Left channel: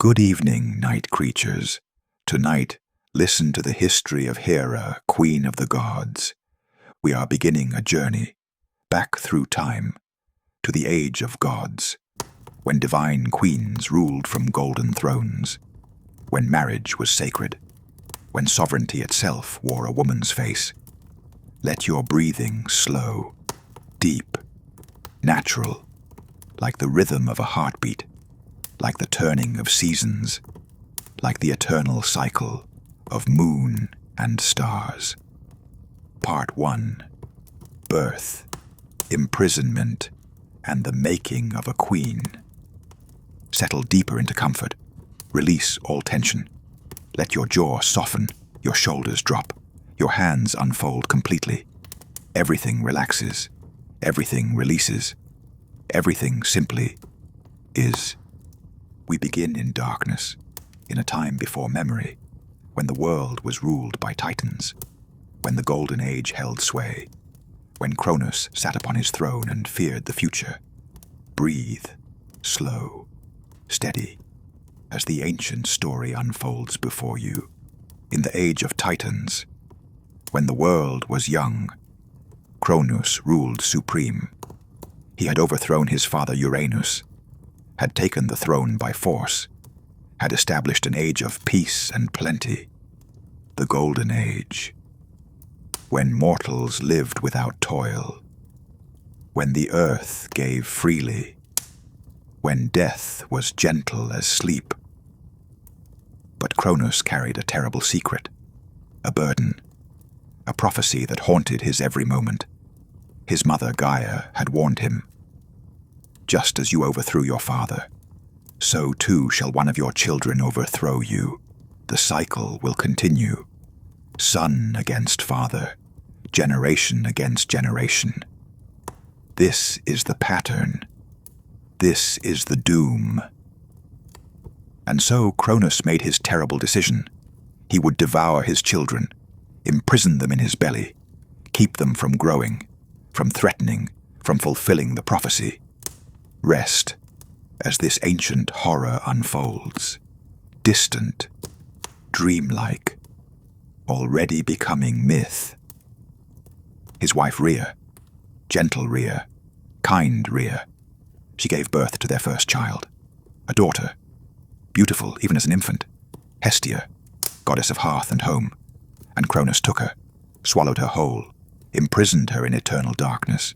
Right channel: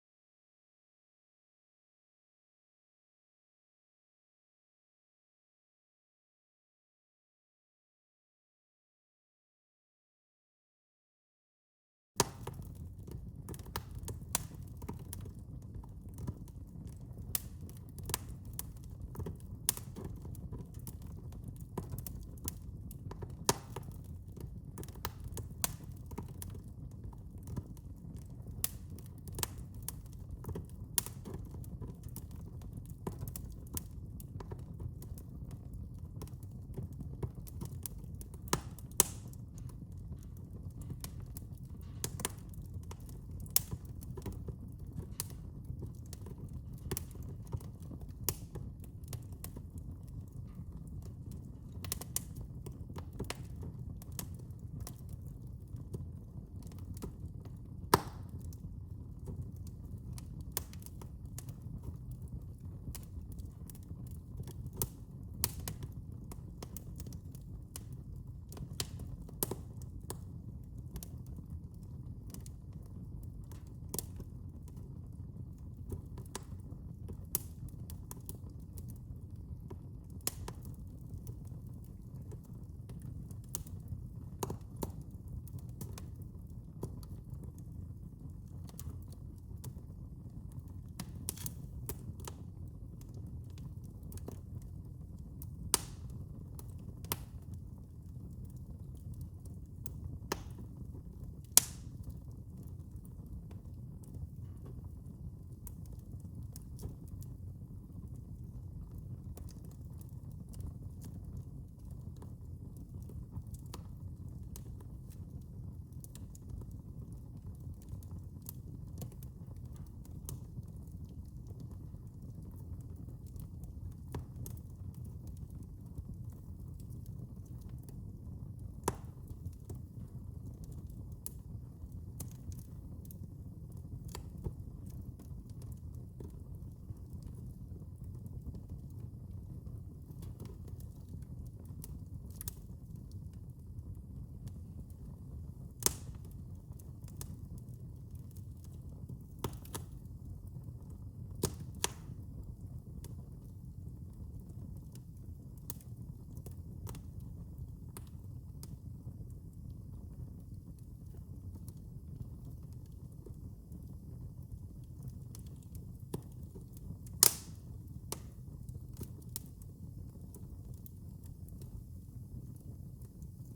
Good evening, night creatures. Tonight, listen to the history of Hera, Queen of the Gods. We are beginning a journey back through time to the age of gods, when divine queens ruled from golden thrones, when marriage was sacred, when sovereignty itself wore a woman's face. Let your breathing slow, deep, natural, like the rhythm of a heartbeat, like the turning of seasons, like the eternal cycle of moon and stars. Part 1. Birth, imprisonment, and the making of a queen. Settle deeper into comfort. Release all tension. Let your jaw soften, your shoulders drop, your hands unfold completely. Everything relaxes, everything releases, everything simply is. We begin in darkness, in a time before memory, when the world was ruled by titans, when the golden age held sway, when Cronus sat upon his throne and feared the future. Breathe, slow, steady, as the ancient story unfolds before you. In the age of titans, when the world was young, Cronus ruled supreme. He had overthrown his father Uranus, had taken the throne by force, had established an age of peace and plenty, the Golden Age, when mortals lived without toil, when the earth gave freely, when death was gentle as sleep. But Cronus carried a terrible secret, a burden, a prophecy that haunted his every moment. His mother Gaia had warned him, "Just as you overthrew your father, so too shall one of your children overthrow you. The cycle will continue, son against father, generation against generation. This is the pattern. This is the doom." And so Cronus made his terrible decision. He would devour his children, imprison them in his belly, keep them from growing, from threatening, from fulfilling the prophecy. Rest as this ancient horror unfolds, distant, dreamlike, already becoming myth. His wife Rhea, gentle Rhea, kind Rhea, she gave birth to their first child, a daughter, beautiful even as an infant, Hestia, goddess of hearth and home, and Cronus took her, swallowed her whole, imprisoned her in eternal darkness.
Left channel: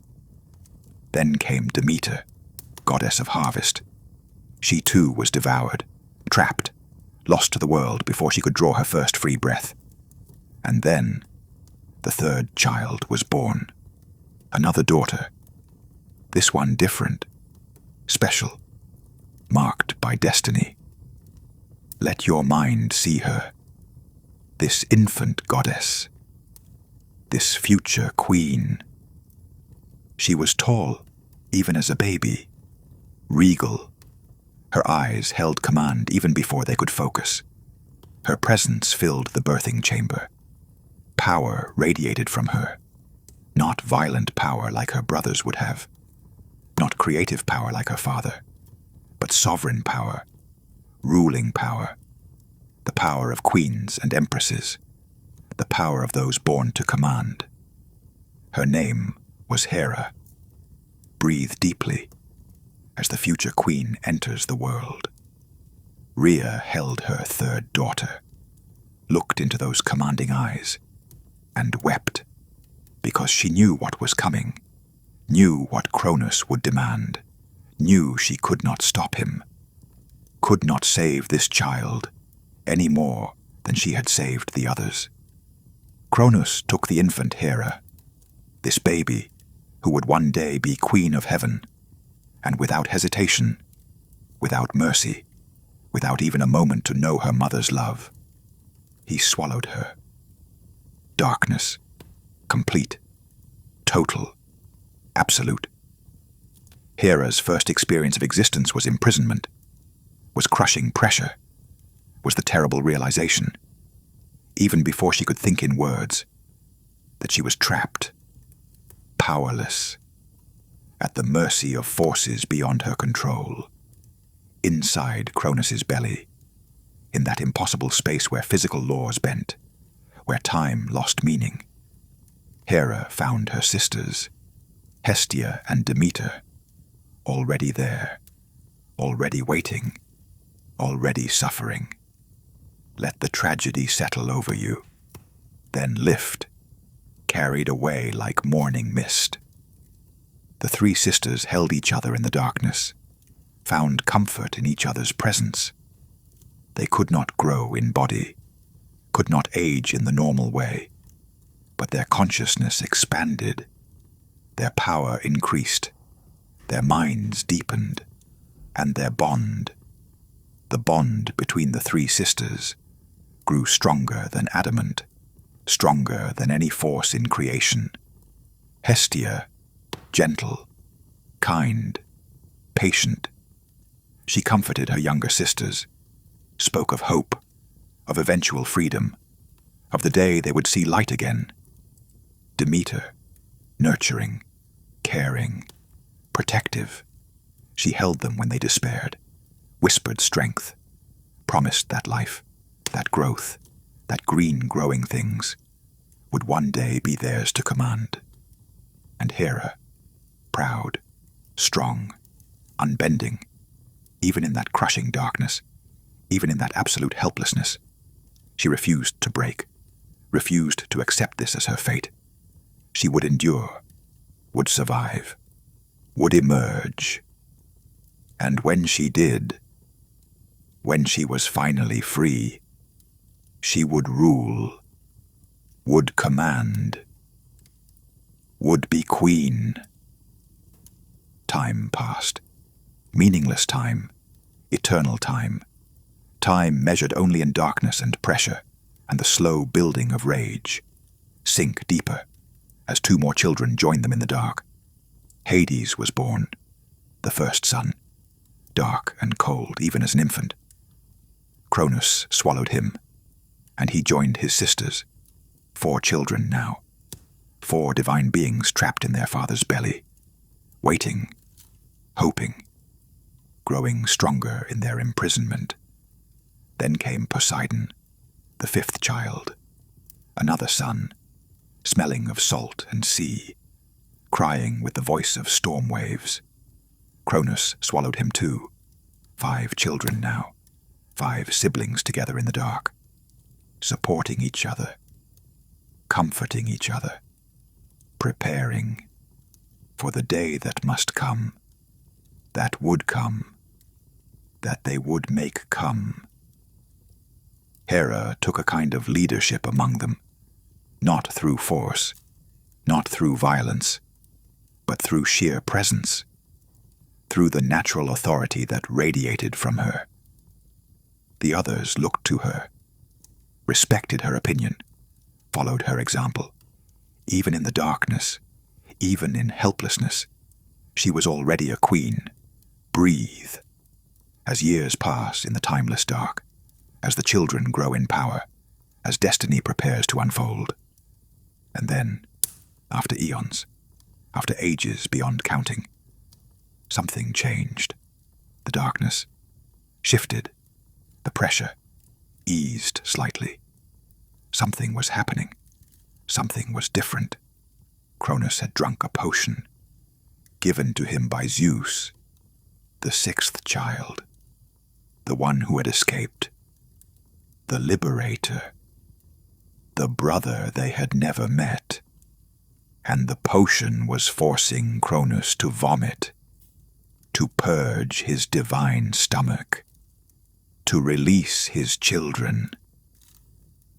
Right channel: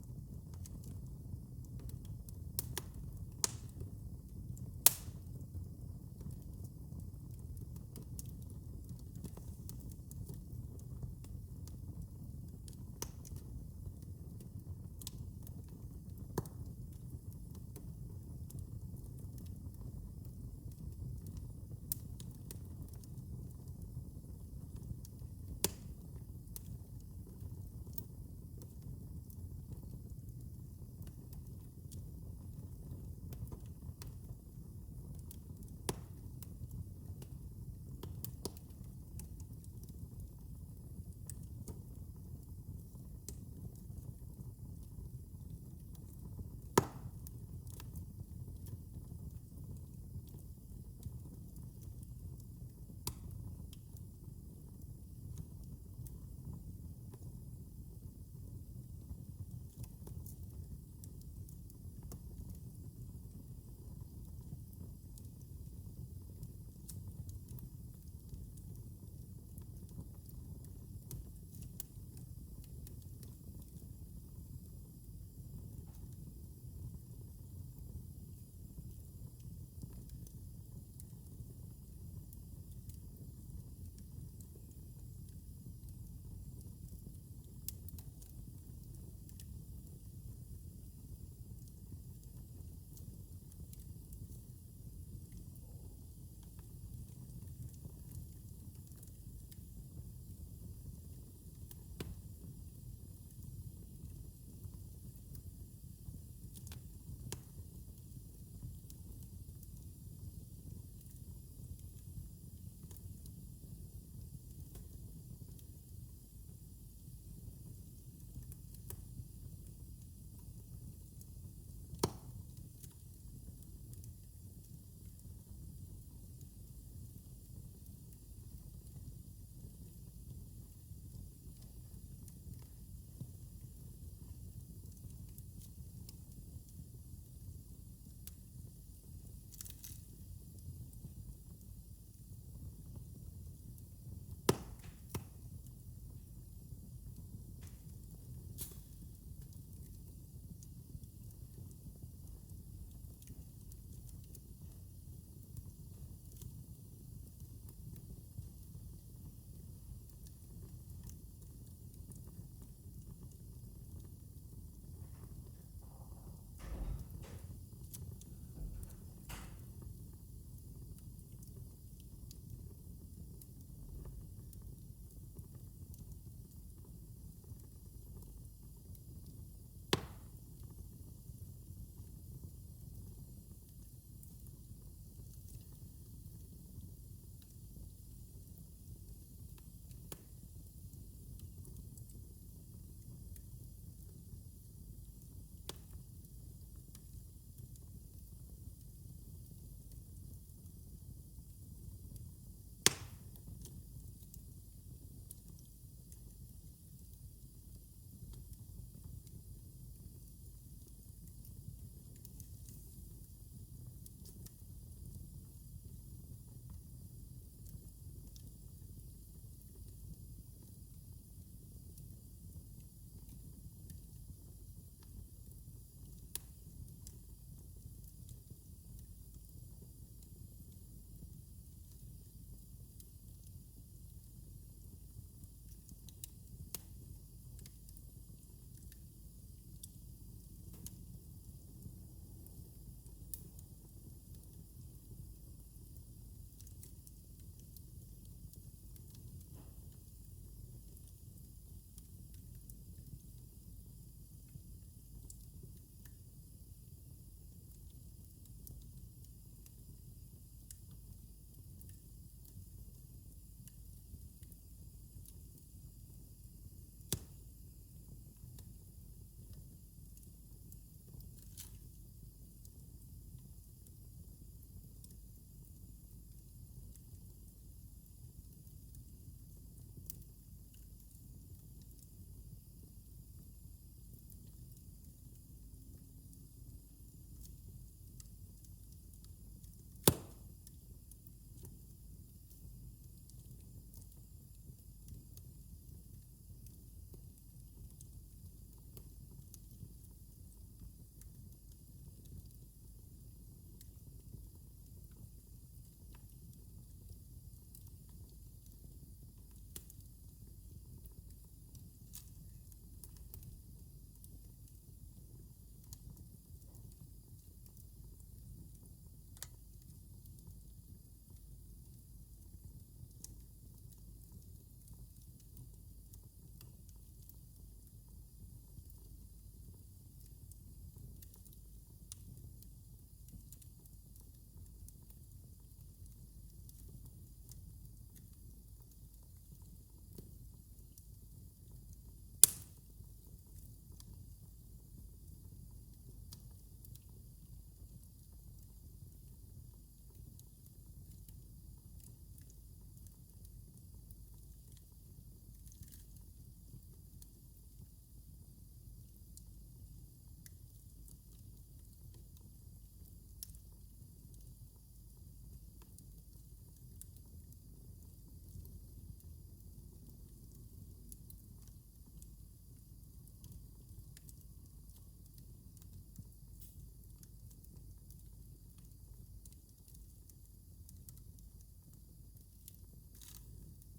Then came Demeter, goddess of harvest. She too was devoured, trapped, lost to the world before she could draw her first free breath. And then the third child was born, another daughter, this one different, special, marked by destiny. Let your mind see her, this infant goddess, this future queen. She was tall, even as a baby, regal. Her eyes held command even before they could focus. Her presence filled the birthing chamber. Power radiated from her, not violent power like her brothers would have, not creative power like her father, but sovereign power, ruling power, the power of queens and empresses, the power of those born to command. Her name was Hera. Breathe deeply as the future queen enters the world. Rhea held her third daughter, looked into those commanding eyes, and wept because she knew what was coming, knew what Cronus would demand, knew she could not stop him, could not save this child any more than she had saved the others. Cronus took the infant Hera, this baby who would one day be queen of heaven, and without hesitation, without mercy, without even a moment to know her mother's love, he swallowed her. Darkness, complete, total, absolute. Hera's first experience of existence was imprisonment, was crushing pressure, was the terrible realization, even before she could think in words, that she was trapped, powerless, at the mercy of forces beyond her control. Inside Cronus's belly, in that impossible space where physical laws bent, where time lost meaning. Hera found her sisters, Hestia and Demeter, already there, already waiting, already suffering. Let the tragedy settle over you, then lift, carried away like morning mist. The three sisters held each other in the darkness, found comfort in each other's presence. They could not grow in body, could not age in the normal way, but their consciousness expanded, their power increased, their minds deepened, and their bond, the bond between the three sisters, grew stronger than adamant, stronger than any force in creation. Hestia, gentle, kind, patient. She comforted her younger sisters, spoke of hope, of eventual freedom, of the day they would see light again. Demeter, nurturing, caring, protective. She held them when they despaired, whispered strength, promised that life, that growth, that green growing things, would one day be theirs to command. And Hera, proud, strong, unbending, even in that crushing darkness, even in that absolute helplessness, she refused to break, refused to accept this as her fate. She would endure, would survive, would emerge. And when she did, when she was finally free, she would rule, would command, would be queen. Time passed. Meaningless time, eternal time. Time measured only in darkness and pressure, and the slow building of rage. Sink deeper, as two more children joined them in the dark. Hades was born, the first son, dark and cold even as an infant. Cronus swallowed him, and he joined his sisters, 4 children now, 4 divine beings trapped in their father's belly, waiting, hoping, growing stronger in their imprisonment. Then came Poseidon, the 5th child, another son, smelling of salt and sea, crying with the voice of storm waves. Cronus swallowed him too, 5 children now, 5 siblings together in the dark, supporting each other, comforting each other, preparing for the day that must come, that would come, that they would make come. Hera took a kind of leadership among them, not through force, not through violence, but through sheer presence, through the natural authority that radiated from her. The others looked to her, respected her opinion, followed her example. Even in the darkness, even in helplessness, she was already a queen. Breathe. As years pass in the timeless dark, as the children grow in power, as destiny prepares to unfold. And then, after eons, after ages beyond counting, something changed. The darkness shifted. The pressure eased slightly. Something was happening. Something was different. Cronus had drunk a potion, given to him by Zeus, the 6th child, the one who had escaped, the liberator, the brother they had never met. And the potion was forcing Cronus to vomit, to purge his divine stomach, to release his children.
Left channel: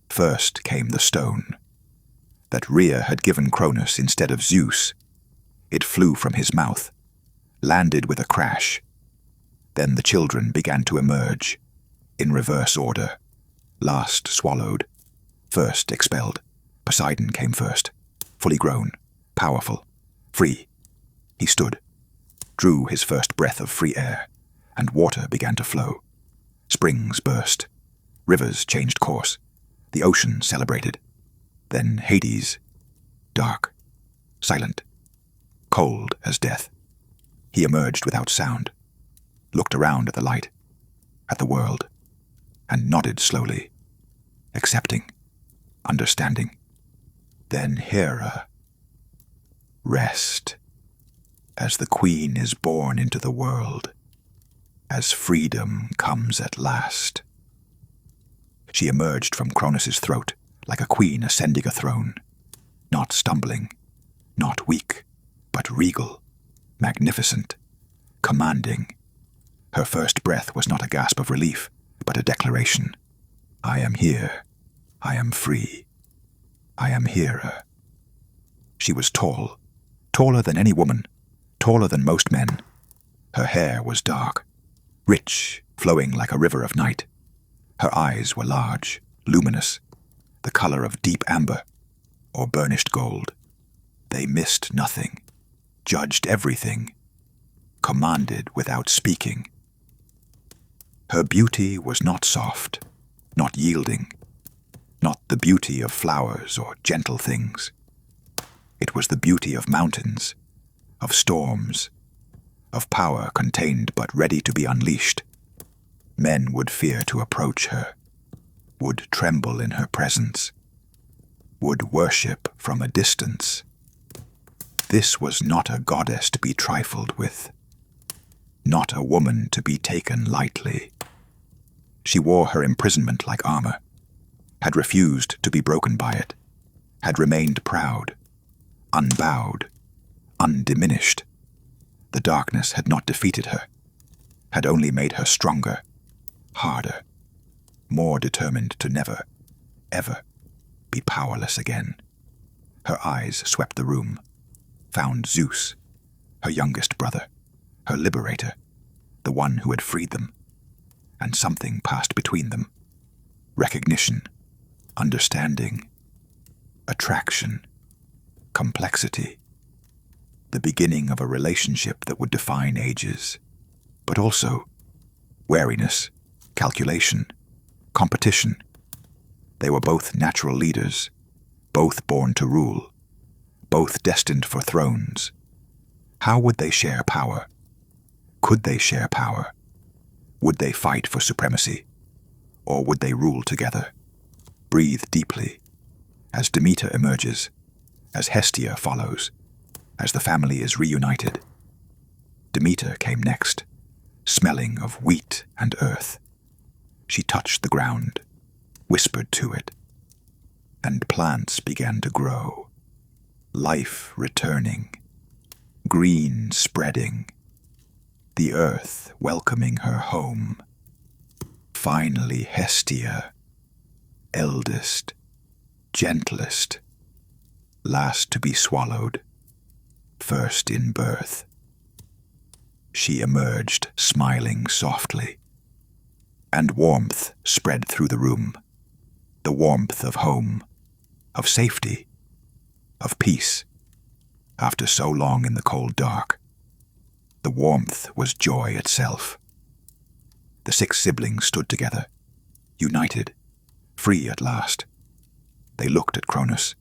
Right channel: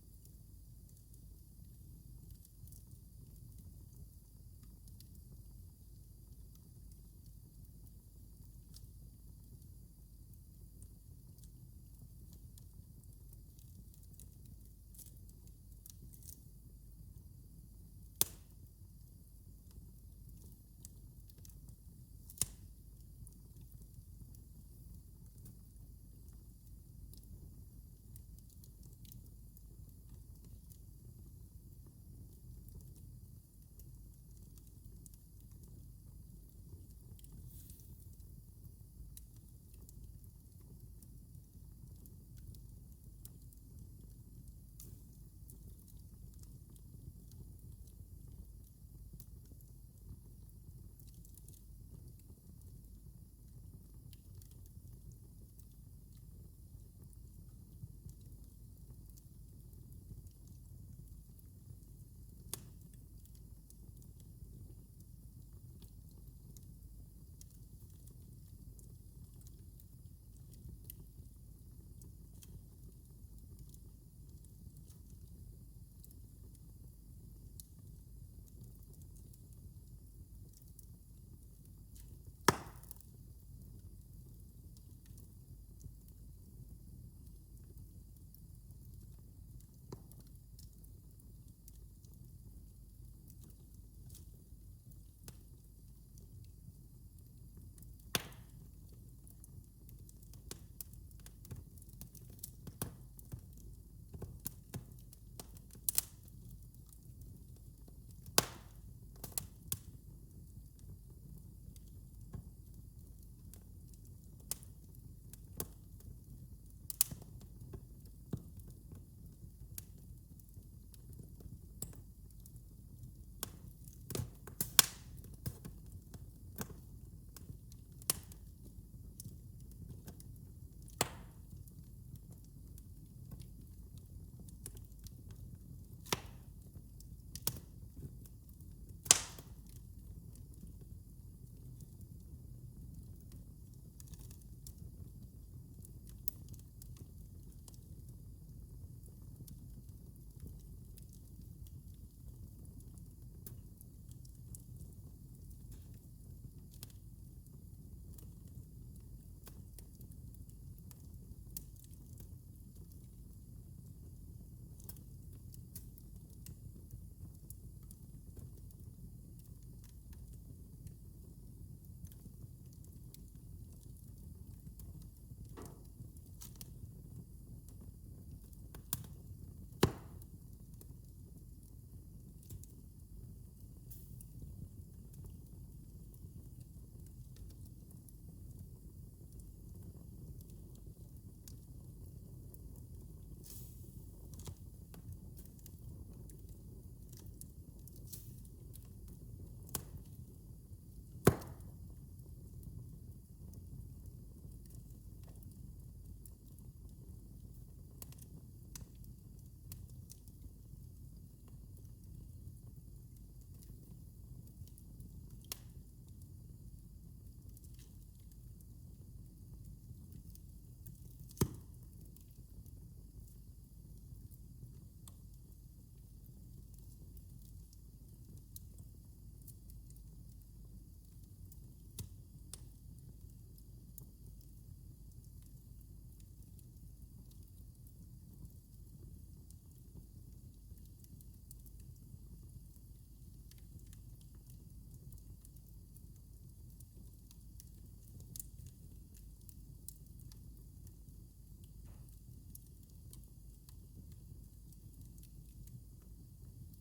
First came the stone that Rhea had given Cronus instead of Zeus. It flew from his mouth, landed with a crash. Then the children began to emerge, in reverse order. Last swallowed, first expelled. Poseidon came first, fully grown, powerful, free. He stood, drew his first breath of free air, and water began to flow. Springs burst, rivers changed course, the ocean celebrated. Then Hades, dark, silent, cold as death. He emerged without sound, looked around at the light, at the world, and nodded slowly, accepting, understanding. Then Hera, rest, as the queen is born into the world, as freedom comes at last. She emerged from Cronus's throat like a queen ascending a throne, not stumbling, not weak, but regal, magnificent, commanding. Her first breath was not a gasp of relief, but a declaration. I am here. I am free. I am Hera. She was tall, taller than any woman, taller than most men. Her hair was dark, rich, flowing like a river of night. Her eyes were large, luminous, the color of deep amber or burnished gold. They missed nothing, judged everything, commanded without speaking. Her beauty was not soft, not yielding, not the beauty of flowers or gentle things. It was the beauty of mountains, of storms, of power contained but ready to be unleashed. Men would fear to approach her, would tremble in her presence, would worship from a distance. This was not a goddess to be trifled with, not a woman to be taken lightly. She wore her imprisonment like armor, had refused to be broken by it, had remained proud, unbowed, undiminished. The darkness had not defeated her, had only made her stronger, harder, more determined to never, ever be powerless again. Her eyes swept the room, found Zeus, her youngest brother, her liberator, the one who had freed them, and something passed between them. Recognition, understanding, attraction, complexity, the beginning of a relationship that would define ages, but also wariness, calculation, competition. They were both natural leaders, both born to rule, both destined for thrones. How would they share power? Could they share power? Would they fight for supremacy? Or would they rule together? Breathe deeply, as Demeter emerges, as Hestia follows, as the family is reunited. Demeter came next, smelling of wheat and earth. She touched the ground, whispered to it, and plants began to grow, life returning, green spreading, the earth welcoming her home. Finally Hestia, eldest, gentlest, last to be swallowed, first in birth. She emerged smiling softly, and warmth spread through the room, the warmth of home, of safety, of peace. After so long in the cold dark, the warmth was joy itself. The 6 siblings stood together, united, free at last. They looked at Cronus,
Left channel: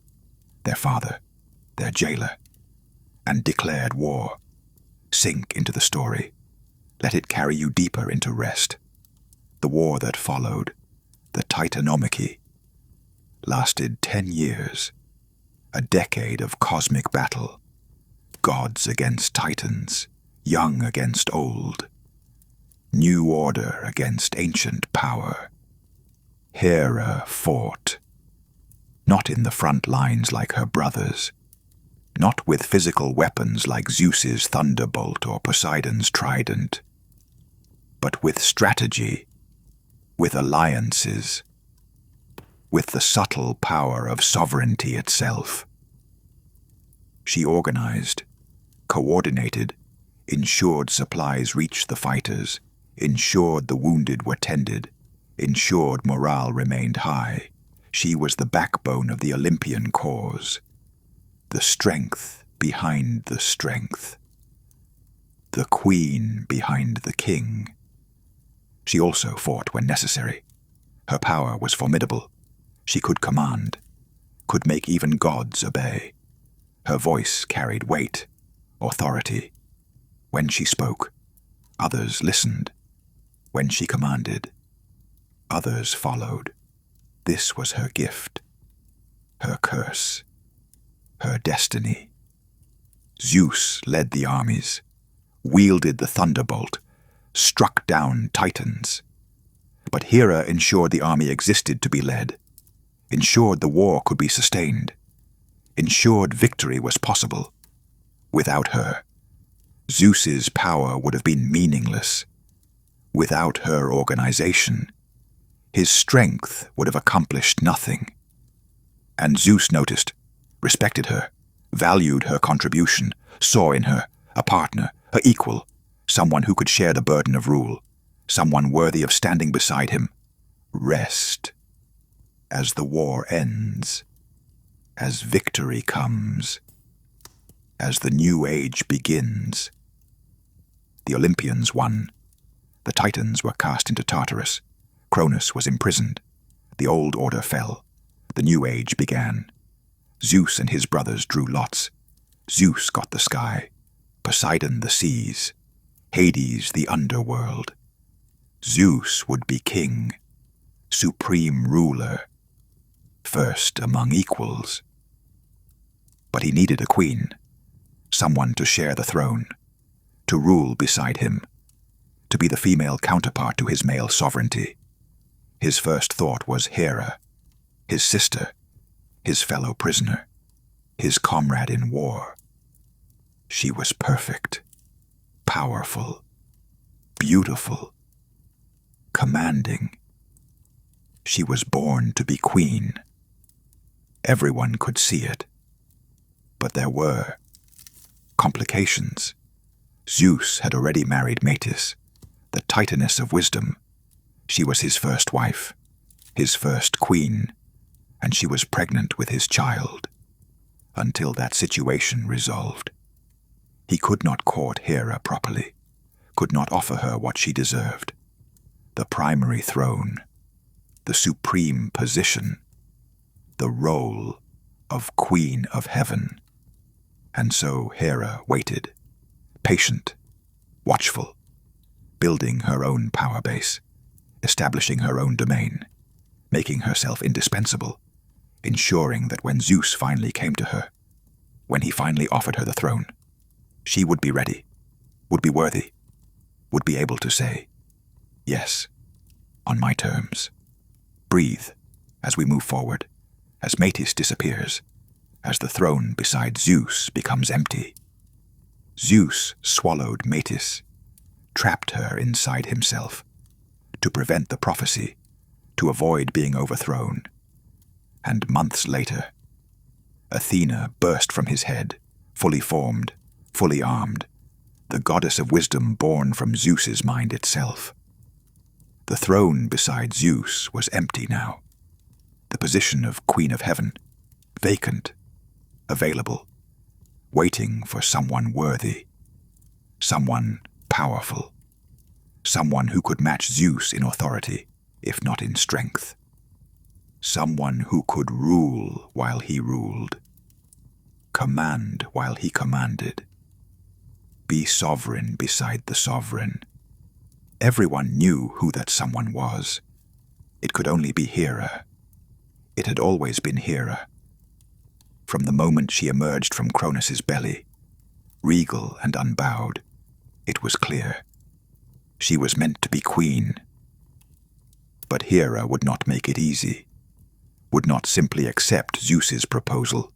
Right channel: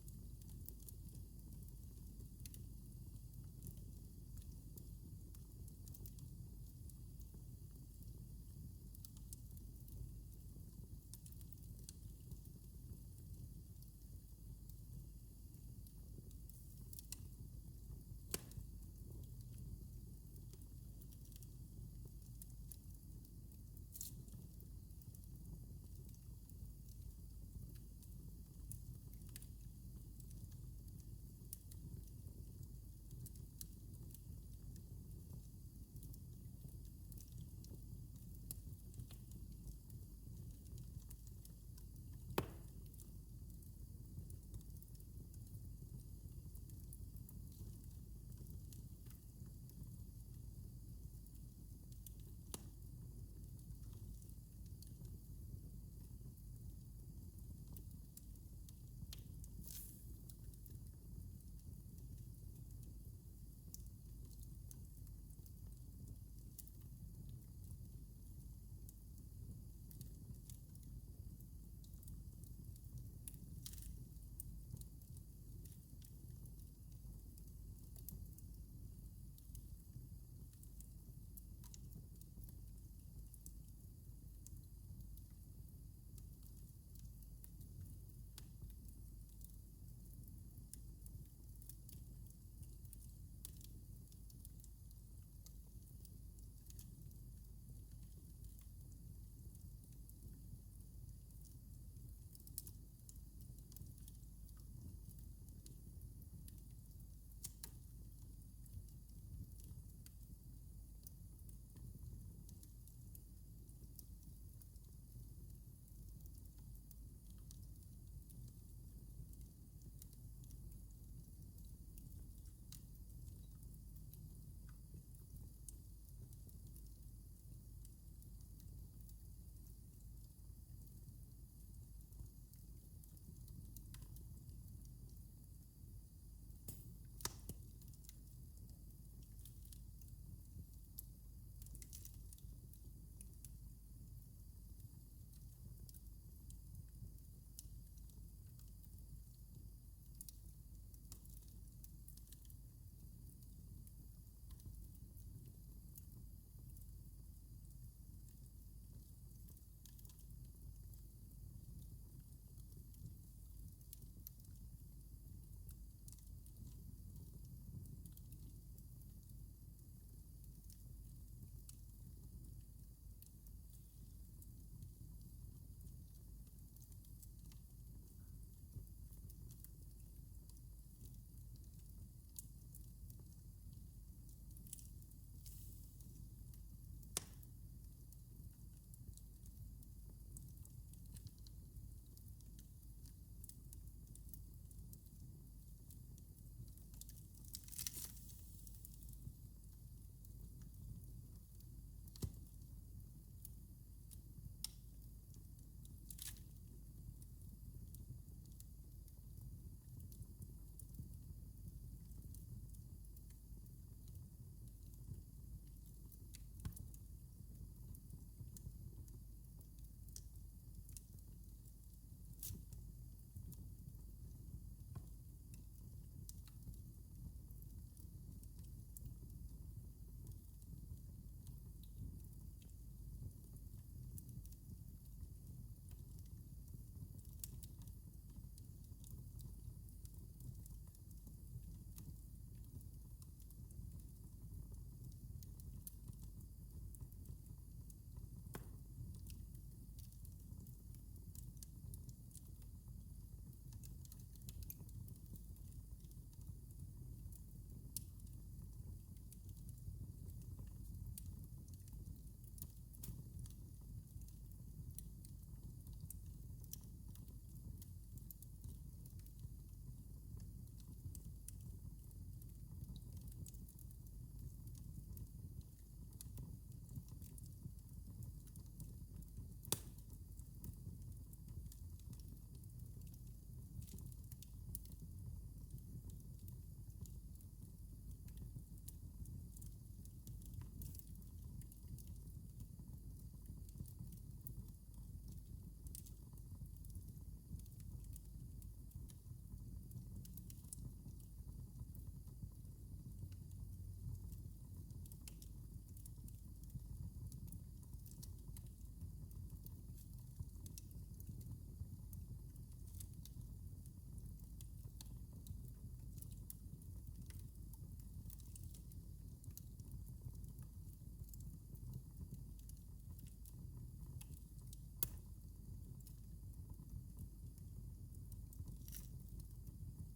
their father, their jailer, and declared war. Sink into the story. Let it carry you deeper into rest. The war that followed, the Titanomachy, lasted 10 years, a decade of cosmic battle, gods against titans, young against old, new order against ancient power. Hera fought, not in the front lines like her brothers, not with physical weapons like Zeus's thunderbolt or Poseidon's trident, but with strategy, with alliances, with the subtle power of sovereignty itself. She organized, coordinated, ensured supplies reached the fighters, ensured the wounded were tended, ensured morale remained high. She was the backbone of the Olympian cause, the strength behind the strength, the queen behind the king. She also fought when necessary. Her power was formidable. She could command, could make even gods obey. Her voice carried weight, authority. When she spoke, others listened. When she commanded, Others followed. This was her gift, her curse, her destiny. Zeus led the armies, wielded the thunderbolt, struck down titans. But Hera ensured the army existed to be led, ensured the war could be sustained, ensured victory was possible. Without her, Zeus's power would have been meaningless. Without her organization, his strength would have accomplished nothing. And Zeus noticed, respected her, valued her contribution, saw in her a partner, her equal, someone who could share the burden of rule, someone worthy of standing beside him. Rest. As the war ends, as victory comes, as the new age begins. The Olympians won. The Titans were cast into Tartarus. Cronus was imprisoned. The old order fell. The new age began. Zeus and his brothers drew lots. Zeus got the sky, Poseidon the seas, Hades the underworld. Zeus would be king, supreme ruler, first among equals. But he needed a queen, someone to share the throne, to rule beside him, to be the female counterpart to his male sovereignty. His first thought was Hera, his sister, his fellow prisoner, his comrade in war. She was perfect, powerful, beautiful, commanding. She was born to be queen. Everyone could see it. But there were complications. Zeus had already married Metis, the Titaness of wisdom. She was his first wife, his first queen, and she was pregnant with his child. Until that situation resolved, he could not court Hera properly, could not offer her what she deserved. The primary throne, the supreme position, the role of Queen of Heaven. And so Hera waited, patient, watchful, building her own power base, establishing her own domain, making herself indispensable, ensuring that when Zeus finally came to her, when he finally offered her the throne, she would be ready, would be worthy, would be able to say, yes, on my terms. Breathe as we move forward, as Metis disappears, as the throne beside Zeus becomes empty. Zeus swallowed Metis, trapped her inside himself, to prevent the prophecy, to avoid being overthrown. And months later, Athena burst from his head, fully formed, fully armed, the goddess of wisdom born from Zeus's mind itself. The throne beside Zeus was empty now. The position of Queen of Heaven, vacant, available, waiting for someone worthy, someone powerful, someone who could match Zeus in authority, if not in strength, someone who could rule while he ruled, command while he commanded, be sovereign beside the sovereign. Everyone knew who that someone was. It could only be Hera. It had always been Hera. From the moment she emerged from Cronus's belly, regal and unbowed, it was clear. She was meant to be queen. But Hera would not make it easy, would not simply accept Zeus's proposal,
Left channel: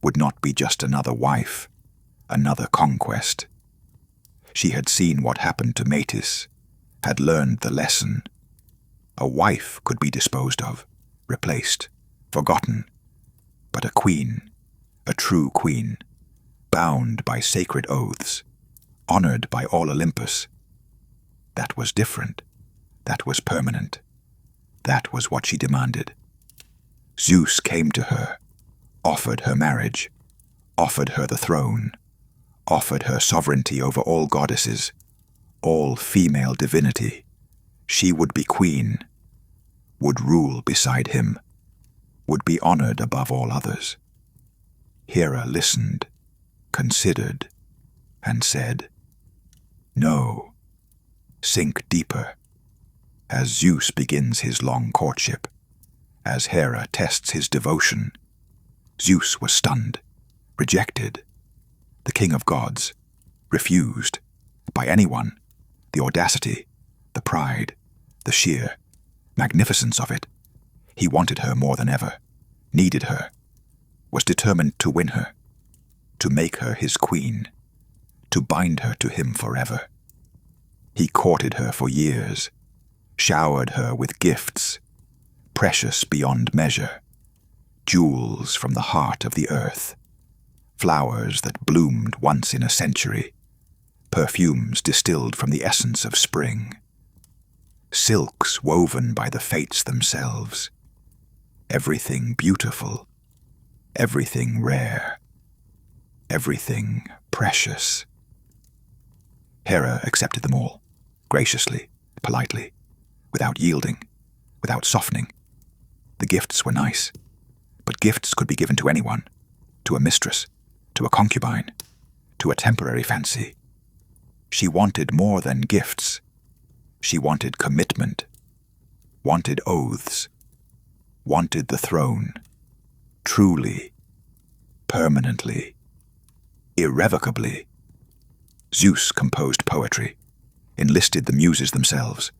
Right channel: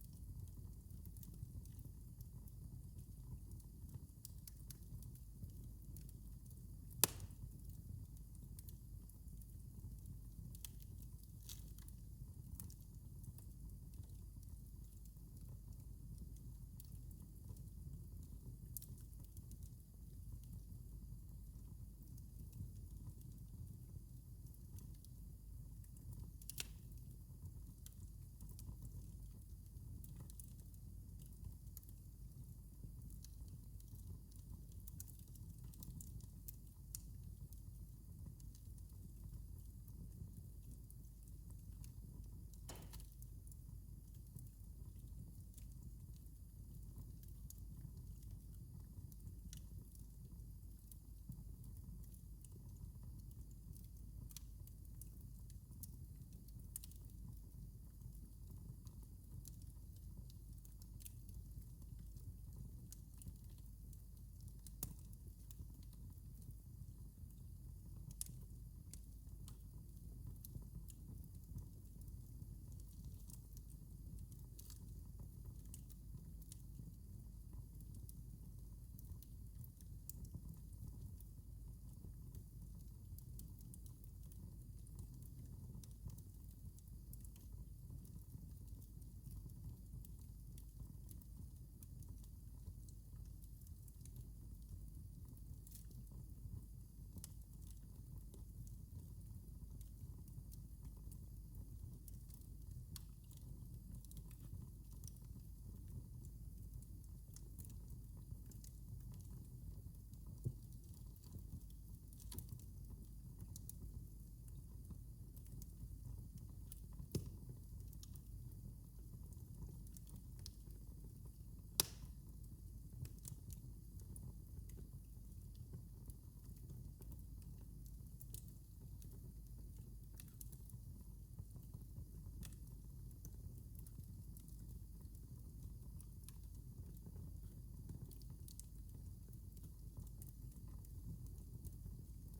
would not be just another wife, another conquest. She had seen what happened to Metis, had learned the lesson. A wife could be disposed of, replaced, forgotten, but a queen, a true queen, bound by sacred oaths, honored by all Olympus, that was different, that was permanent, that was what she demanded. Zeus came to her, offered her marriage, offered her the throne, offered her sovereignty over all goddesses, all female divinity. She would be queen, would rule beside him, would be honored above all others. Hera listened, considered, and said, "No, sink deeper, As Zeus begins his long courtship, as Hera tests his devotion, Zeus was stunned, rejected. The king of gods, refused, by anyone. The audacity, the pride, the sheer magnificence of it. He wanted her more than ever, needed her, was determined to win her, to make her his queen, to bind her to him forever. He courted her for years, showered her with gifts, precious beyond measure, jewels from the heart of the earth, flowers that bloomed once in a century, perfumes distilled from the essence of spring, silks woven by the fates themselves, everything beautiful, everything rare, everything precious. Hera accepted them all, graciously, politely, without yielding, without softening. The gifts were nice, but gifts could be given to anyone, to a mistress, to a concubine, to a temporary fancy. She wanted more than gifts. She wanted commitment, wanted oaths, wanted the throne, truly, permanently, irrevocably. Zeus composed poetry, enlisted the muses themselves,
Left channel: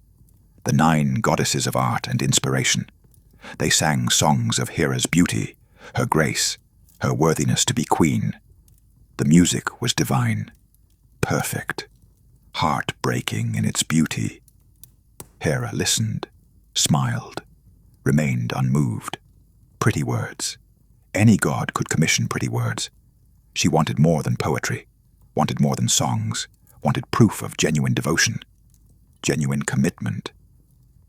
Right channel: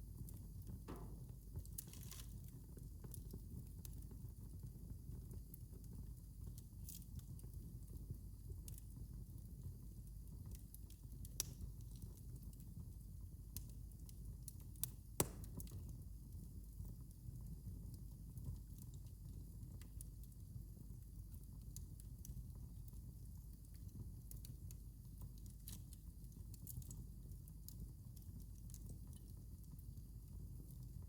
the 9 goddesses of art and inspiration. They sang songs of Hera's beauty, her grace, her worthiness to be queen. The music was divine, perfect, heart-breaking in its beauty. Hera listened, smiled, remained unmoved. Pretty words. Any god could commission pretty words. She wanted more than poetry, wanted more than songs, wanted proof of genuine devotion, genuine commitment,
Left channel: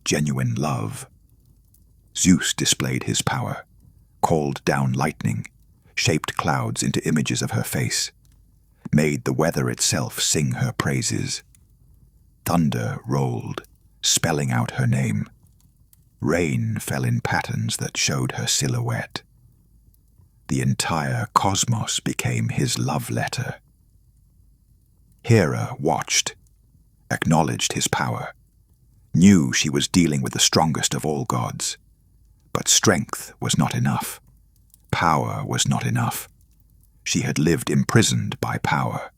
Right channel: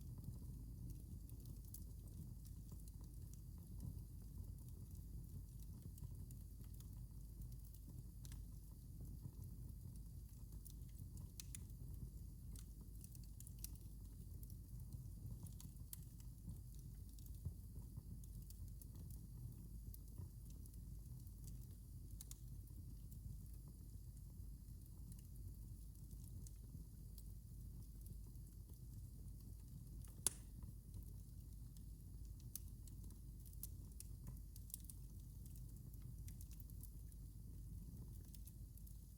genuine love. Zeus displayed his power, called down lightning, shaped clouds into images of her face, made the weather itself sing her praises. Thunder rolled, spelling out her name. Rain fell in patterns that showed her silhouette. The entire cosmos became his love letter. Hera watched, acknowledged his power, knew she was dealing with the strongest of all gods. But strength was not enough. Power was not enough. She had lived imprisoned by power,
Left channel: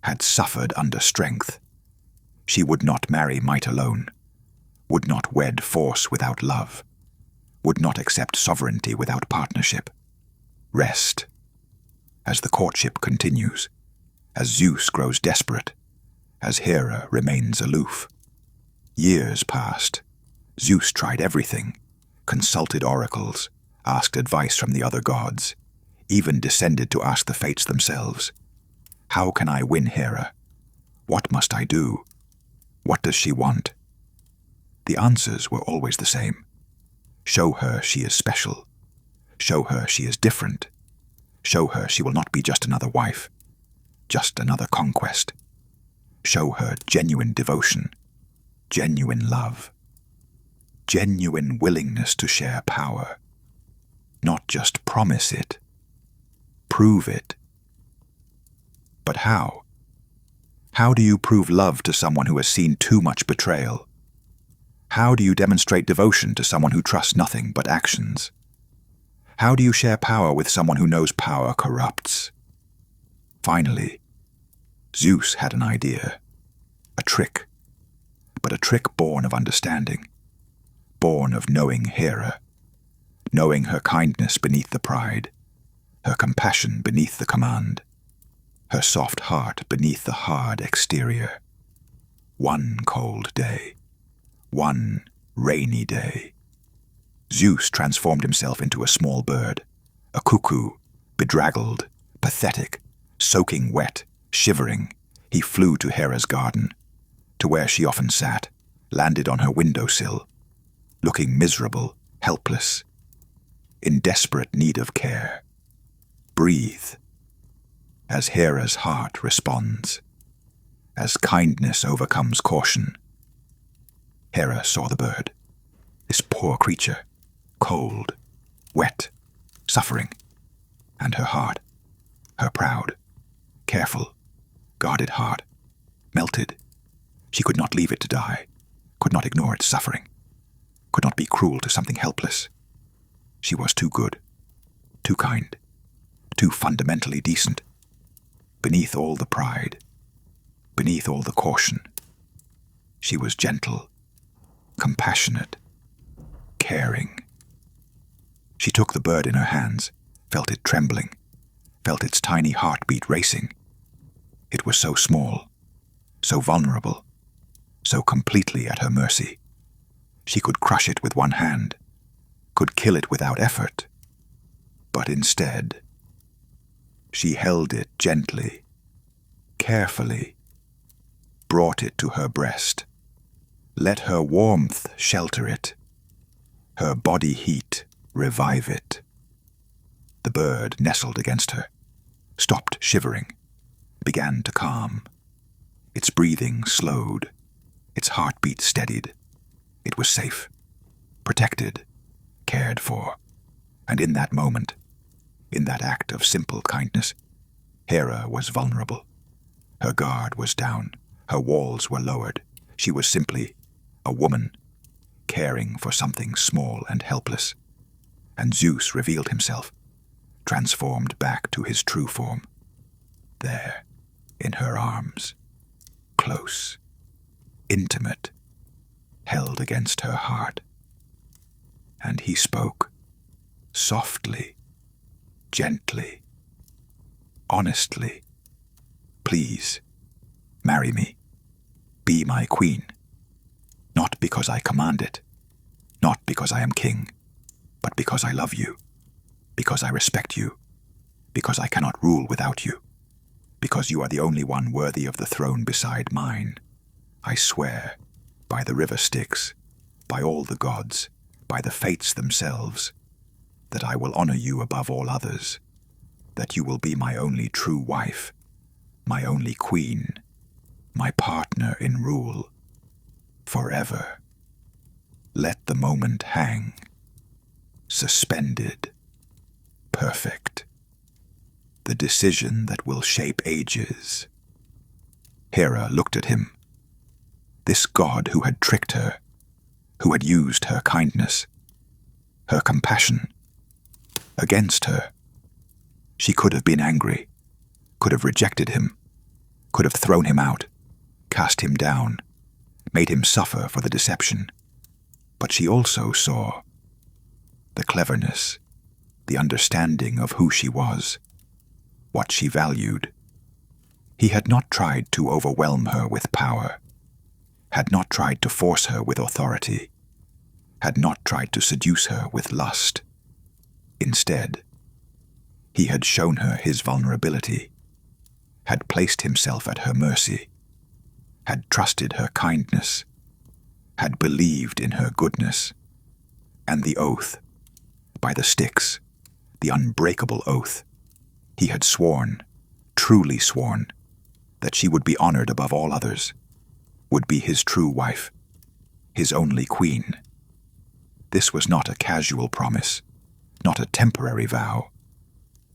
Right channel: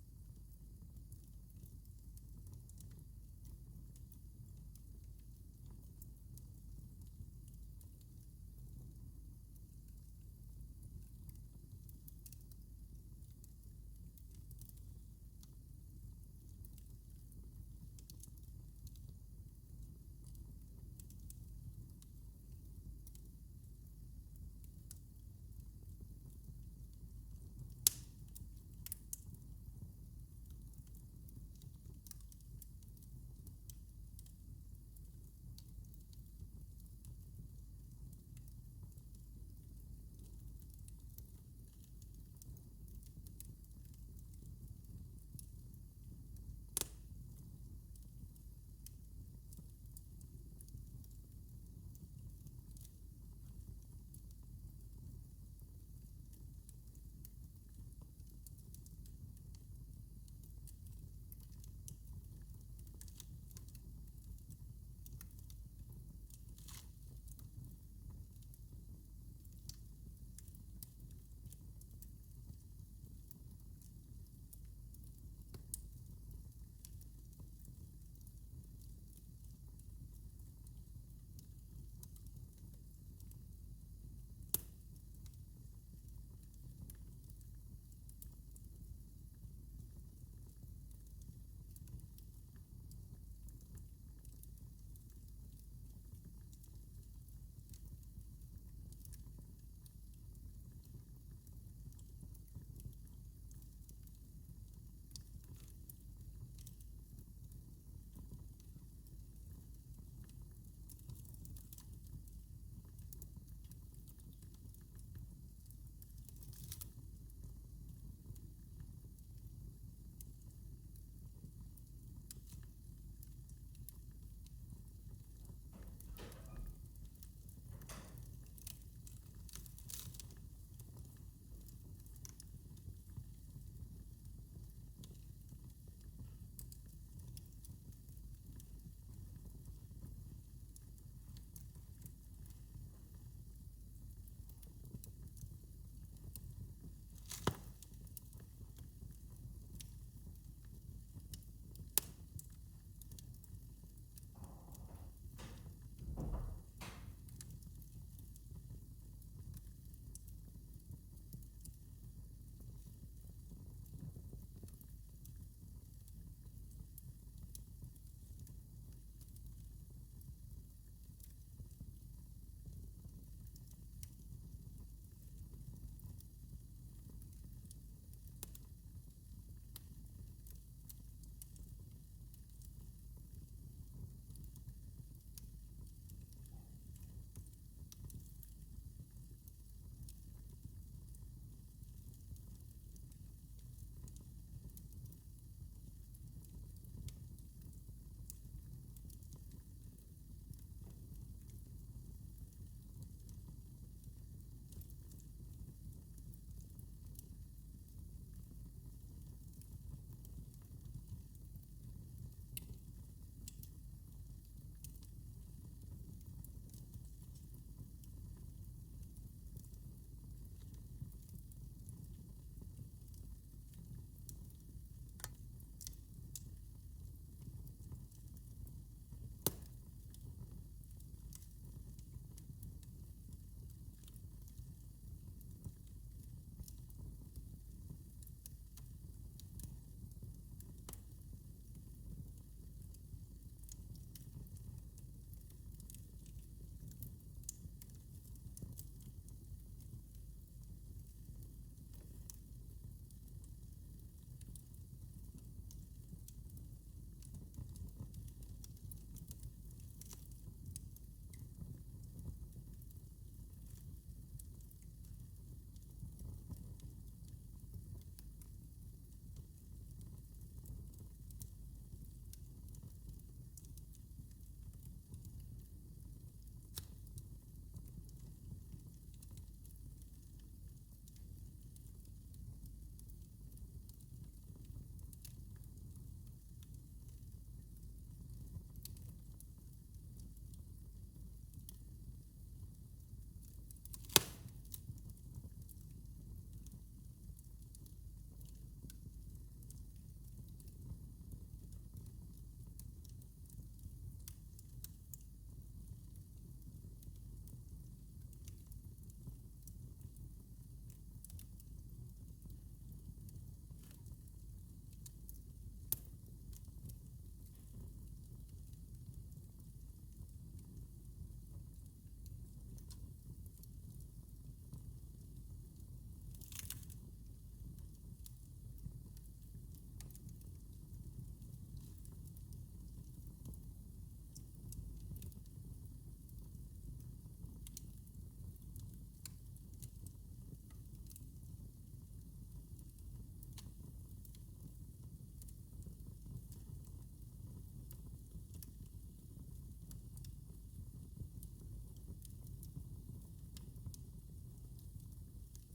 had suffered under strength. She would not marry might alone, would not wed force without love, would not accept sovereignty without partnership. Rest. As the courtship continues, as Zeus grows desperate, as Hera remains aloof. Years passed. Zeus tried everything, consulted oracles, asked advice from the other gods, even descended to ask the fates themselves. How can I win Hera? What must I do? What does she want? The answers were always the same. Show her she is special. Show her she is different. Show her she will not be just another wife, just another conquest. Show her genuine devotion, genuine love, genuine willingness to share power. Not just promise it, prove it. But how? How do you prove love to someone who has seen too much betrayal? How do you demonstrate devotion to someone who trusts nothing but actions? How do you share power with someone who knows power corrupts? Finally, Zeus had an idea, a trick, but a trick born of understanding, born of knowing Hera, knowing her kindness beneath the pride, her compassion beneath the command, her soft heart beneath the hard exterior. One cold day, one rainy day, Zeus transformed himself into a small bird, a cuckoo, bedraggled, pathetic, soaking wet, shivering. He flew to Hera's garden, to where she often sat, landed on her windowsill, looking miserable, helpless, in desperate need of care. Breathe, as Hera's heart responds, as kindness overcomes caution. Hera saw the bird, this poor creature, cold, wet, suffering, and her heart, her proud, careful, guarded heart, melted. She could not leave it to die, could not ignore its suffering, could not be cruel to something helpless. She was too good, too kind, too fundamentally decent. Beneath all the pride, beneath all the caution, she was gentle, compassionate, caring. She took the bird in her hands, felt it trembling, felt its tiny heartbeat racing. It was so small, so vulnerable, so completely at her mercy. She could crush it with one hand, could kill it without effort. But instead, she held it gently, carefully, brought it to her breast, let her warmth shelter it, her body heat revive it. The bird nestled against her, stopped shivering, began to calm. Its breathing slowed, its heartbeat steadied. It was safe, protected, cared for. And in that moment, in that act of simple kindness, Hera was vulnerable. Her guard was down, her walls were lowered. She was simply a woman, caring for something small and helpless. And Zeus revealed himself, transformed back to his true form. There, in her arms, close, intimate, held against her heart. And he spoke, softly, gently, honestly. Please, marry me. Be my queen. Not because I command it, not because I am king, but because I love you, because I respect you, because I cannot rule without you, because you are the only one worthy of the throne beside mine. I swear, by the river Styx, by all the gods, by the fates themselves, that I will honor you above all others, that you will be my only true wife, my only queen, my partner in rule, forever. Let the moment hang, suspended, perfect, the decision that will shape ages. Hera looked at him, this god who had tricked her, who had used her kindness, her compassion, against her. She could have been angry, could have rejected him, could have thrown him out, cast him down, made him suffer for the deception. But she also saw the cleverness, the understanding of who she was, what she valued. He had not tried to overwhelm her with power, had not tried to force her with authority, had not tried to seduce her with lust. Instead, he had shown her his vulnerability, had placed himself at her mercy, had trusted her kindness, had believed in her goodness. And the oath, by the Styx, the unbreakable oath, he had sworn, truly sworn, that she would be honored above all others, would be his true wife, his only queen. This was not a casual promise, not a temporary vow.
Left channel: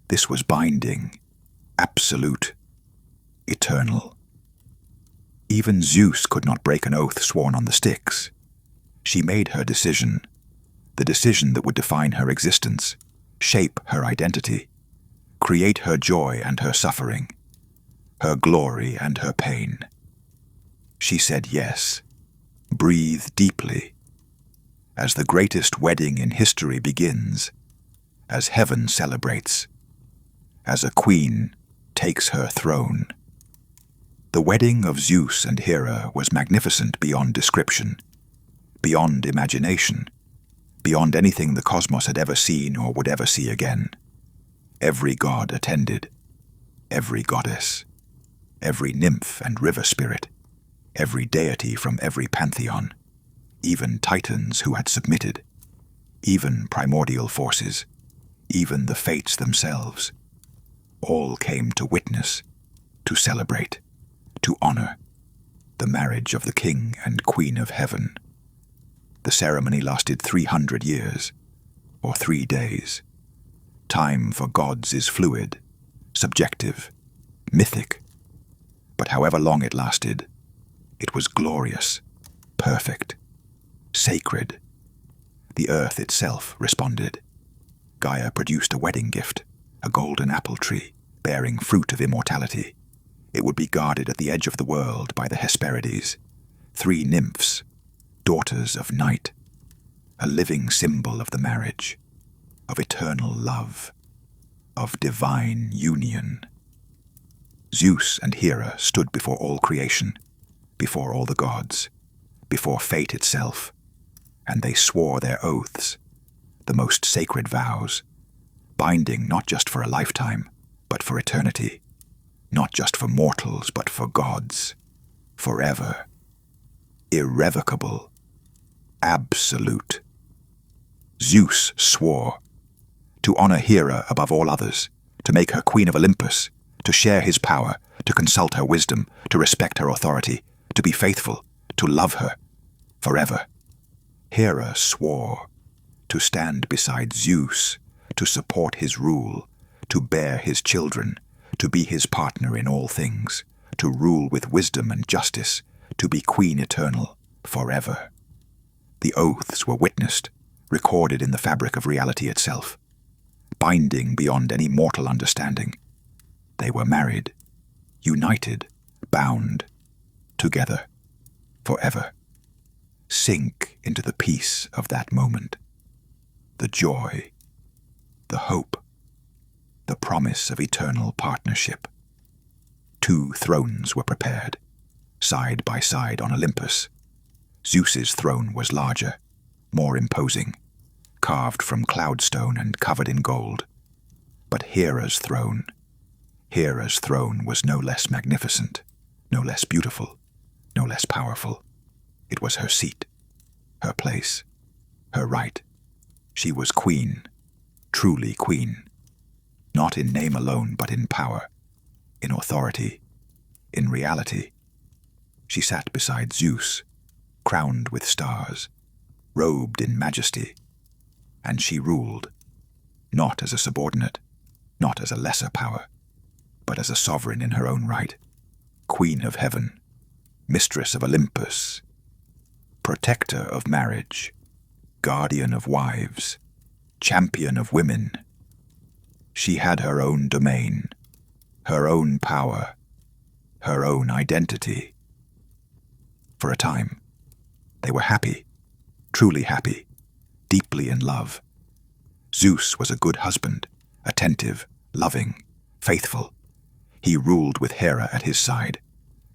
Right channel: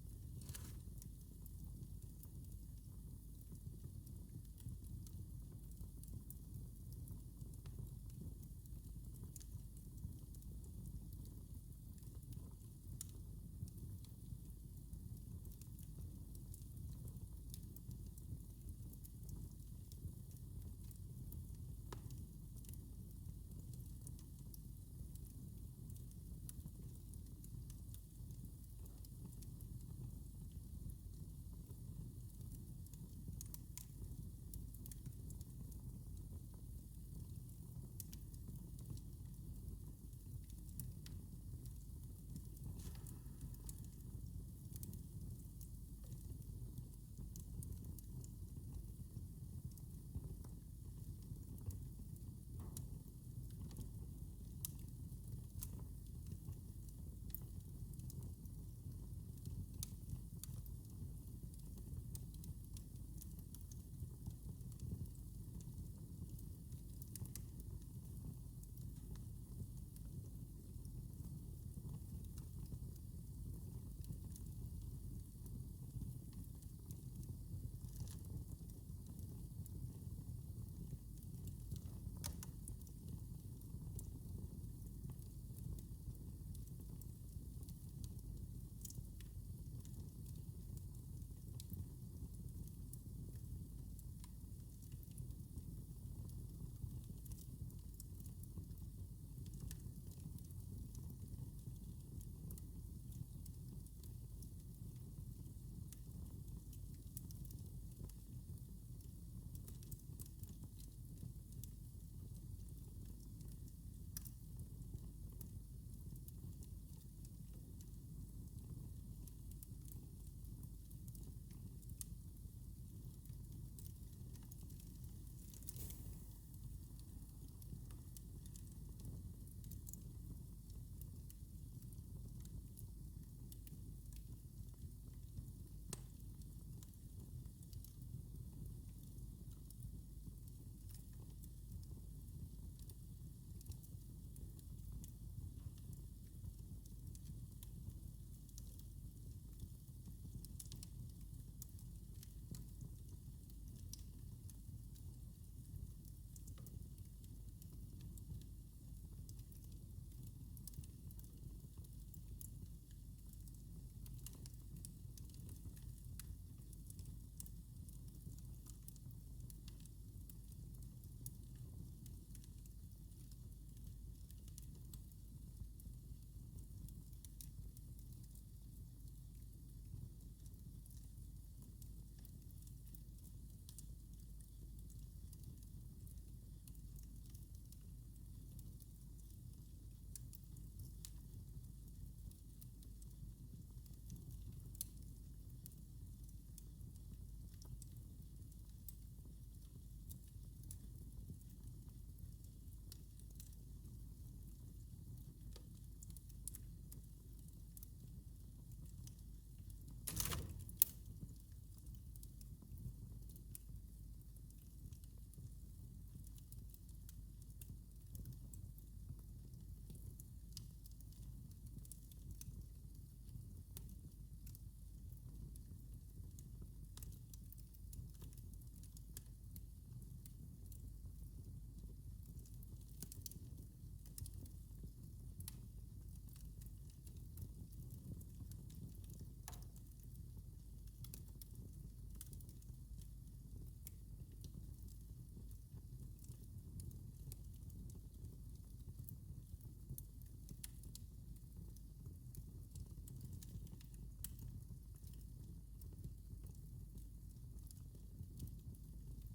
This was binding, absolute, eternal. Even Zeus could not break an oath sworn on the Styx. She made her decision, the decision that would define her existence, shape her identity, create her joy and her suffering, her glory and her pain. She said yes, breathed deeply, as the greatest wedding in history begins, as heaven celebrates, as a queen takes her throne. The wedding of Zeus and Hera was magnificent beyond description, beyond imagination, beyond anything the cosmos had ever seen or would ever see again. Every god attended, every goddess, every nymph and river spirit, every deity from every pantheon, even titans who had submitted, even primordial forces, even the fates themselves, all came to witness, to celebrate, to honor the marriage of the king and queen of heaven. The ceremony lasted 300 years, or 3 days. Time for gods is fluid, subjective, mythic. But however long it lasted, it was glorious, perfect, sacred. The earth itself responded. Gaia produced a wedding gift, a golden apple tree, bearing fruit of immortality. It would be guarded at the edge of the world by the Hesperides, 3 nymphs, daughters of night, a living symbol of the marriage, of eternal love, of divine union. Zeus and Hera stood before all creation, before all the gods, before fate itself, and they swore their oaths, the most sacred vows, binding not just for a lifetime, but for eternity, not just for mortals, but for gods, forever, irrevocable, absolute. Zeus swore to honor Hera above all others, to make her queen of Olympus, to share his power, to consult her wisdom, to respect her authority, to be faithful, to love her forever. Hera swore to stand beside Zeus, to support his rule, to bear his children, to be his partner in all things, to rule with wisdom and justice, to be queen eternal forever. The oaths were witnessed, recorded in the fabric of reality itself, binding beyond any mortal understanding. They were married, united, bound, together, forever. Sink into the peace of that moment, the joy, the hope, the promise of eternal partnership. 2 thrones were prepared, side by side on Olympus. Zeus's throne was larger, more imposing, carved from cloudstone and covered in gold. But Hera's throne was no less magnificent, no less beautiful, no less powerful. It was her seat, her place, her right. She was queen, truly queen, not in name alone, but in power, in authority, in reality. She sat beside Zeus, crowned with stars, robed in majesty, and she ruled, not as a subordinate, not as a lesser power, but as a sovereign in her own right, queen of heaven, mistress of Olympus, protector of marriage, guardian of wives, champion of women. She had her own domain, her own power, her own identity. For a time, they were happy, truly happy, deeply in love. Zeus was a good husband, attentive, loving, faithful. He ruled with Hera at his side,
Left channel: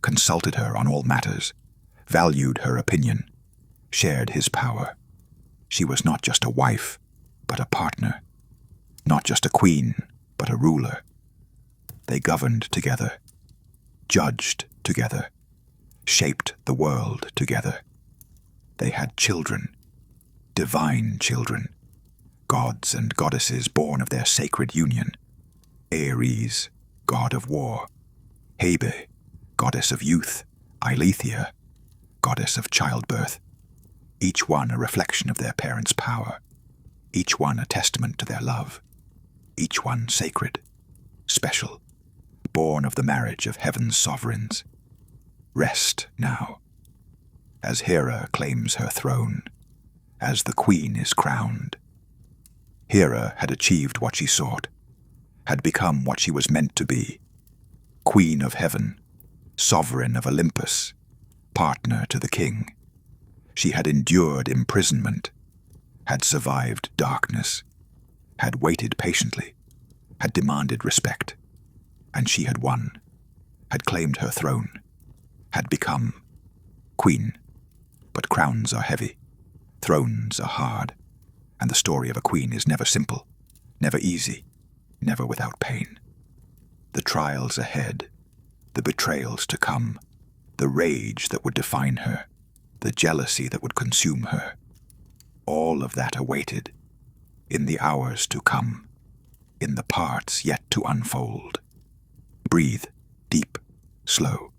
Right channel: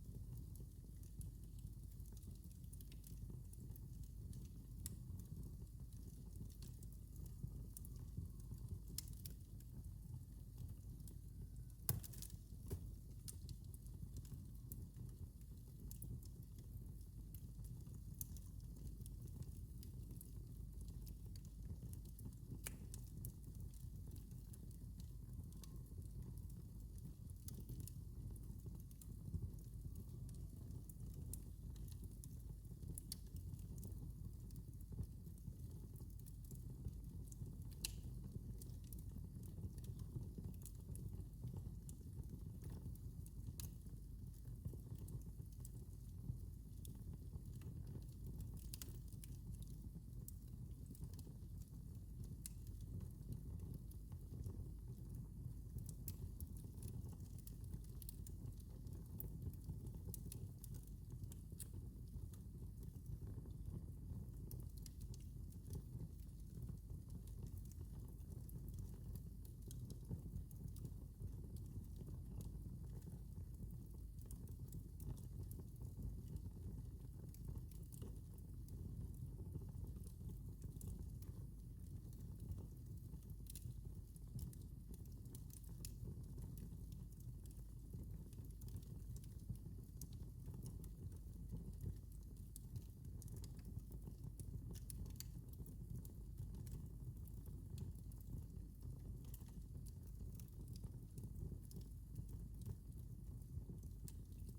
consulted her on all matters, valued her opinion, shared his power. She was not just a wife, but a partner. Not just a queen, but a ruler. They governed together, judged together, shaped the world together. They had children, divine children, gods and goddesses born of their sacred union. Ares, god of war; Hebe, goddess of youth; Eileithyia, goddess of childbirth. Each one a reflection of their parents' power, each one a testament to their love, each one sacred, special, born of the marriage of heaven's sovereigns. Rest now, as Hera claims her throne, as the queen is crowned. Hera had achieved what she sought, had become what she was meant to be, queen of heaven, sovereign of Olympus, partner to the king. She had endured imprisonment, had survived darkness, had waited patiently, had demanded respect, and she had won, had claimed her throne, had become queen. But crowns are heavy, thrones are hard, and the story of a queen is never simple, never easy, never without pain. The trials ahead, the betrayals to come, the rage that would define her, the jealousy that would consume her, all of that awaited, in the hours to come, in the parts yet to unfold. Breathe, deep, slow.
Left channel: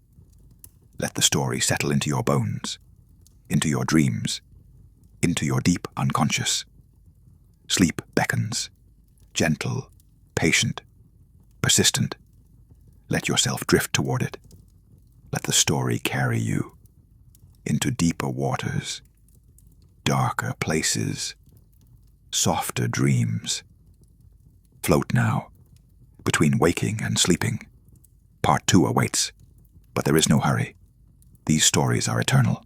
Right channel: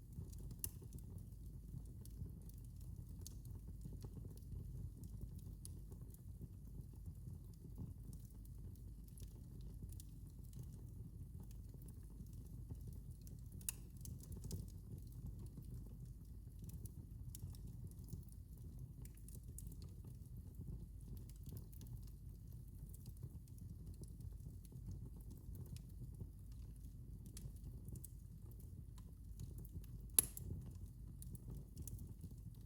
Let the story settle into your bones, into your dreams, into your deep unconscious. Sleep beckons, gentle, patient, persistent. Let yourself drift toward it. Let the story carry you. into deeper waters, darker places, softer dreams. Float now, between waking and sleeping. Part 2 awaits, but there is no hurry. These stories are eternal.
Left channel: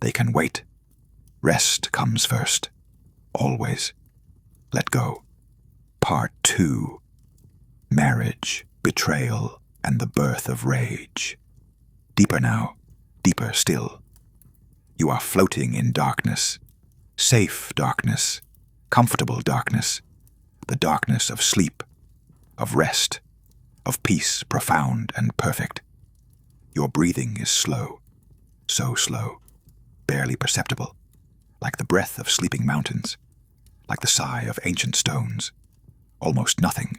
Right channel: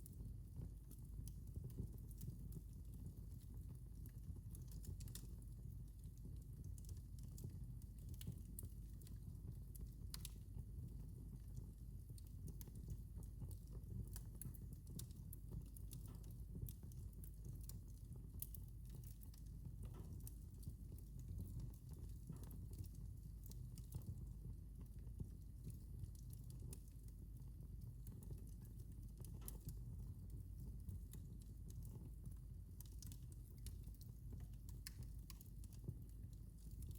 They can wait. Rest comes first. Always. Let go. Part 2. Marriage, betrayal, and the birth of rage. Deeper now, deeper still. You are floating in darkness. Safe darkness. Comfortable darkness. The darkness of sleep, of rest, of peace profound and perfect. Your breathing is slow, so slow, barely perceptible, like the breath of sleeping mountains, like the sigh of ancient stones. Almost nothing,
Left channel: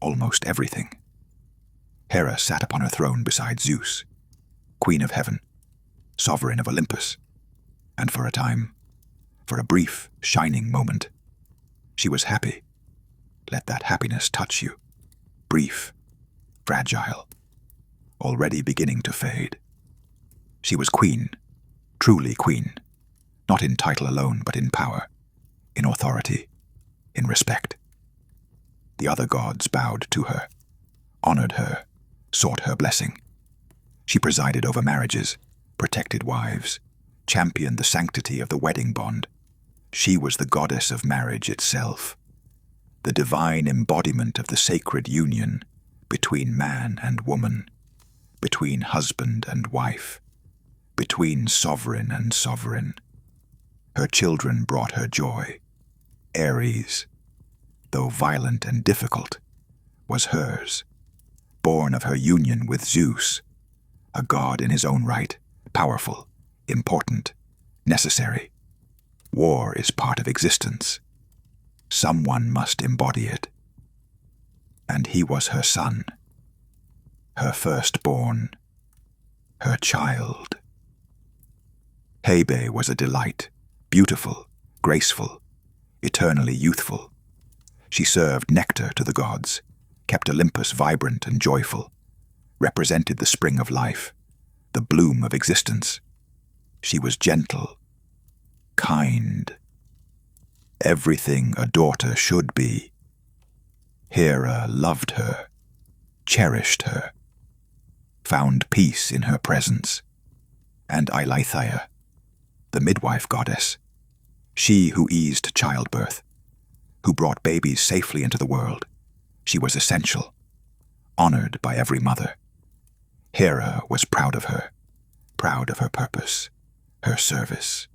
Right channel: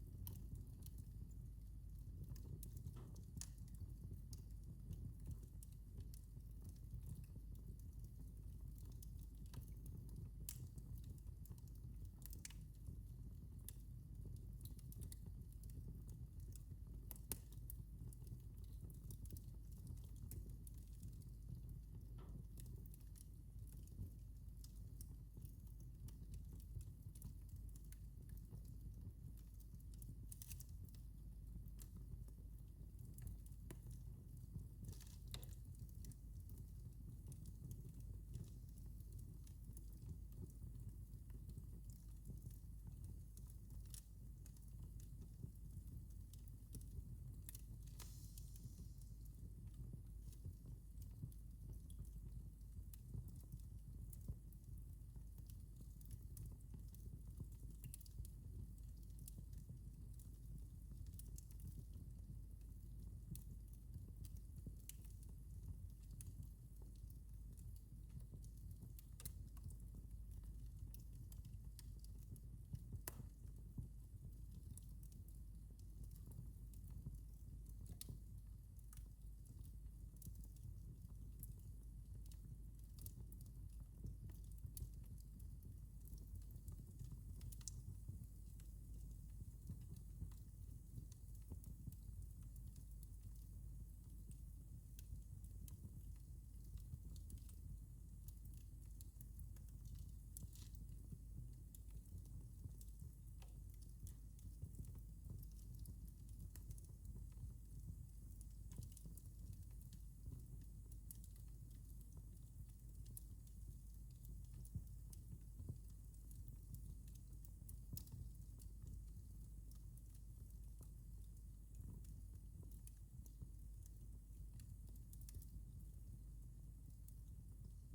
almost everything. Hera sat upon her throne beside Zeus, queen of heaven, sovereign of Olympus, and for a time, for a brief, shining moment, she was happy. Let that happiness touch you. Brief, fragile, already beginning to fade. She was queen, truly queen, not in title alone, but in power, in authority, in respect. The other gods bowed to her, honored her, sought her blessing. She presided over marriages, protected wives, championed the sanctity of the wedding bond. She was the goddess of marriage itself, the divine embodiment of the sacred union between man and woman, between husband and wife, between sovereign and sovereign. Her children brought her joy. Ares, though violent and difficult, was hers, born of her union with Zeus, a god in his own right, powerful, important, necessary. War is part of existence. Someone must embody it. And he was her son, her firstborn, her child. Hebe was a delight, beautiful, graceful, eternally youthful. She served nectar to the gods, kept Olympus vibrant and joyful, represented the spring of life, the bloom of existence. She was gentle, kind, everything a daughter should be. Hera loved her, cherished her, found peace in her presence. And Eileithyia, the midwife goddess, she who eased childbirth, who brought babies safely into the world, she was essential, honored by every mother. Hera was proud of her purpose, her service,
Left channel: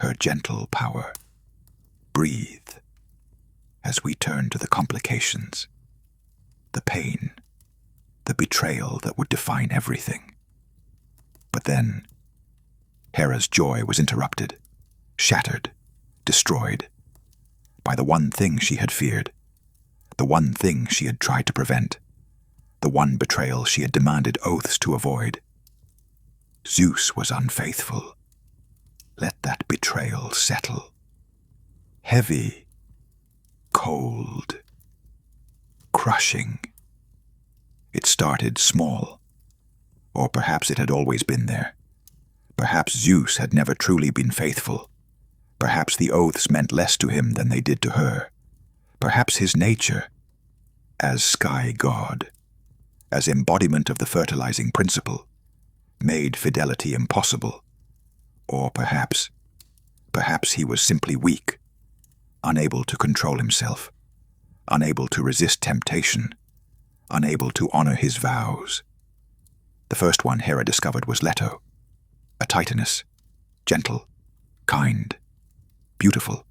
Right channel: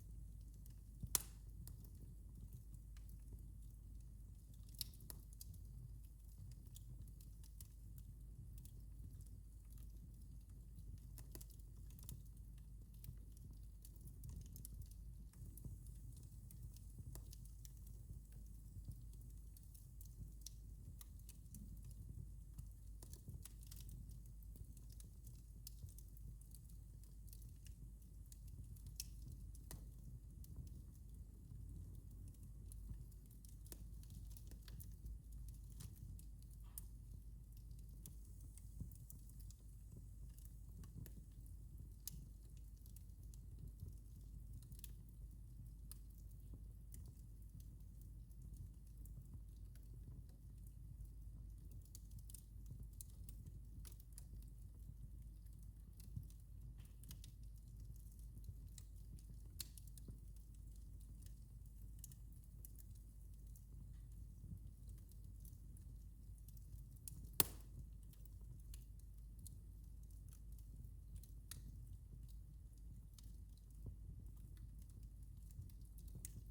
her gentle power. Breathe as we turn to the complications, the pain, the betrayal that would define everything. But then, Hera's joy was interrupted, shattered, destroyed, by the one thing she had feared, the one thing she had tried to prevent, the one betrayal she had demanded oaths to avoid. Zeus was unfaithful. Let that betrayal settle. Heavy, cold, crushing. It started small, or perhaps it had always been there. Perhaps Zeus had never truly been faithful. Perhaps the oaths meant less to him than they did to her. Perhaps his nature, as sky god, as embodiment of the fertilizing principle, made fidelity impossible. Or perhaps he was simply weak, unable to control himself, unable to resist temptation, unable to honor his vows. The first one Hera discovered was Leto, a titaness, gentle, kind, beautiful.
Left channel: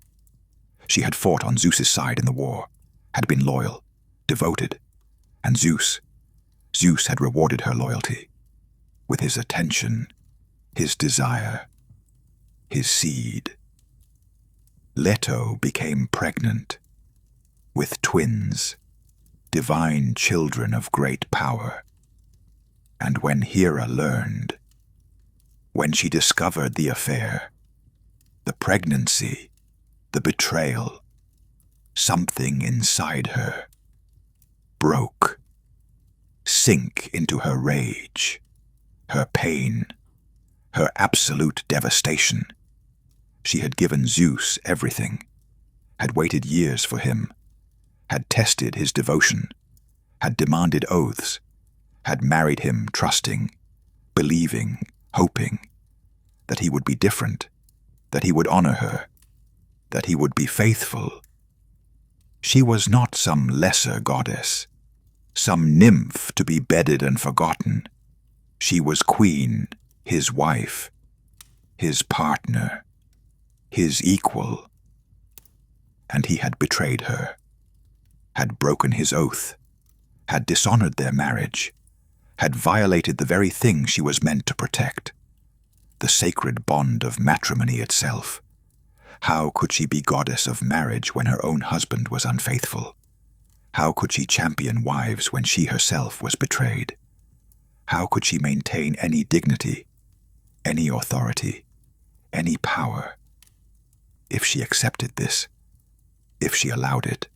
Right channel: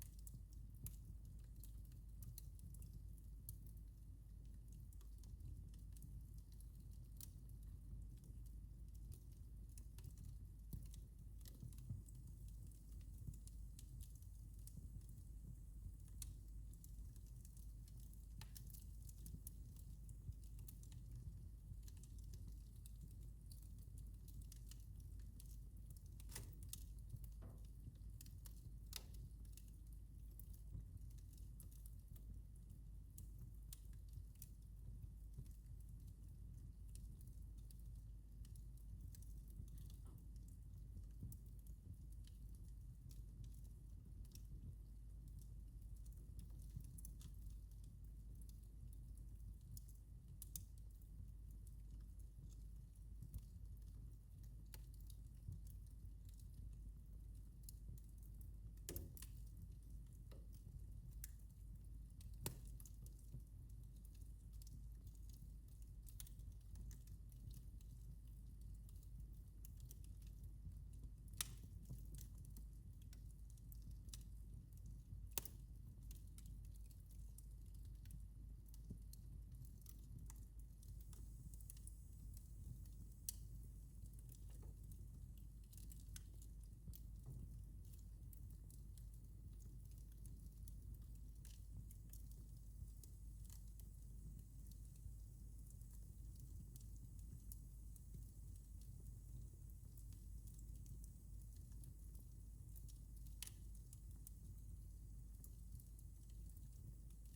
She had fought on Zeus's side in the war, had been loyal, devoted, and Zeus had rewarded her loyalty with his attention, his desire, his seed. Leto became pregnant with twins, divine children of great power. And when Hera learned, when she discovered the affair, the pregnancy, the betrayal, something inside her broke, sank into her rage, her pain, her absolute devastation. She had given Zeus everything, had waited years for him, had tested his devotion, had demanded oaths, had married him trusting, believing, hoping that he would be different, that he would honor her, that he would be faithful. She was not some lesser goddess, some nymph to be bedded and forgotten. She was queen, his wife, his partner, his equal. And he had betrayed her, had broken his oath, had dishonored their marriage, had violated the very thing she was meant to protect, the sacred bond of matrimony itself. How could she be goddess of marriage when her own husband was unfaithful? How could she champion wives when she herself was betrayed? How could she maintain any dignity, any authority, any power? If she accepted this, if she allowed it,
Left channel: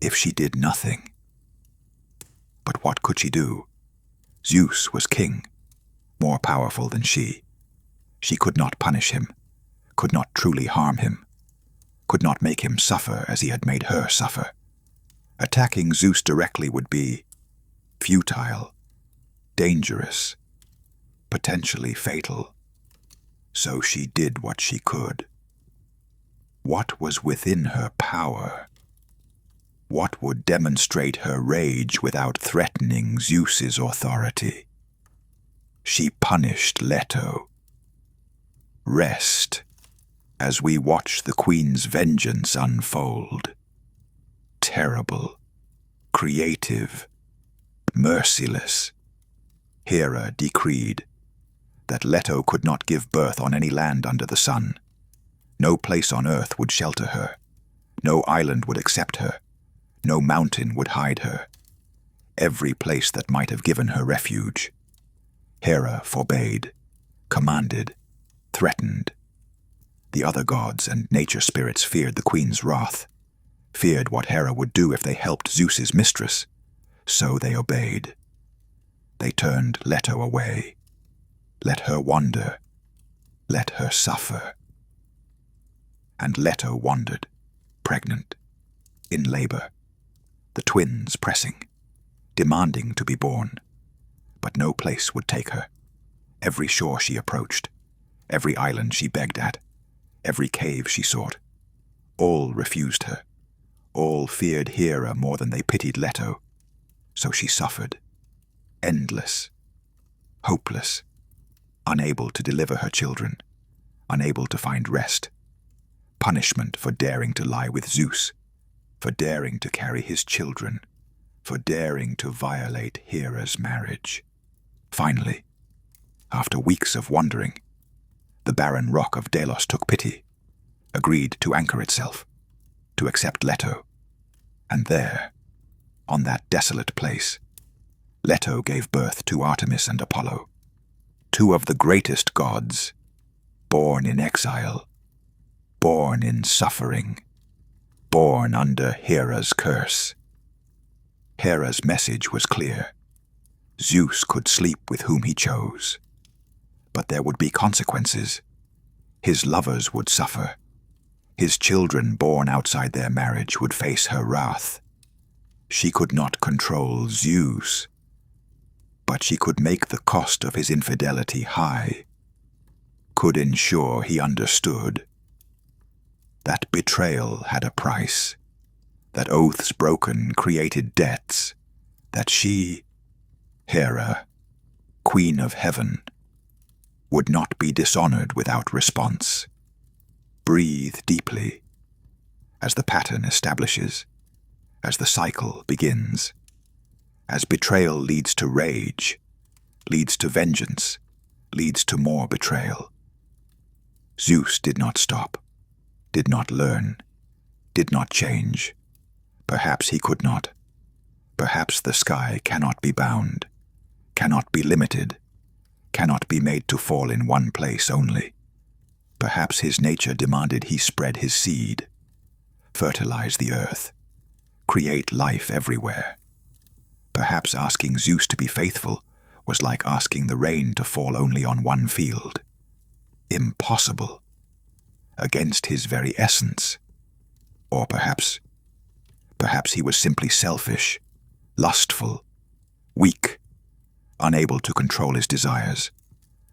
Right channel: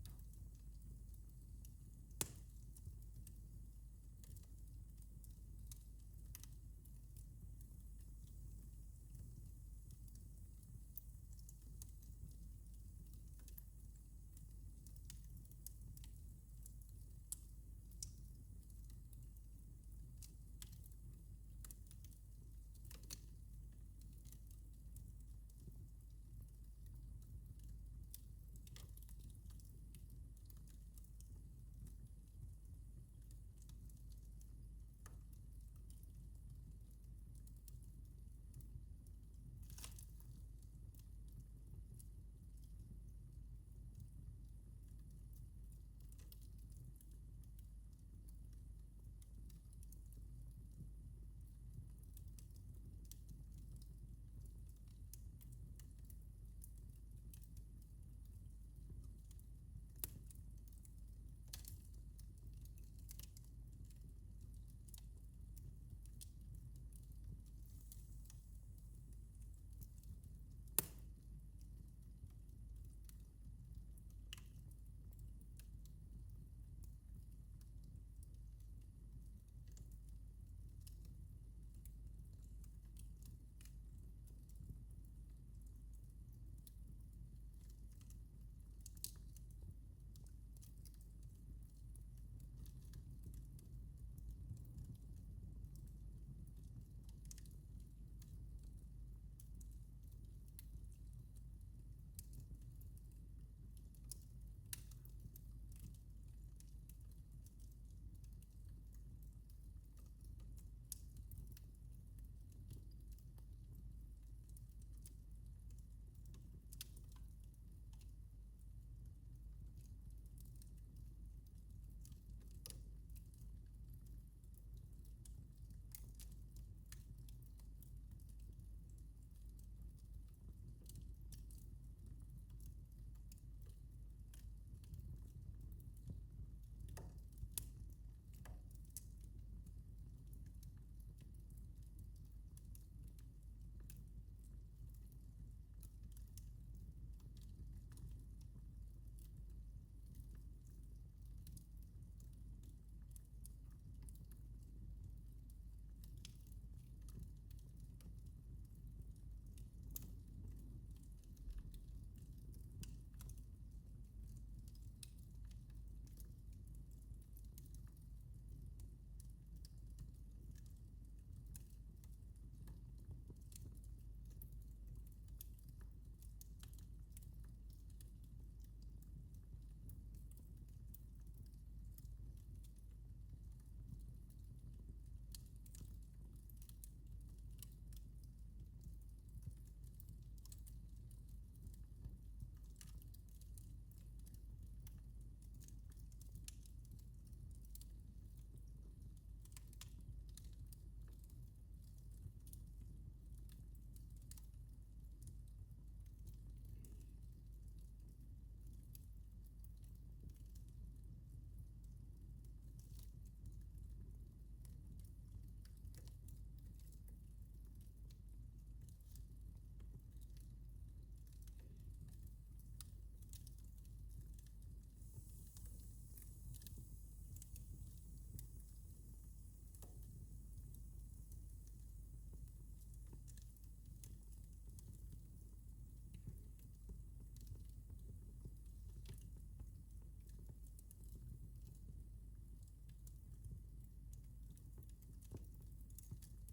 if she did nothing. But what could she do? Zeus was king, more powerful than she. She could not punish him, could not truly harm him, could not make him suffer as he had made her suffer. Attacking Zeus directly would be futile, dangerous, potentially fatal. So she did what she could. What was within her power? What would demonstrate her rage without threatening Zeus's authority? She punished Leto. Rest as we watch the queen's vengeance unfold. Terrible, creative, merciless. Hera decreed that Leto could not give birth on any land under the sun. No place on earth would shelter her. No island would accept her. No mountain would hide her. Every place that might have given her refuge, Hera forbade, commanded, threatened. The other gods and nature spirits feared the queen's wrath, feared what Hera would do if they helped Zeus's mistress. So they obeyed. They turned Leto away. Let her wander. Let her suffer. And Leto wandered, pregnant, in labor, the twins pressing, demanding to be born. But no place would take her. Every shore she approached, every island she begged at, every cave she sought, all refused her. All feared Hera more than they pitied Leto. So she suffered, endless, hopeless, unable to deliver her children, unable to find rest. Punishment for daring to lie with Zeus, for daring to carry his children, for daring to violate Hera's marriage. Finally, after weeks of wandering, the barren rock of Delos took pity, agreed to anchor itself, to accept Leto. And there, on that desolate place, Leto gave birth to Artemis and Apollo, two of the greatest gods, born in exile, born in suffering, born under Hera's curse. Hera's message was clear. Zeus could sleep with whom he chose. But there would be consequences. His lovers would suffer. His children born outside their marriage would face her wrath. She could not control Zeus, but she could make the cost of his infidelity high, could ensure he understood that betrayal had a price, that oaths broken created debts, that she, Hera, Queen of Heaven, would not be dishonored without response. Breathe deeply, as the pattern establishes, as the cycle begins, as betrayal leads to rage, leads to vengeance, leads to more betrayal. Zeus did not stop, did not learn, did not change. Perhaps he could not. Perhaps the sky cannot be bound, cannot be limited, cannot be made to fall in one place only. Perhaps his nature demanded he spread his seed, fertilize the earth, create life everywhere. Perhaps asking Zeus to be faithful was like asking the rain to fall only on one field. Impossible. Against his very essence. Or perhaps he was simply selfish, lustful, weak, unable to control his desires,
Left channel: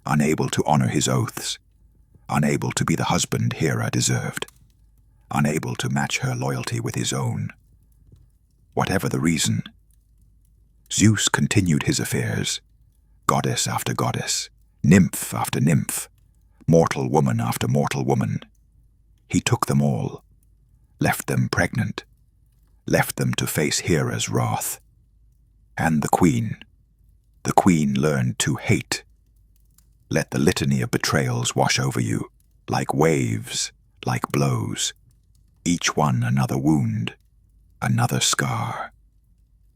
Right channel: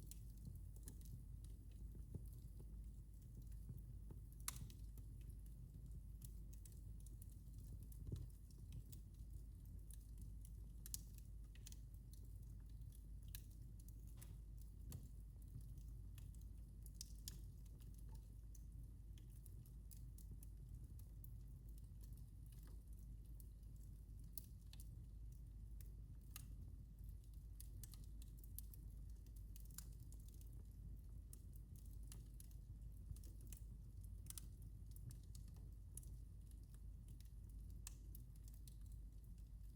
unable to honor his oaths, unable to be the husband Hera deserved, unable to match her loyalty with his own. Whatever the reason, Zeus continued his affairs, goddess after goddess, nymph after nymph, mortal woman after mortal woman. He took them all, left them pregnant, left them to face Hera's wrath. And the queen learned to hate. Let the litany of betrayals wash over you, like waves, like blows, each one another wound, another scar,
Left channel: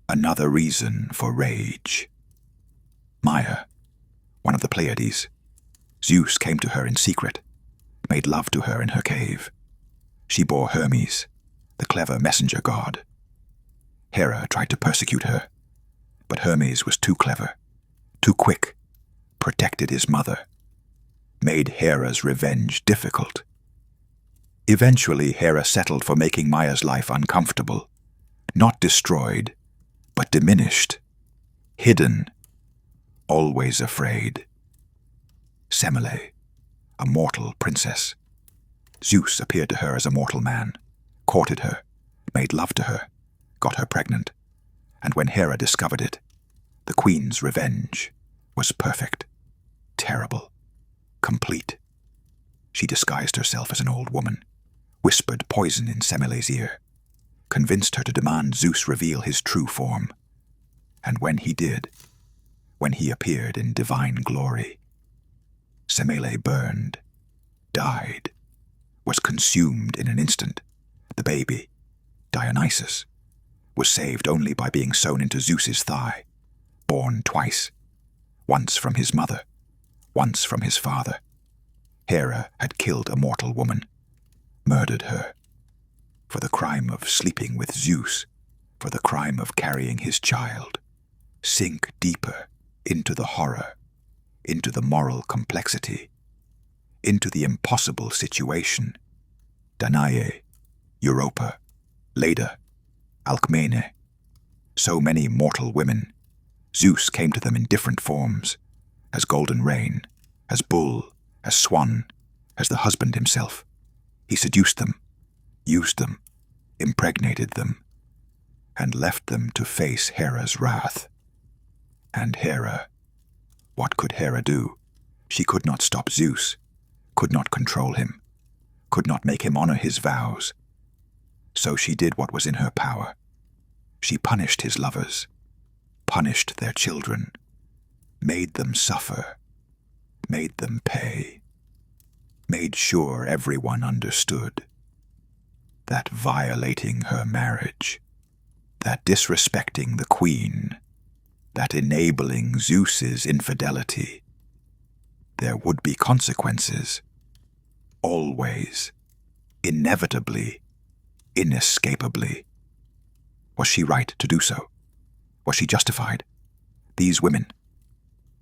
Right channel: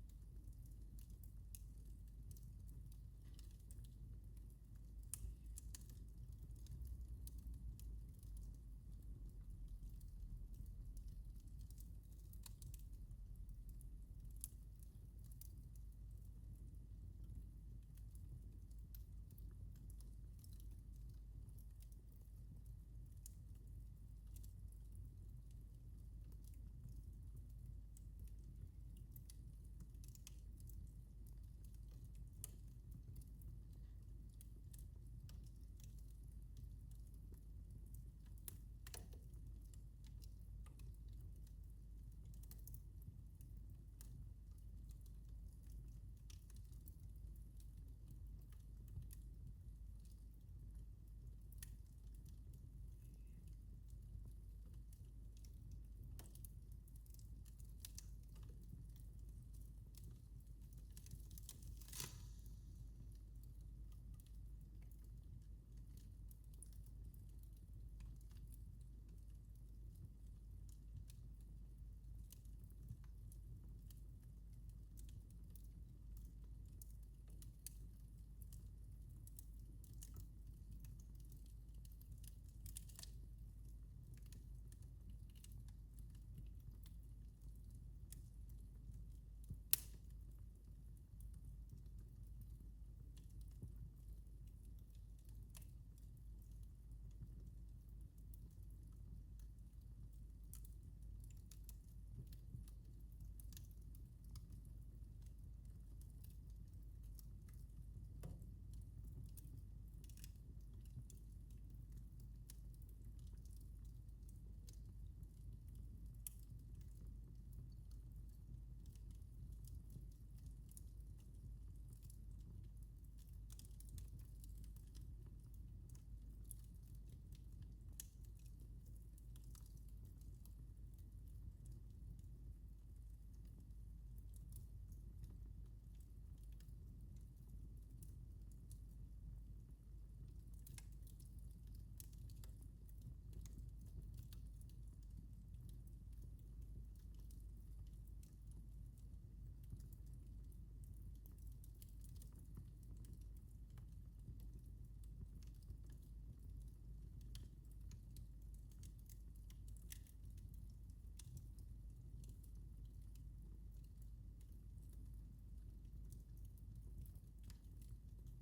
another reason for rage. Maia, one of the Pleiades, Zeus came to her in secret, made love to her in her cave. She bore Hermes, the clever messenger god. Hera tried to persecute her, but Hermes was too clever, too quick, protected his mother, made Hera's revenge difficult. Eventually, Hera settled for making Maia's life uncomfortable, not destroyed, but diminished, hidden, always afraid. Semele, a mortal princess. Zeus appeared to her as a mortal man, courted her, made love to her, got her pregnant, and when Hera discovered it, the queen's revenge was perfect, terrible, complete. She disguised herself as an old woman, whispered poison in Semele's ear, convinced her to demand Zeus reveal his true form. And when he did, when he appeared in divine glory, Semele burned, died, was consumed in an instant. The baby, Dionysus, was saved only by being sewn into Zeus's thigh, born twice, once from his mother, once from his father. Hera had killed a mortal woman, murdered her, for the crime of sleeping with Zeus, for the crime of carrying his child. Sink deeper into the horror, into the moral complexity, into the impossible situation. Danae, Europa, Leda, Alcmene, so many mortal women. Zeus came to them in different forms, as golden rain, as bull, as swan, as the husband himself. He seduced them, used them, impregnated them, and left them to face Hera's wrath. And Hera, what could Hera do? She could not stop Zeus, could not control him, could not make him honor his vows. So she did what was in her power. She punished his lovers, punished their children, made them suffer, made them pay, made sure everyone understood that violating her marriage, that disrespecting the queen, that enabling Zeus's infidelity, there would be consequences, always, inevitably, inescapably. Was she right to do so? Was she justified? These women,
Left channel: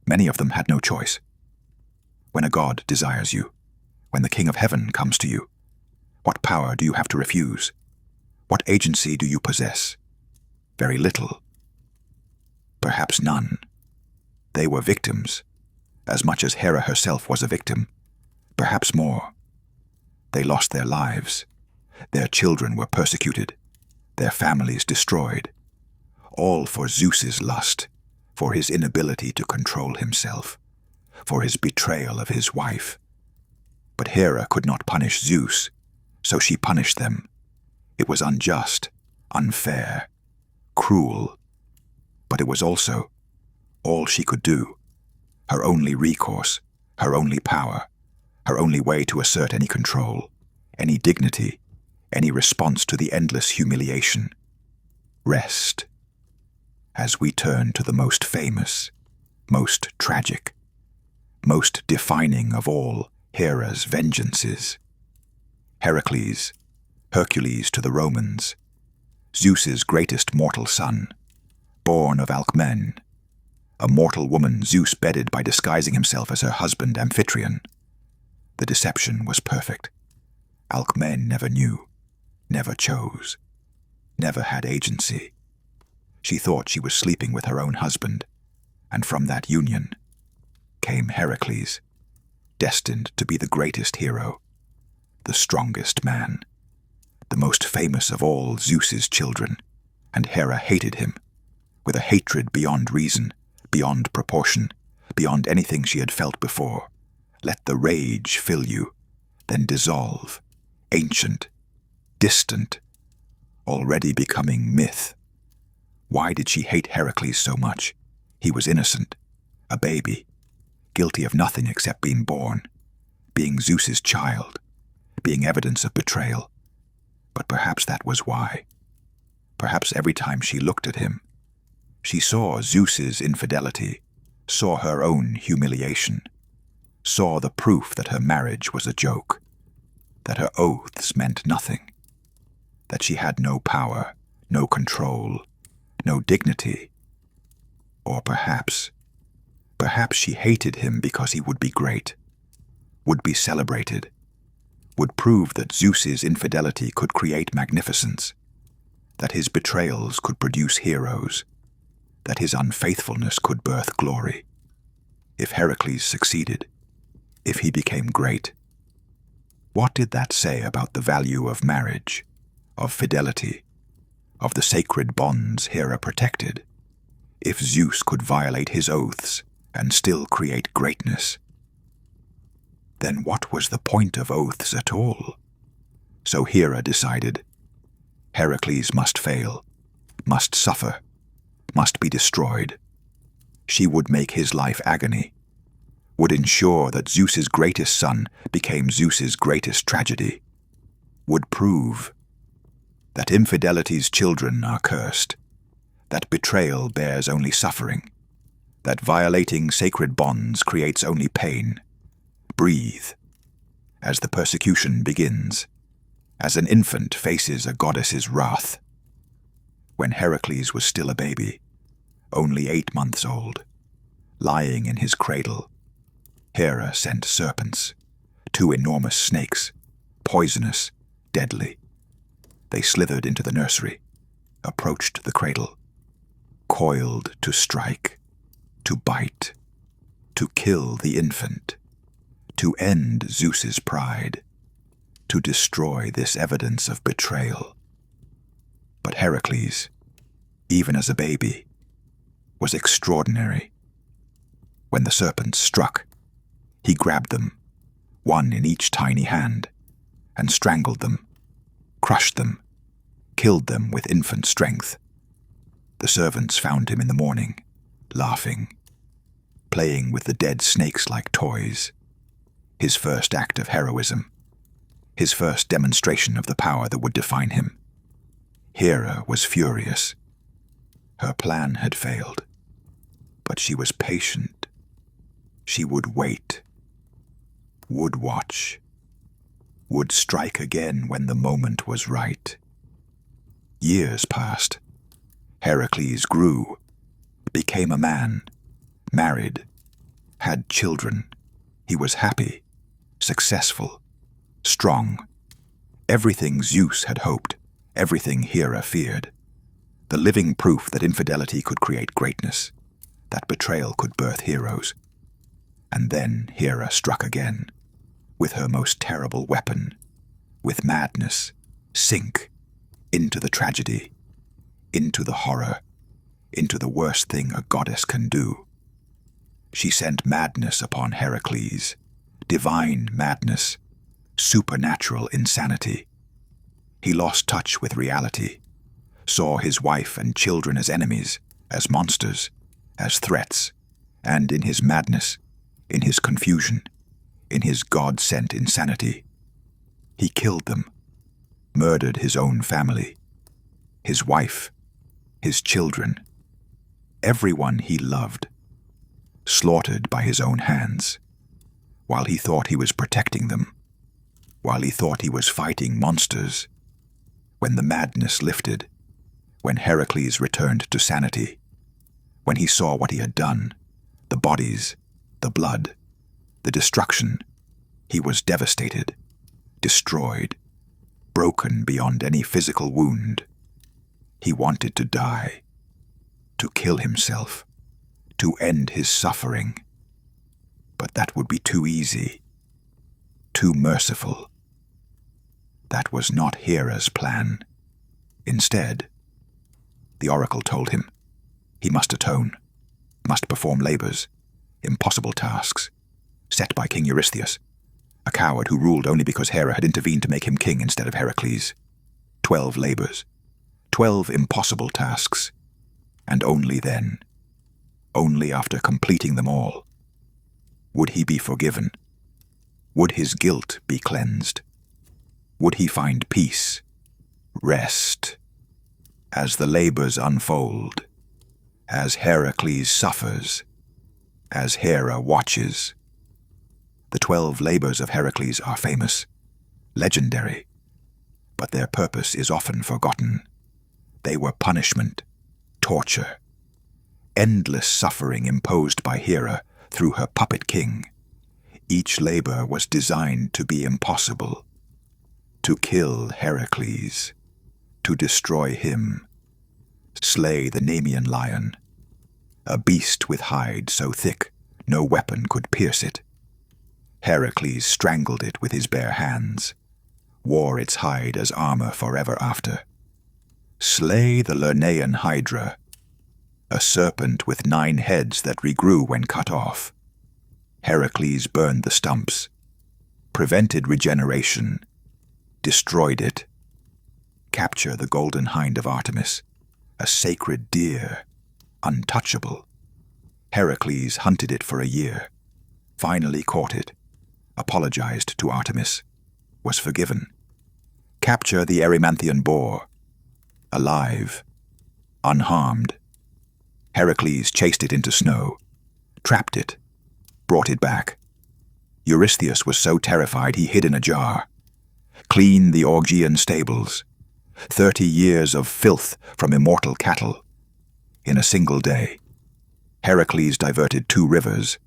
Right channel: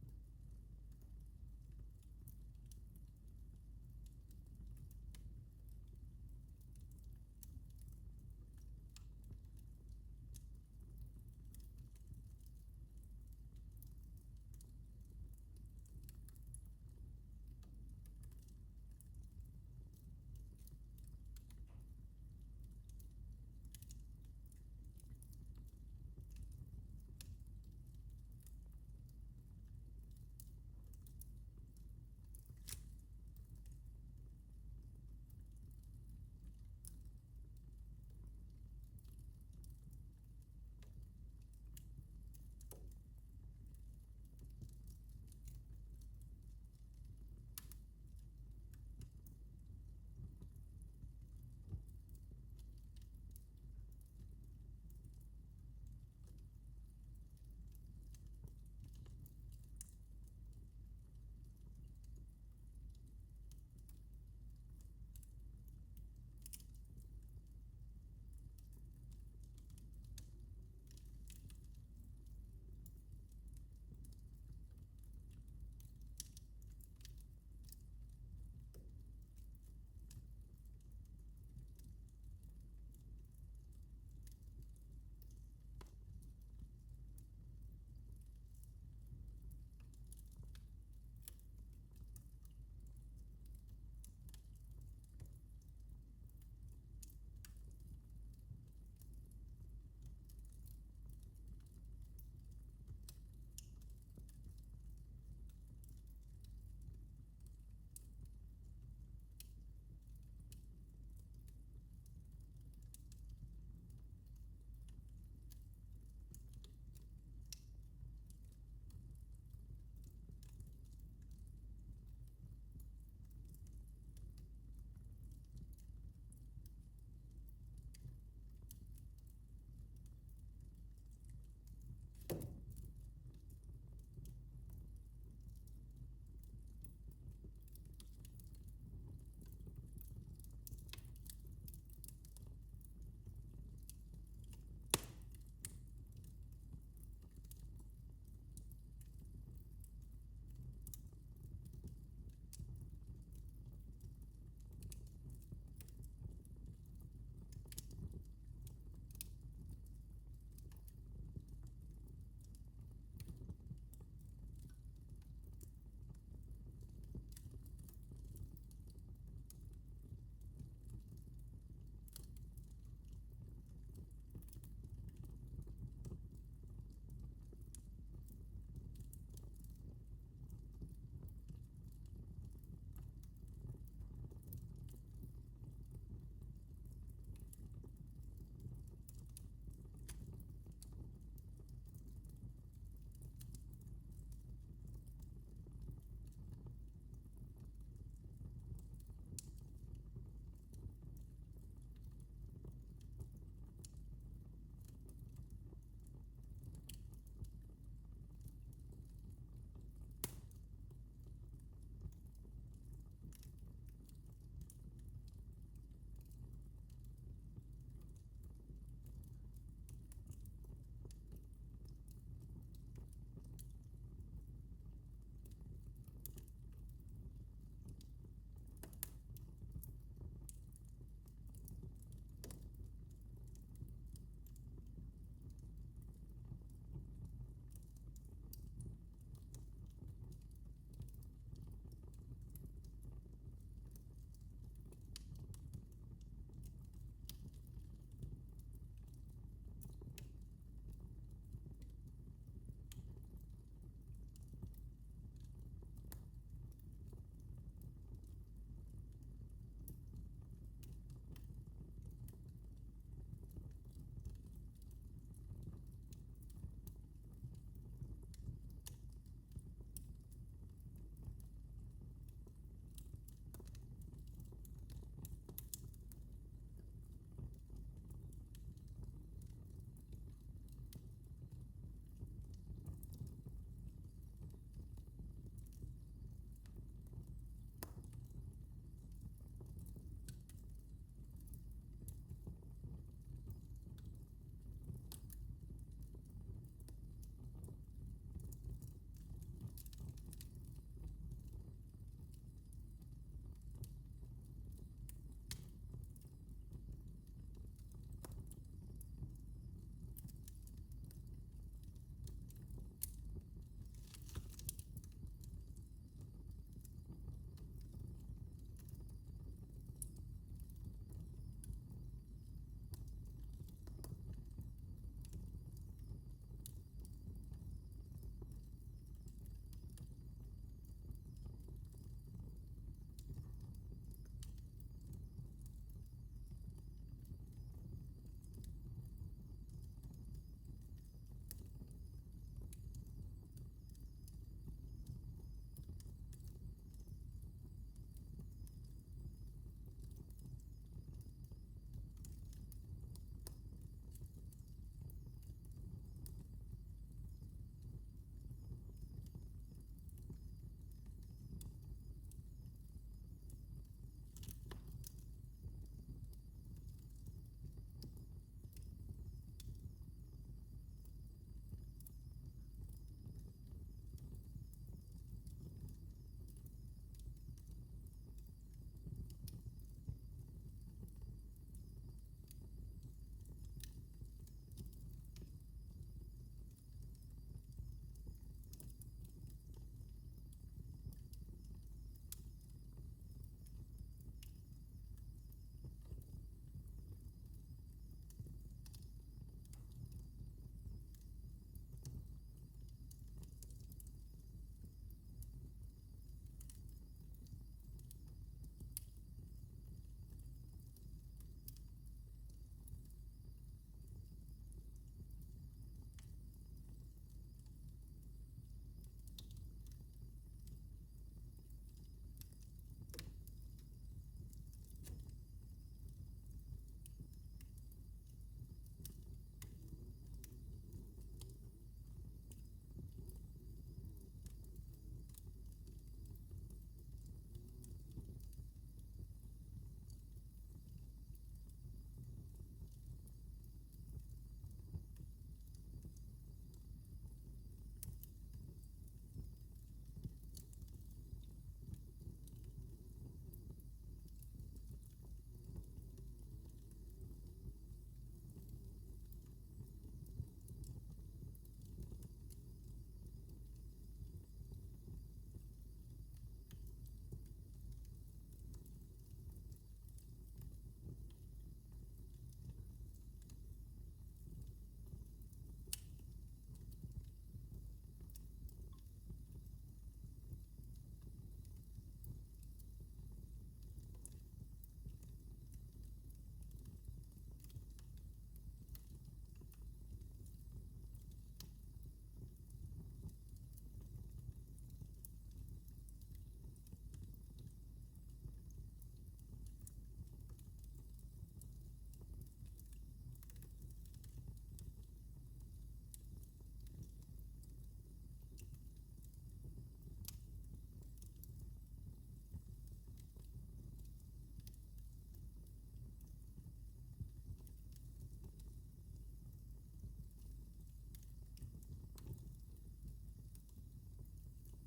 many of them had no choice. When a god desires you, when the King of Heaven comes to you, what power do you have to refuse? What agency do you possess? Very little. Perhaps none. They were victims, as much as Hera herself was a victim, perhaps more. They lost their lives. Their children were persecuted, their families destroyed, all for Zeus's lust, for his inability to control himself, for his betrayal of his wife. But Hera could not punish Zeus, so she punished them. It was unjust, unfair, cruel, but it was also all she could do, her only recourse, her only power, her only way to assert any control, any dignity, any response to the endless humiliation. Rest. As we turn to the most famous, most tragic, most defining of all Hera's vengeances. Heracles, Hercules to the Romans, Zeus's greatest mortal son, born of Alcmene, A mortal woman Zeus bedded by disguising himself as her husband Amphitryon. The deception was perfect. Alcmene never knew, never chose, never had agency. She thought she was sleeping with her own husband, and from that union came Heracles, destined to be the greatest hero, the strongest man, the most famous of all Zeus's children, and Hera hated him, with a hatred beyond reason, beyond proportion, beyond anything she had felt before. Let the rage fill you, then dissolve, ancient, distant, already becoming myth. Why did she hate Heracles so much? He was innocent, a baby, guilty of nothing except being born, being Zeus's child, being evidence of betrayal. But perhaps that was why. Perhaps every time she looked at him, she saw Zeus's infidelity, saw her own humiliation, saw the proof that her marriage was a joke, that her oaths meant nothing, that she had no power, no control, no dignity. Or perhaps she hated him because he would be great, would be celebrated, would prove that Zeus's infidelity could create magnificence, that his betrayals could produce heroes, that his unfaithfulness could birth glory. If Heracles succeeded, if he became great, what did that say about the value of marriage, of fidelity, of the sacred bonds Hera protected? If Zeus could violate his oaths and still create greatness, then what was the point of oaths at all? So Hera decided, Heracles must fail, must suffer, must be destroyed. She would make his life agony, would ensure that Zeus's greatest son became Zeus's greatest tragedy, would prove that infidelity's children are cursed, that betrayal bears only suffering, that violating sacred bonds creates only pain. Breathe, as the persecution begins, as an infant faces a goddess's wrath. When Heracles was still a baby, only 8 months old, lying in his cradle, Hera sent serpents, 2 enormous snakes, poisonous, deadly. They slithered into the nursery, approached the cradle, coiled to strike, to bite, to kill the infant, to end Zeus's pride, to destroy this evidence of betrayal. But Heracles, even as a baby, was extraordinary. When the serpents struck, he grabbed them, one in each tiny hand, and strangled them, crushed them, killed them with infant strength. The servants found him in the morning, laughing, playing with the dead snakes like toys. His first act of heroism, his first demonstration of the power that would define him. Hera was furious. Her plan had failed, but she was patient. She would wait, would watch, would strike again when the moment was right. Years passed. Heracles grew, became a man, married, had children. He was happy, successful, strong. Everything Zeus had hoped, everything Hera feared. The living proof that infidelity could create greatness, that betrayal could birth heroes. And then Hera struck again, with her most terrible weapon, with madness, sink into the tragedy, into the horror, into the worst thing a goddess can do. She sent madness upon Heracles, divine madness, supernatural insanity. He lost touch with reality, saw his wife and children as enemies, as monsters, as threats, and in his madness, in his confusion, in his God-sent insanity, he killed them, murdered his own family, his wife, his children, everyone he loved, slaughtered by his own hands, while he thought he was protecting them, while he thought he was fighting monsters. When the madness lifted, when Heracles returned to sanity, When he saw what he had done, the bodies, the blood, the destruction, he was devastated, destroyed, broken beyond any physical wound. He wanted to die, to kill himself, to end his suffering. But that would be too easy, too merciful. That was not Hera's plan. Instead, the oracle told him he must atone, must perform labors, impossible tasks, set by King Eurystheus, a coward who ruled only because Hera had intervened to make him king instead of Heracles. 12 labors, 12 impossible tasks, and only then, only after completing them all, would he be forgiven. Would his guilt be cleansed? Would he find peace, rest, as the labors unfold, as Heracles suffers, as Hera watches? The 12 labors of Heracles are famous, legendary, but their purpose is often forgotten. They were punishment, torture, endless suffering imposed by Hera through her puppet king. Each labor was designed to be impossible, to kill Heracles, to destroy him, slay the Nemean lion, a beast with hide so thick no weapon could pierce it. Heracles strangled it with his bare hands, wore its hide as armor forever after. Slay the Lernaean hydra, a serpent with 9 heads that regrew when cut off. Heracles burned the stumps, prevented regeneration, destroyed it. Capture the golden hind of Artemis, a sacred deer, untouchable. Heracles hunted it for a year, finally caught it, apologized to Artemis, was forgiven. Capture the Erymanthian boar, alive, unharmed. Heracles chased it into snow, trapped it, brought it back. Eurystheus was so terrified he hid in a jar. Cleaned the Augean stables, 30 years of filth from immortal cattle. In a single day, Heracles diverted 2 rivers,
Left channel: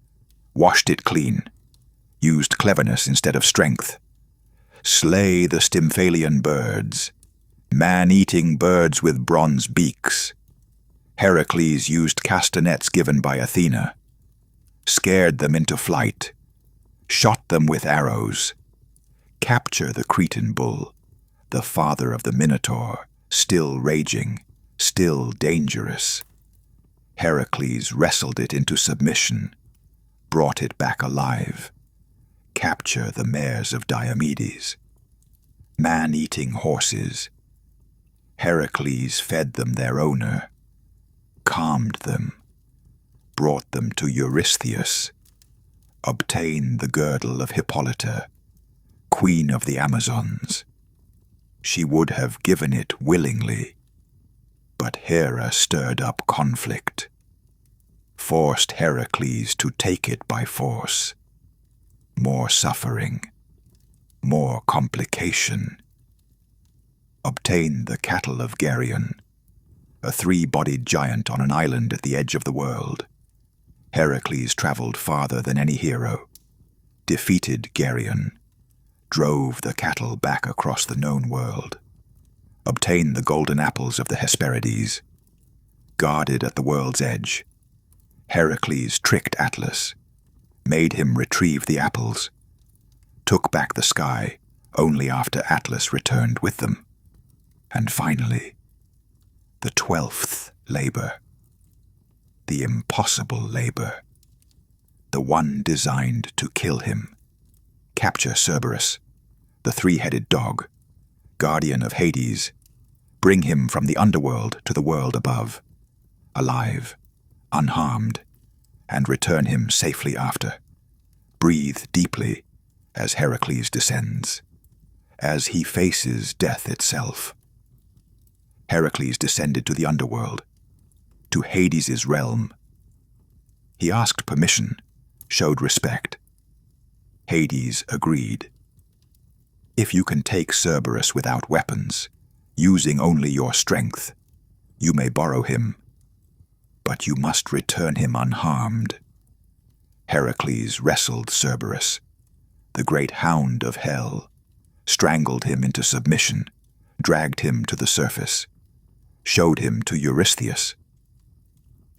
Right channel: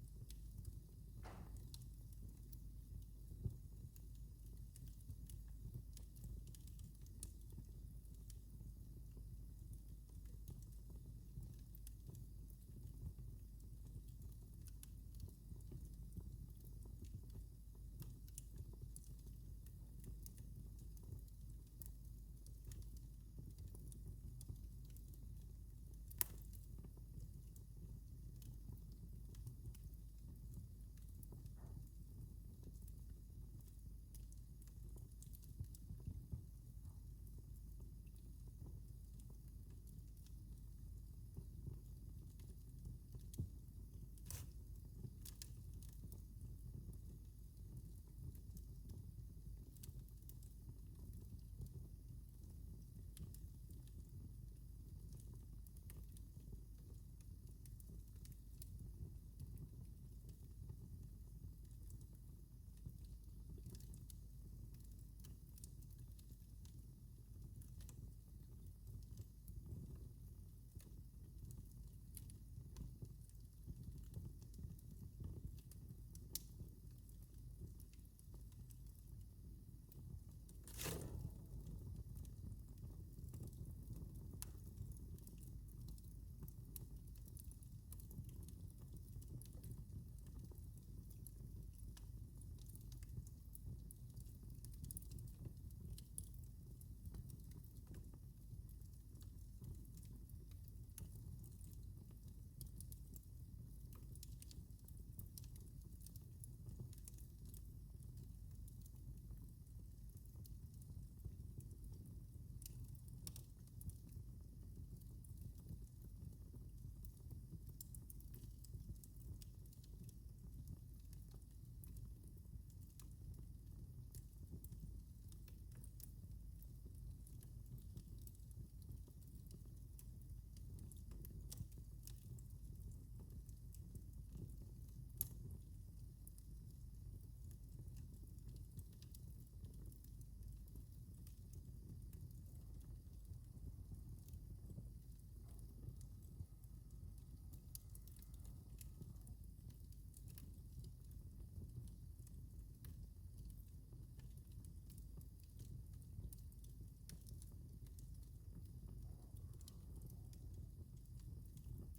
washed it clean, used cleverness instead of strength. Slay the Stymphalian birds, man-eating birds with bronze beaks. Heracles used castanets given by Athena, scared them into flight, shot them with arrows. Capture the Cretan bull, the father of the Minotaur, still raging, still dangerous. Heracles wrestled it into submission, brought it back alive. Capture the mares of Diomedes, man-eating horses. Heracles fed them their owner, calmed them, brought them to Eurystheus, obtained the girdle of Hippolyta, queen of the Amazons. She would have given it willingly, but Hera stirred up conflict, forced Heracles to take it by force. More suffering, more complication. Obtained the cattle of Geryon, a 3-bodied giant on an island at the edge of the world. Heracles traveled farther than any hero, defeated Geryon, drove the cattle back across the known world, obtained the golden apples of the Hesperides. Guarded at the world's edge, Heracles tricked Atlas, made him retrieve the apples, took back the sky only after Atlas returned with them. And finally, the 12th labor, the impossible labor, the one designed to kill him. Capture Cerberus, the 3-headed dog, guardian of Hades. Bring him from the underworld to the world above, alive, unharmed, and return him safely after. Breathe deeply as Heracles descends, as he faces death itself. Heracles descended to the underworld, to Hades' realm. He asked permission, showed respect. Hades agreed. If you can take Cerberus without weapons, using only your strength, you may borrow him. but you must return him unharmed. Heracles wrestled Cerberus, the great hound of hell, strangled him into submission, dragged him to the surface, showed him to Eurystheus.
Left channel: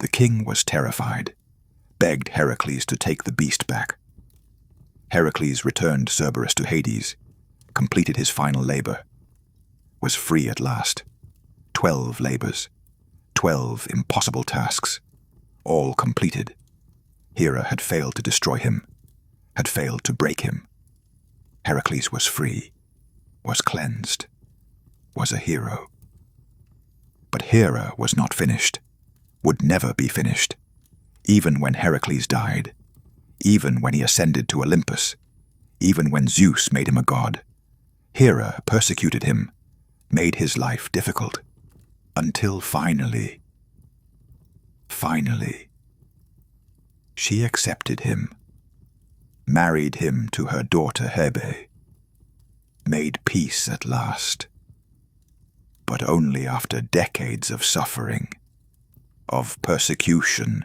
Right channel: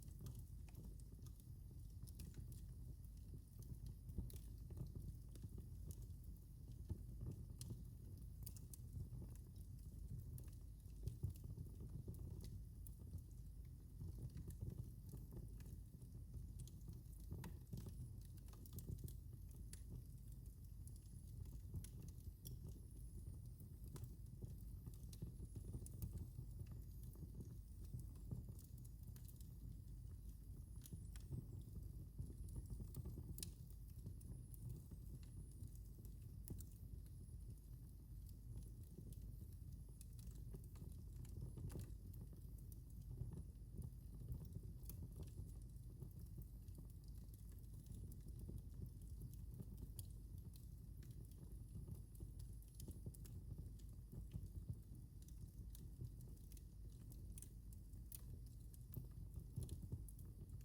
The king was terrified, begged Heracles to take the beast back. Heracles returned Cerberus to Hades, completed his final labor, was free at last. 12 labors, 12 impossible tasks, all completed. Hera had failed to destroy him, had failed to break him. Heracles was free, was cleansed, was a hero. But Hera was not finished, would never be finished, even when Heracles died, even when he ascended to Olympus, even when Zeus made him a god. Hera persecuted him, made his life difficult, until finally, she accepted him, married him to her daughter Hebe, made peace at last, but only after decades of suffering, of persecution,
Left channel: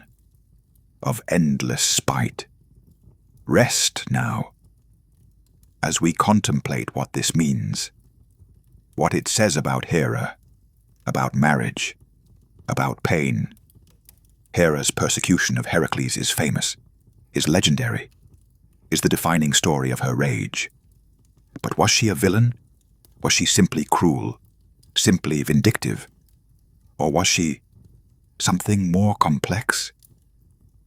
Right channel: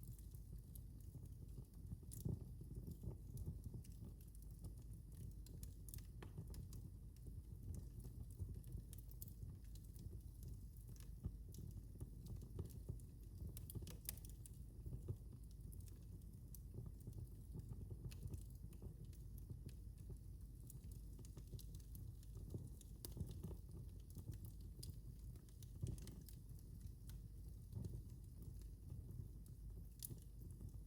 of endless spite. Rest now, as we contemplate what this means, what it says about Hera, about marriage, about pain. Hera's persecution of Heracles is famous, is legendary, is the defining story of her rage. But was she a villain? Was she simply cruel, simply vindictive? Or was she something more complex?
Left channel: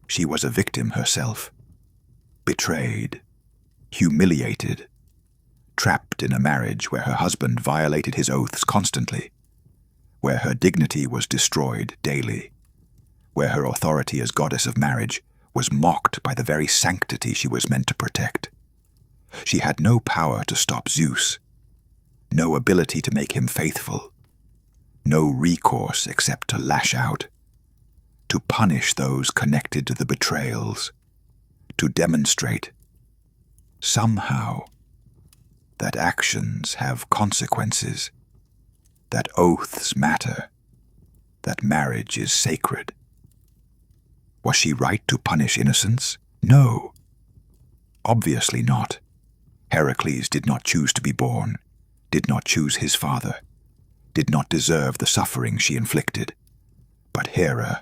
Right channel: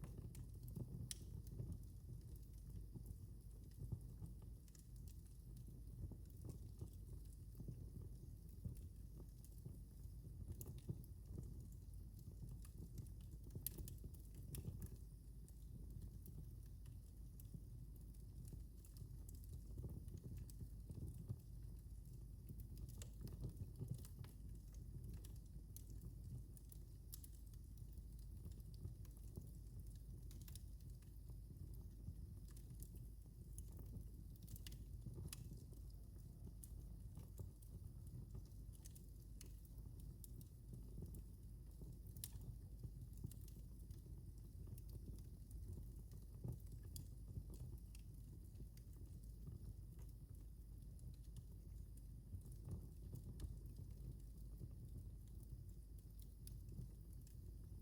She was a victim herself, betrayed, humiliated, trapped in a marriage where her husband violated his oaths constantly, where her dignity was destroyed daily, where her authority as goddess of marriage was mocked by the very sanctity she was meant to protect. She had no power to stop Zeus, no ability to make him faithful, no recourse except to lash out, to punish those connected to the betrayals, to demonstrate, somehow, that actions have consequences, that oaths matter, that marriage is sacred. Was she right to punish innocence? No. Obviously not. Heracles did not choose to be born, did not choose his father, did not deserve the suffering she inflicted. But Hera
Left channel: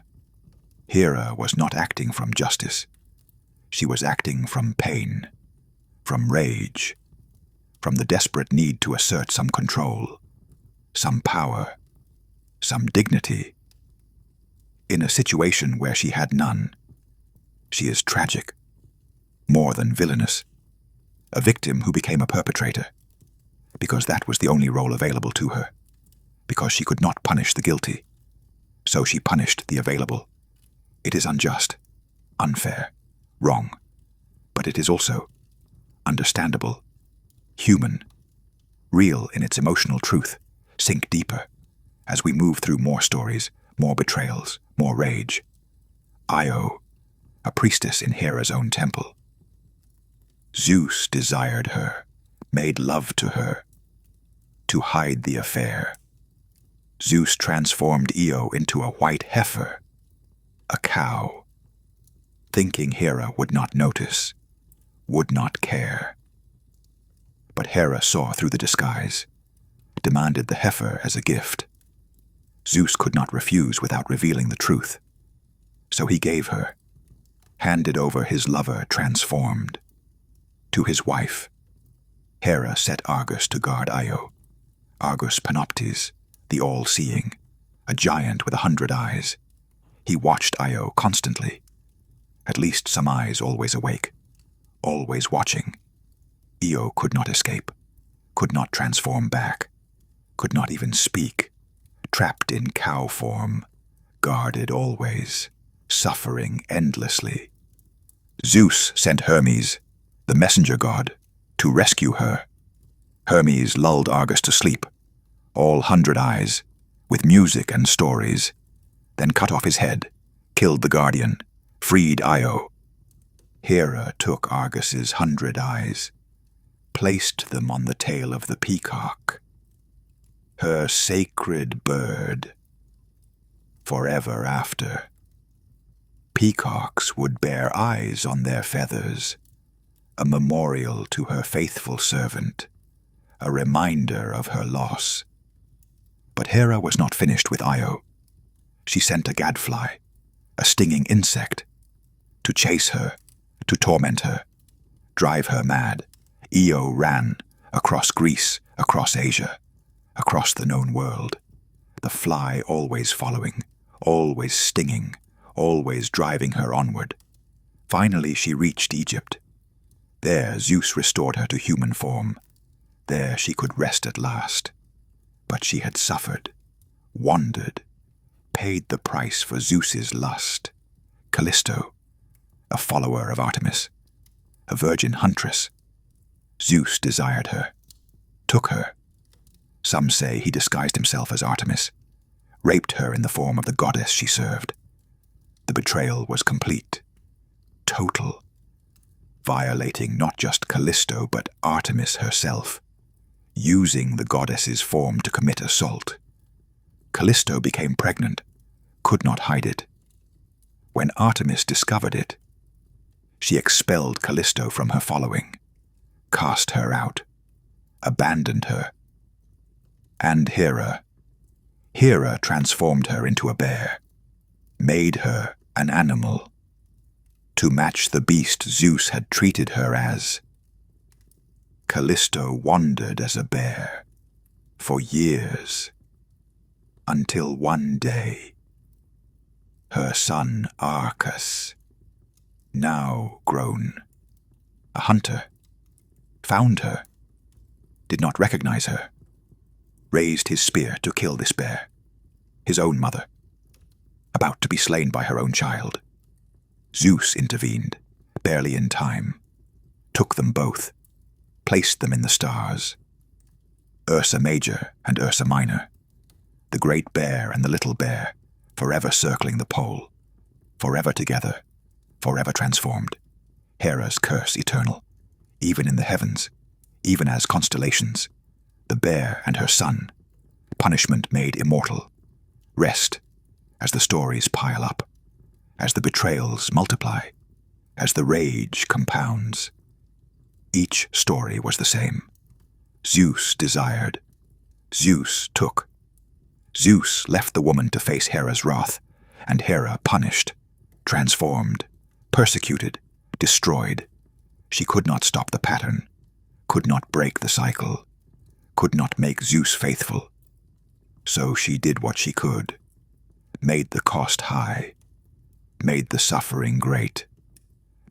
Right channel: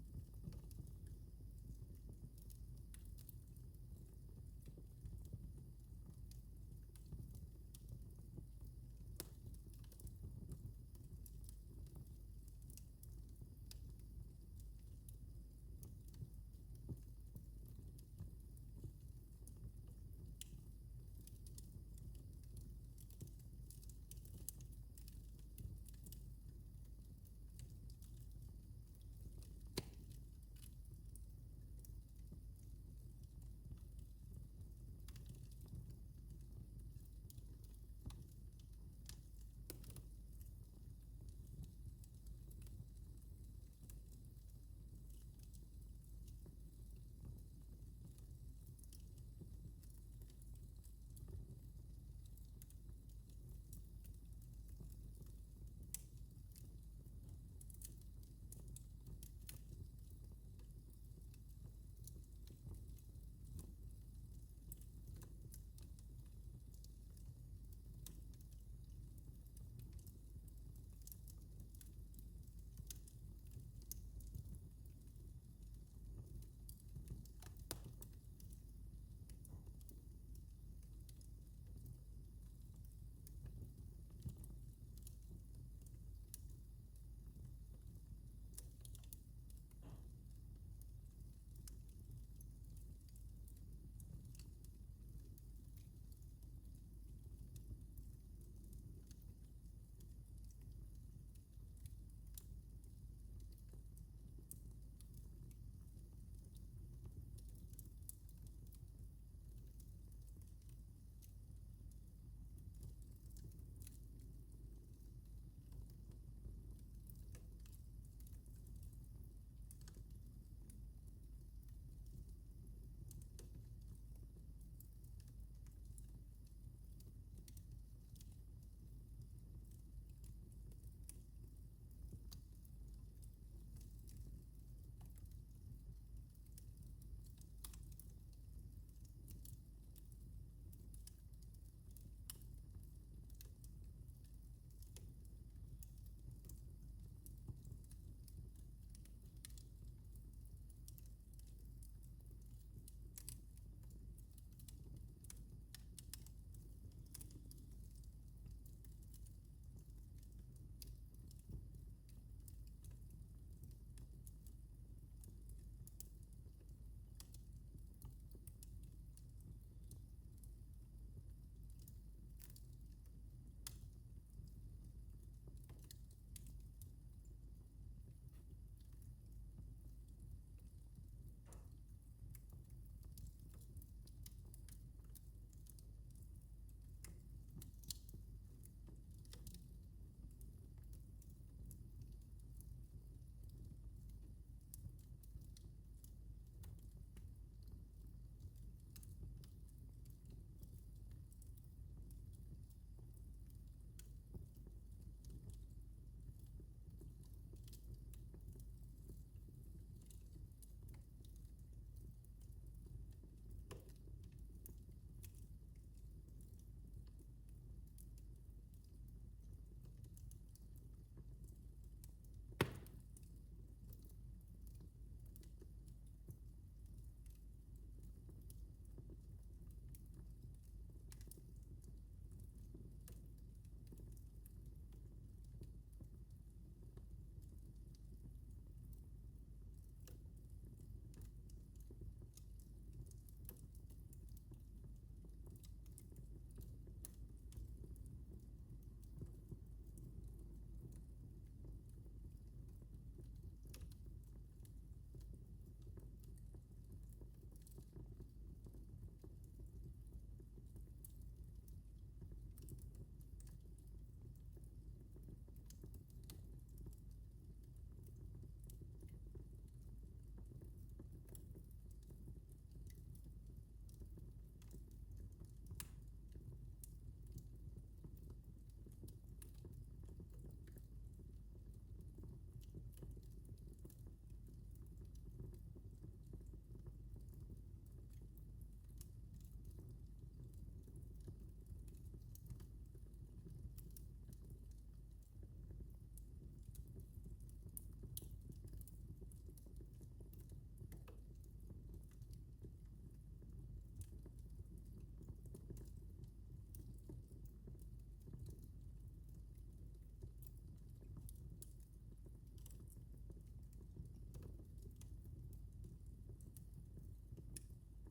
was not acting from justice. She was acting from pain, from rage, from the desperate need to assert some control, some power, some dignity. In a situation where she had none, she is tragic, more than villainous, a victim who became a perpetrator, because that was the only role available to her, because she could not punish the guilty, so she punished the available. It is unjust, unfair, wrong, but it is also understandable, human, real in its emotional truth. Sink deeper as we move through more stories, more betrayals, more rage. Io, a priestess in Hera's own temple. Zeus desired her, made love to her, to hide the affair. Zeus transformed Io into a white heifer, a cow, thinking Hera would not notice, would not care. But Hera saw through the disguise, demanded the heifer as a gift. Zeus could not refuse without revealing the truth. So he gave her, handed over his lover transformed. To his wife, Hera set Argus to guard Io. Argus Panoptes, the all-seeing, a giant with 100 eyes. He watched Io constantly. At least some eyes always awake, always watching. Io could not escape, could not transform back, could not even speak, trapped in cow form, guarded always, suffering endlessly. Zeus sent Hermes, the messenger god, to rescue her. Hermes lulled Argus to sleep, all 100 eyes, with music and stories, then cut off his head, killed the guardian, freed Io. Hera took Argus's 100 eyes, placed them on the tail of the peacock, her sacred bird, forever after. Peacocks would bear eyes on their feathers, a memorial to her faithful servant, a reminder of her loss. But Hera was not finished with Io. She sent a gadfly, a stinging insect, to chase her, to torment her, drive her mad. Io ran across Greece, across Asia, across the known world, the fly always following, always stinging, always driving her onward. Finally she reached Egypt. There Zeus restored her to human form. There she could rest at last. But she had suffered, wandered, paid the price for Zeus's lust. Callisto, a follower of Artemis, a virgin huntress. Zeus desired her, took her. Some say he disguised himself as Artemis, raped her in the form of the goddess she served. The betrayal was complete, total, violating not just Callisto but Artemis herself, using the goddess's form to commit assault. Callisto became pregnant, could not hide it. When Artemis discovered it, she expelled Callisto from her following, cast her out, abandoned her. And Hera transformed her into a bear, made her an animal, to match the beast Zeus had treated her as. Callisto wandered as a bear for years, until one day, her son Arcas, now grown, a hunter, found her, did not recognize her, raised his spear to kill this bear, his own mother, about to be slain by her own child. Zeus intervened, barely in time, took them both, placed them in the stars. Ursa Major and Ursa Minor, the great bear and the little bear, forever circling the pole, forever together, forever transformed. Hera's curse eternal, even in the heavens, even as constellations. The bear and her son, punishment made immortal. Rest, as the stories pile up, as the betrayals multiply, as the rage compounds. Each story was the same. Zeus desired. Zeus took. Zeus left the woman to face Hera's wrath, and Hera punished, transformed, persecuted, destroyed. She could not stop the pattern, could not break the cycle, could not make Zeus faithful. So she did what she could, made the cost high, made the suffering great,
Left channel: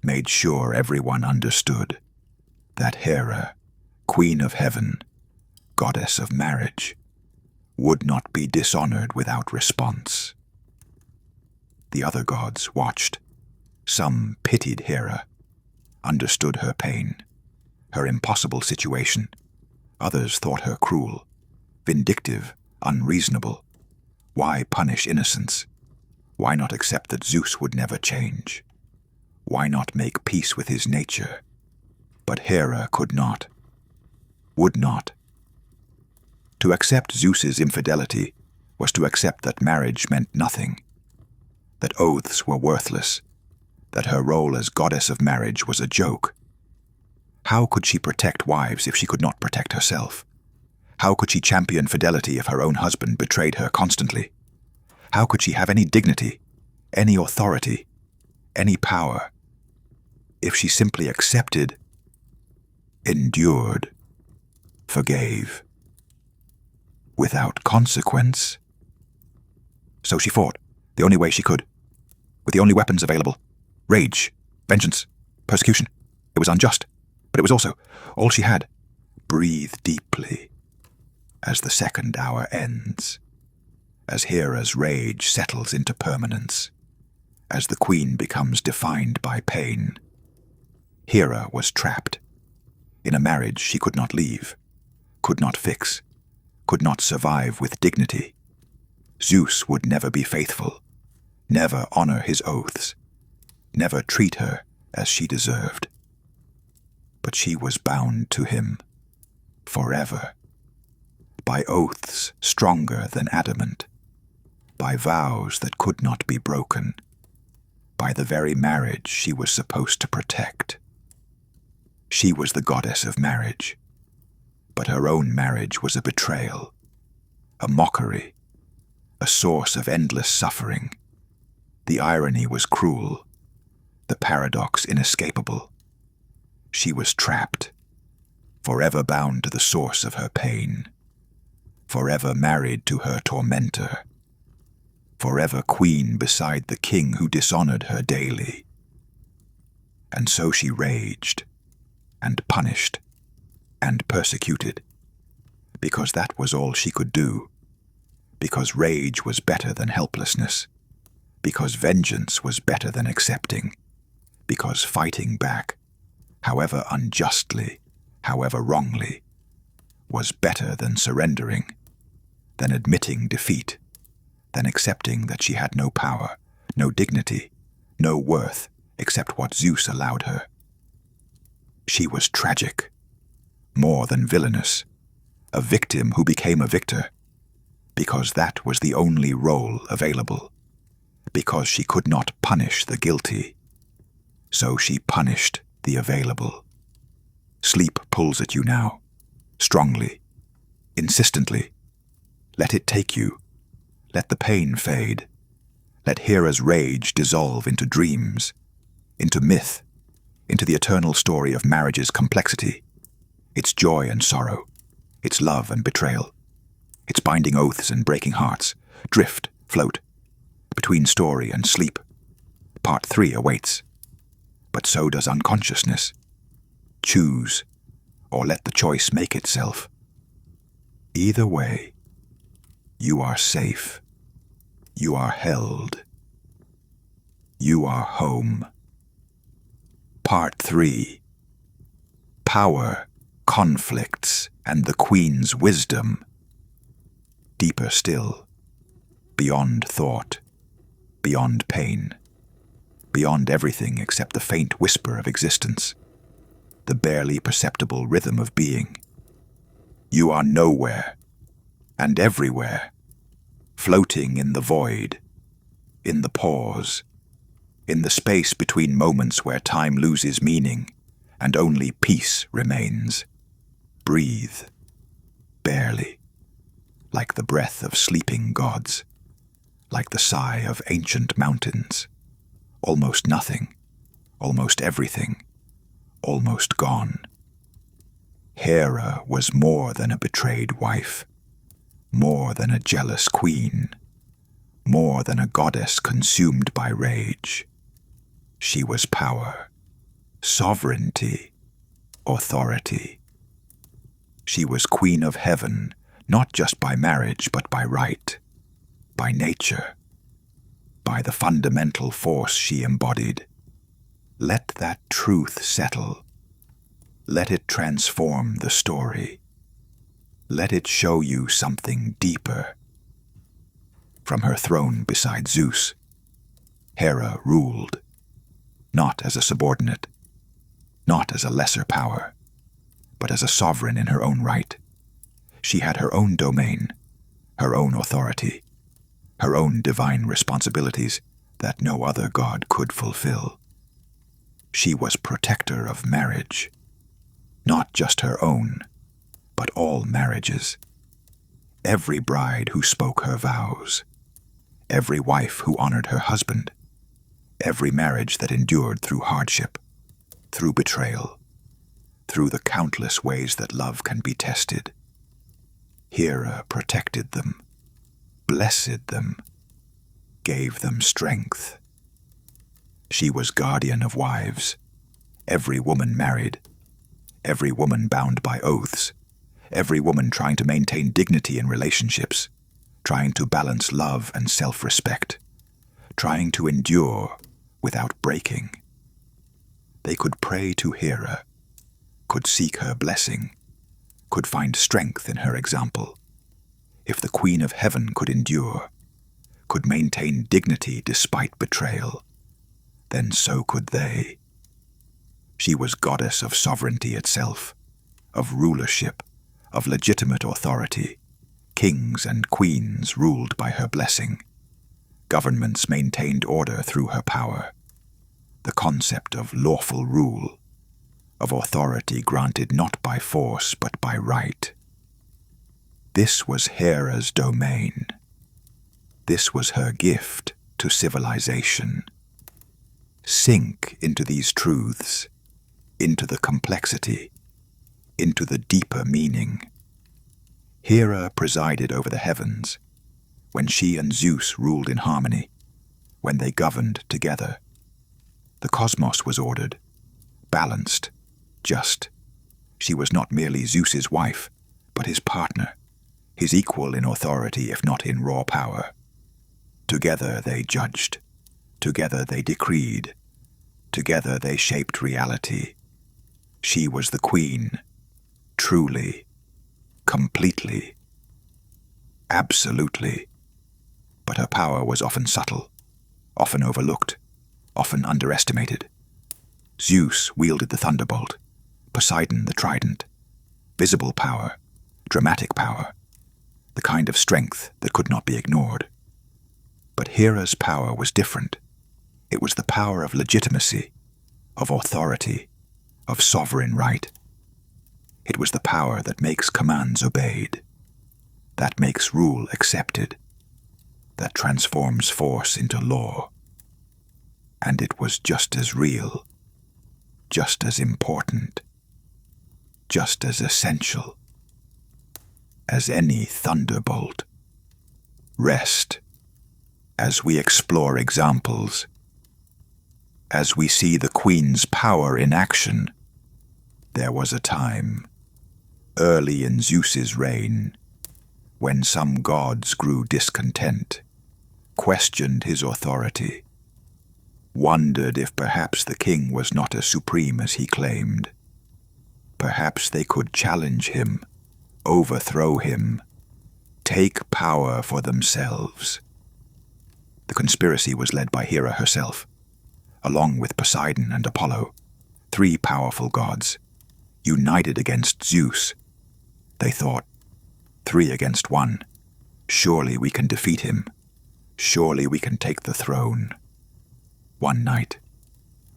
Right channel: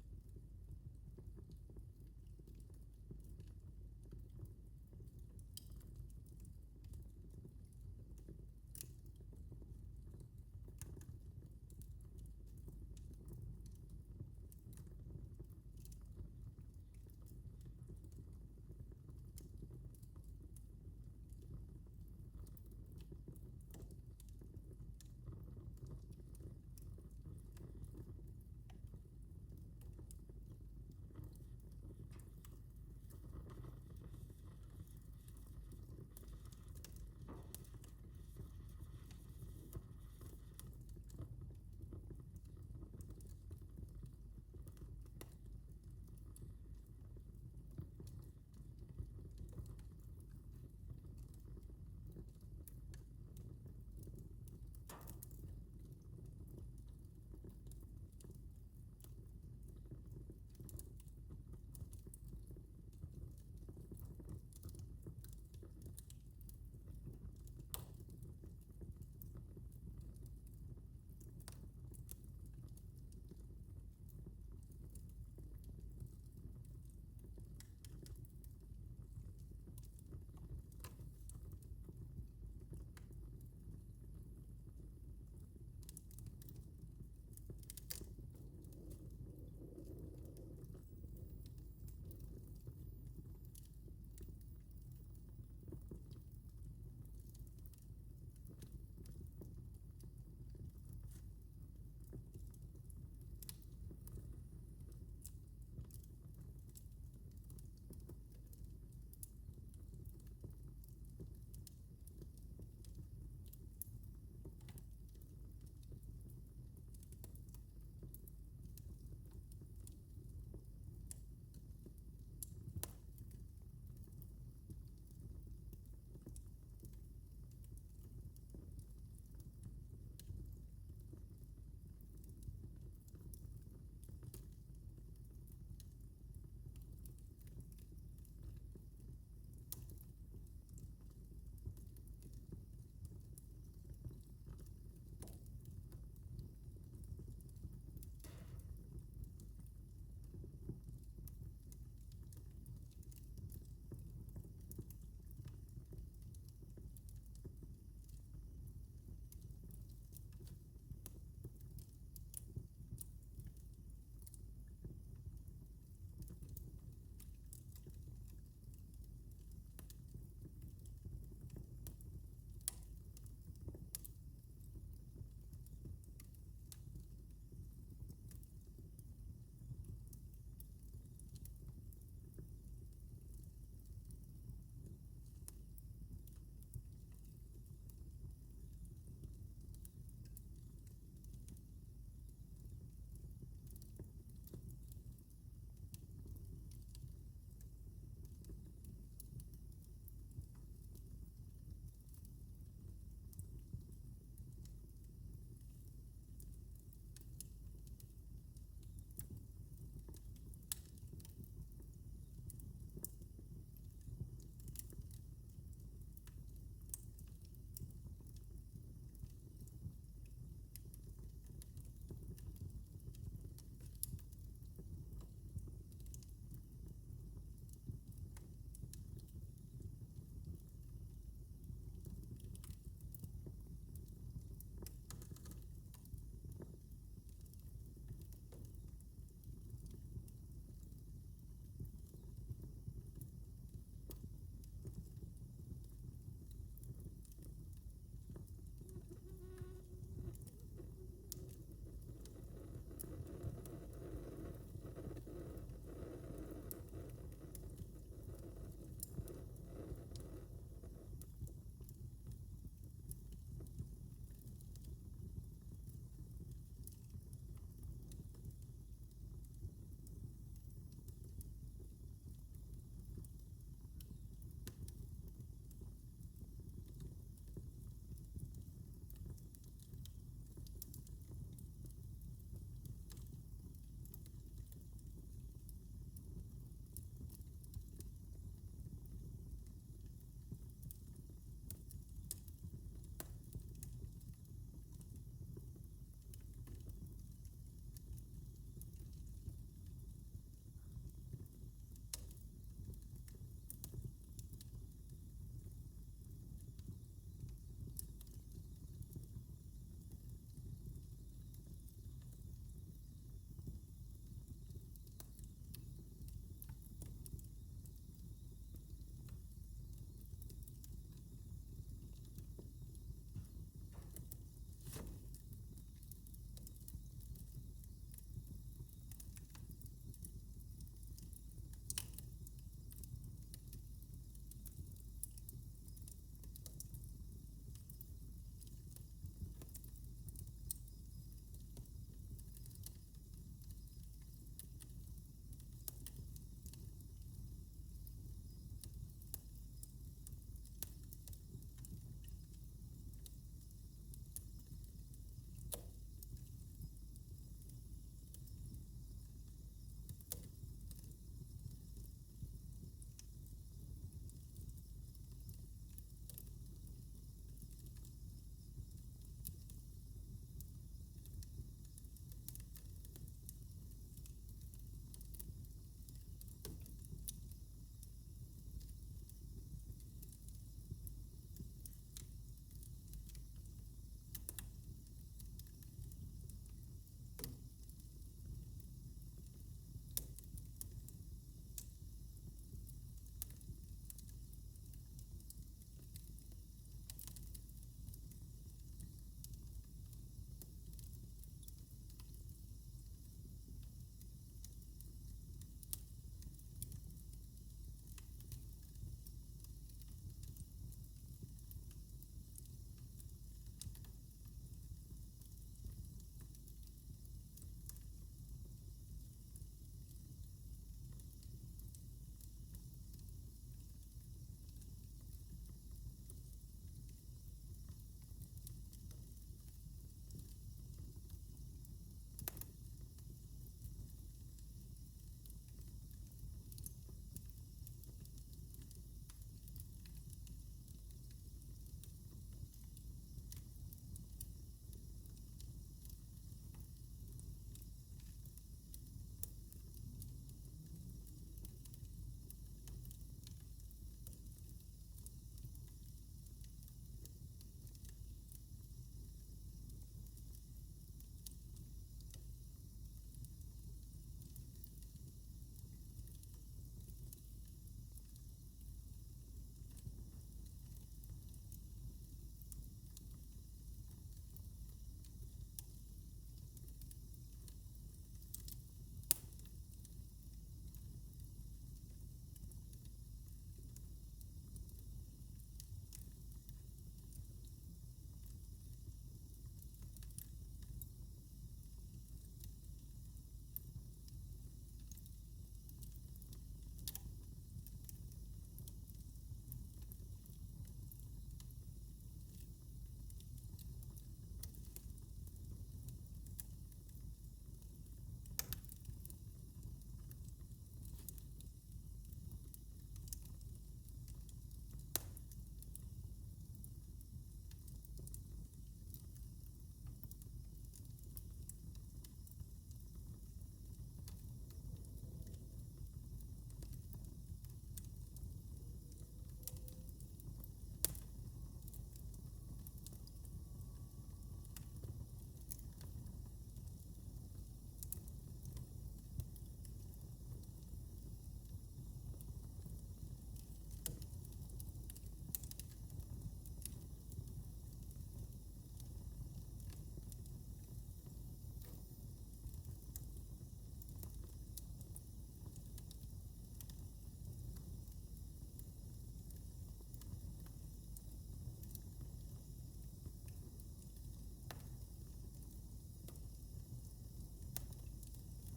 made sure everyone understood that Hera, queen of heaven, goddess of marriage, would not be dishonored without response. The other gods watched. Some pitied Hera, understood her pain, her impossible situation. Others thought her cruel, vindictive, unreasonable. Why punish innocence? Why not accept that Zeus would never change? Why not make peace with his nature? But Hera could not, would not. To accept Zeus's infidelity was to accept that marriage meant nothing, that oaths were worthless, that her role as goddess of marriage was a joke. How could she protect wives if she could not protect herself? How could she champion fidelity if her own husband betrayed her constantly? How could she have any dignity, any authority, any power, if she simply accepted, endured, forgave, without consequence? So she fought, the only way she could, with the only weapons available: rage, vengeance, persecution. It was unjust, but it was also all she had. Breathe deeply as the second hour ends, as Hera's rage settles into permanence, as the queen becomes defined by pain. Hera was trapped in a marriage she could not leave, could not fix, could not survive with dignity. Zeus would never be faithful, never honor his oaths, never treat her as she deserved. But she was bound to him, forever, by oaths stronger than adamant, by vows that could not be broken, by the very marriage she was supposed to protect. She was the goddess of marriage, but her own marriage was a betrayal, a mockery, a source of endless suffering. The irony was cruel, the paradox inescapable. She was trapped, forever bound to the source of her pain, forever married to her tormentor, forever queen beside the king who dishonored her daily. And so she raged, and punished, and persecuted, because that was all she could do, because rage was better than helplessness, because vengeance was better than accepting, because fighting back, however unjustly, however wrongly, was better than surrendering, than admitting defeat, than accepting that she had no power, no dignity, no worth except what Zeus allowed her. She was tragic, more than villainous, a victim who became a victor, because that was the only role available, because she could not punish the guilty, so she punished the available. Sleep pulls at you now, strongly, insistently. Let it take you. Let the pain fade. Let Hera's rage dissolve into dreams, into myth, into the eternal story of marriage's complexity, its joy and sorrow, its love and betrayal, its binding oaths and breaking hearts. Drift, float, between story and sleep. Part 3 awaits. But so does unconsciousness. Choose, or let the choice make itself. Either way, you are safe. You are held. You are home. Part 3. Power, conflicts, and the Queen's wisdom. Deeper still, beyond thought, beyond pain, beyond everything except the faint whisper of existence, the barely perceptible rhythm of being. You are nowhere, and everywhere, floating in the void, in the pause, in the space between moments where time loses meaning and only peace remains. Breathe, barely, like the breath of sleeping gods, like the sigh of ancient mountains. Almost nothing, almost everything, almost gone. Hera was more than a betrayed wife, more than a jealous queen, more than a goddess consumed by rage. She was power, sovereignty, authority. She was queen of heaven, not just by marriage, but by right, by nature, by the fundamental force she embodied. Let that truth settle. Let it transform the story. Let it show you something deeper. From her throne beside Zeus, Hera ruled, not as a subordinate, not as a lesser power, but as a sovereign in her own right. She had her own domain, her own authority, her own divine responsibilities that no other god could fulfill. She was protector of marriage, not just her own, but all marriages. Every bride who spoke her vows, every wife who honored her husband, every marriage that endured through hardship, through betrayal, through the countless ways that love can be tested. Hera protected them, blessed them, gave them strength. She was guardian of wives, every woman married, every woman bound by oaths, every woman trying to maintain dignity in relationships, trying to balance love and self-respect, trying to endure without breaking. They could pray to Hera, could seek her blessing, could find strength in her example. If the Queen of Heaven could endure, could maintain dignity despite betrayal, then so could they. She was goddess of sovereignty itself, of rulership, of legitimate authority. Kings and queens ruled by her blessing. Governments maintained order through her power. the concept of lawful rule, of authority granted not by force but by right. This was Hera's domain. This was her gift to civilization. Sink into these truths, into the complexity, into the deeper meaning. Hera presided over the heavens, when she and Zeus ruled in harmony, when they governed together. The cosmos was ordered, balanced, just. She was not merely Zeus's wife, but his partner, his equal in authority if not in raw power. Together they judged, together they decreed, together they shaped reality. She was the queen, truly, completely, absolutely. But her power was often subtle, often overlooked, often underestimated. Zeus wielded the thunderbolt, Poseidon the trident. Visible power, dramatic power, the kind of strength that could not be ignored. But Hera's power was different. It was the power of legitimacy, of authority, of sovereign right. It was the power that makes commands obeyed, that makes rule accepted, that transforms force into law. And it was just as real, just as important, just as essential as any thunderbolt. Rest as we explore examples, as we see the Queen's power in action. There was a time, early in Zeus's reign, when some gods grew discontent, questioned his authority, wondered if perhaps the king was not as supreme as he claimed. Perhaps they could challenge him, overthrow him, take power for themselves. The conspiracy was led by Hera herself, along with Poseidon and Apollo, three powerful gods, united against Zeus. They thought, 3 against 1, surely we can defeat him, surely we can take the throne. One night,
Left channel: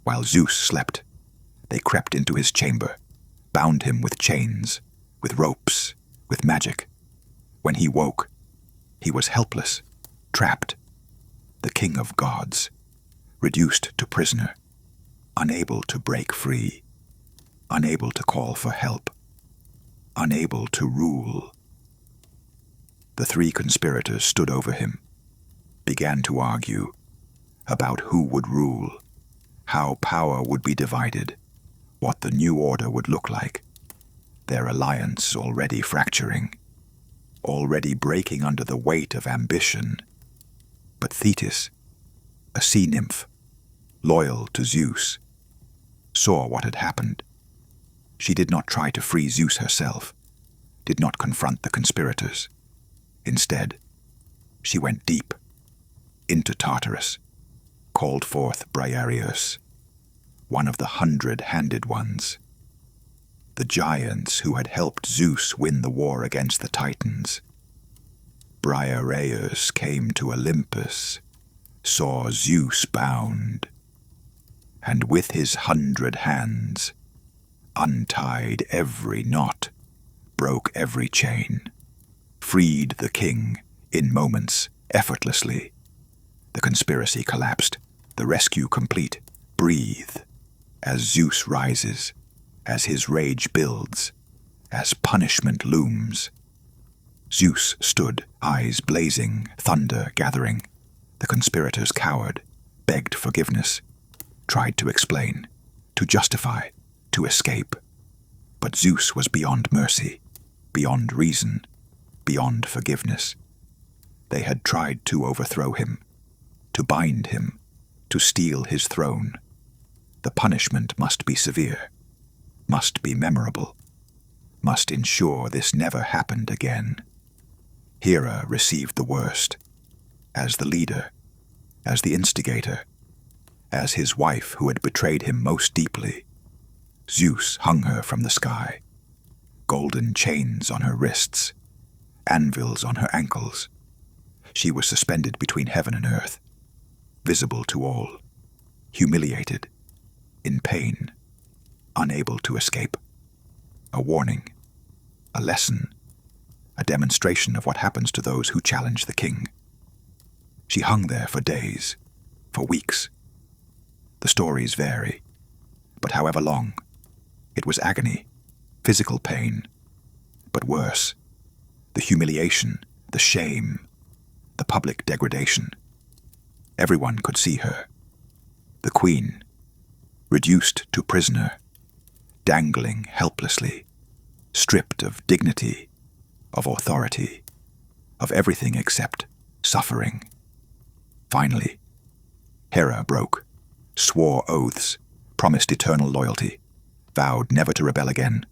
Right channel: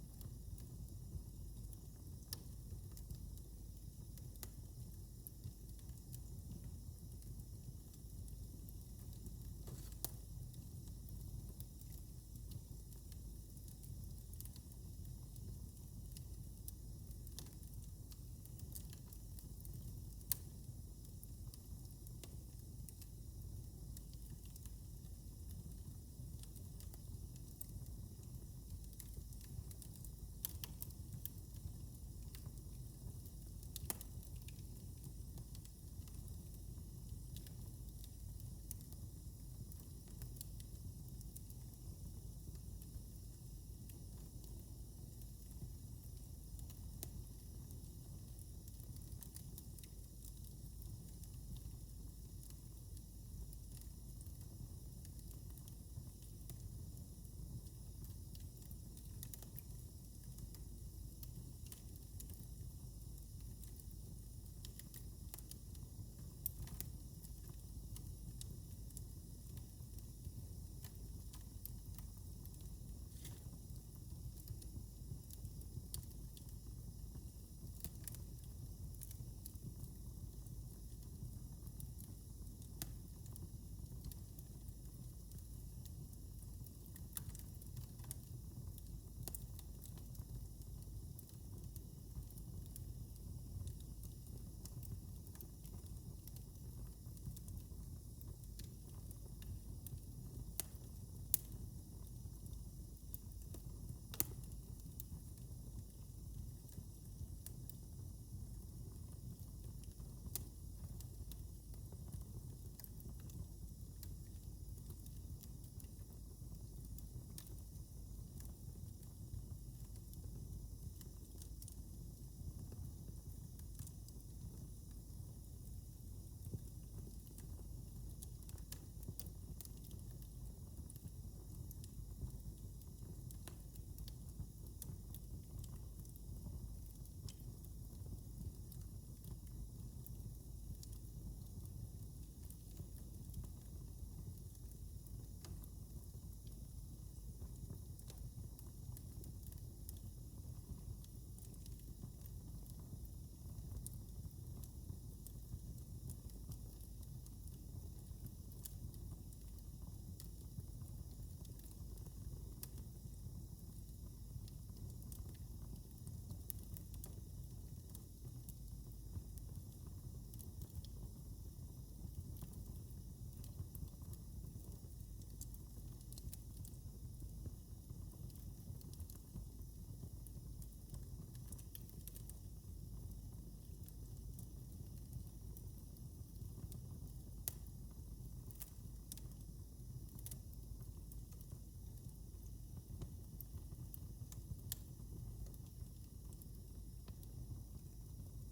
while Zeus slept, they crept into his chamber, bound him with chains, with ropes, with magic. When he woke, he was helpless, trapped, the king of gods, reduced to prisoner, unable to break free, unable to call for help, unable to rule. The 3 conspirators stood over him, began to argue about who would rule, how power would be divided, what the new order would look like. Their alliance already fracturing, already breaking under the weight of ambition. But Thetis, a sea nymph, loyal to Zeus, saw what had happened. She did not try to free Zeus herself, did not confront the conspirators. Instead, she went deep, into Tartarus, called forth Briareus, one of the 100-handed ones, the giants who had helped Zeus win the war against the Titans. Briareus came to Olympus, saw Zeus bound, and with his 100 hands, untied every knot, broke every chain, freed the king in moments, effortlessly. The conspiracy collapsed, the rescue complete. Breathe, as Zeus rises, as his rage builds, as punishment looms. Zeus stood, eyes blazing, thunder gathering. The conspirators cowered, begged forgiveness, tried to explain, to justify, to escape. But Zeus was beyond mercy, beyond reason, beyond forgiveness. They had tried to overthrow him, to bind him, to steal his throne. The punishment must be severe, must be memorable, must ensure this never happened again. Hera received the worst, as the leader, as the instigator, as his wife who had betrayed him most deeply. Zeus hung her from the sky, golden chains on her wrists, anvils on her ankles. She was suspended between heaven and earth, visible to all, humiliated, in pain, unable to escape. A warning, a lesson, a demonstration of what happens to those who challenge the king. She hung there for days, for weeks. The stories vary, but however long, it was agony, physical pain, but worse, the humiliation, the shame, the public degradation. Everyone could see her. The queen, reduced to prisoner, dangling helplessly, stripped of dignity, of authority, of everything except suffering. Finally, Hera broke, swore oaths, promised eternal loyalty, vowed never to rebel again.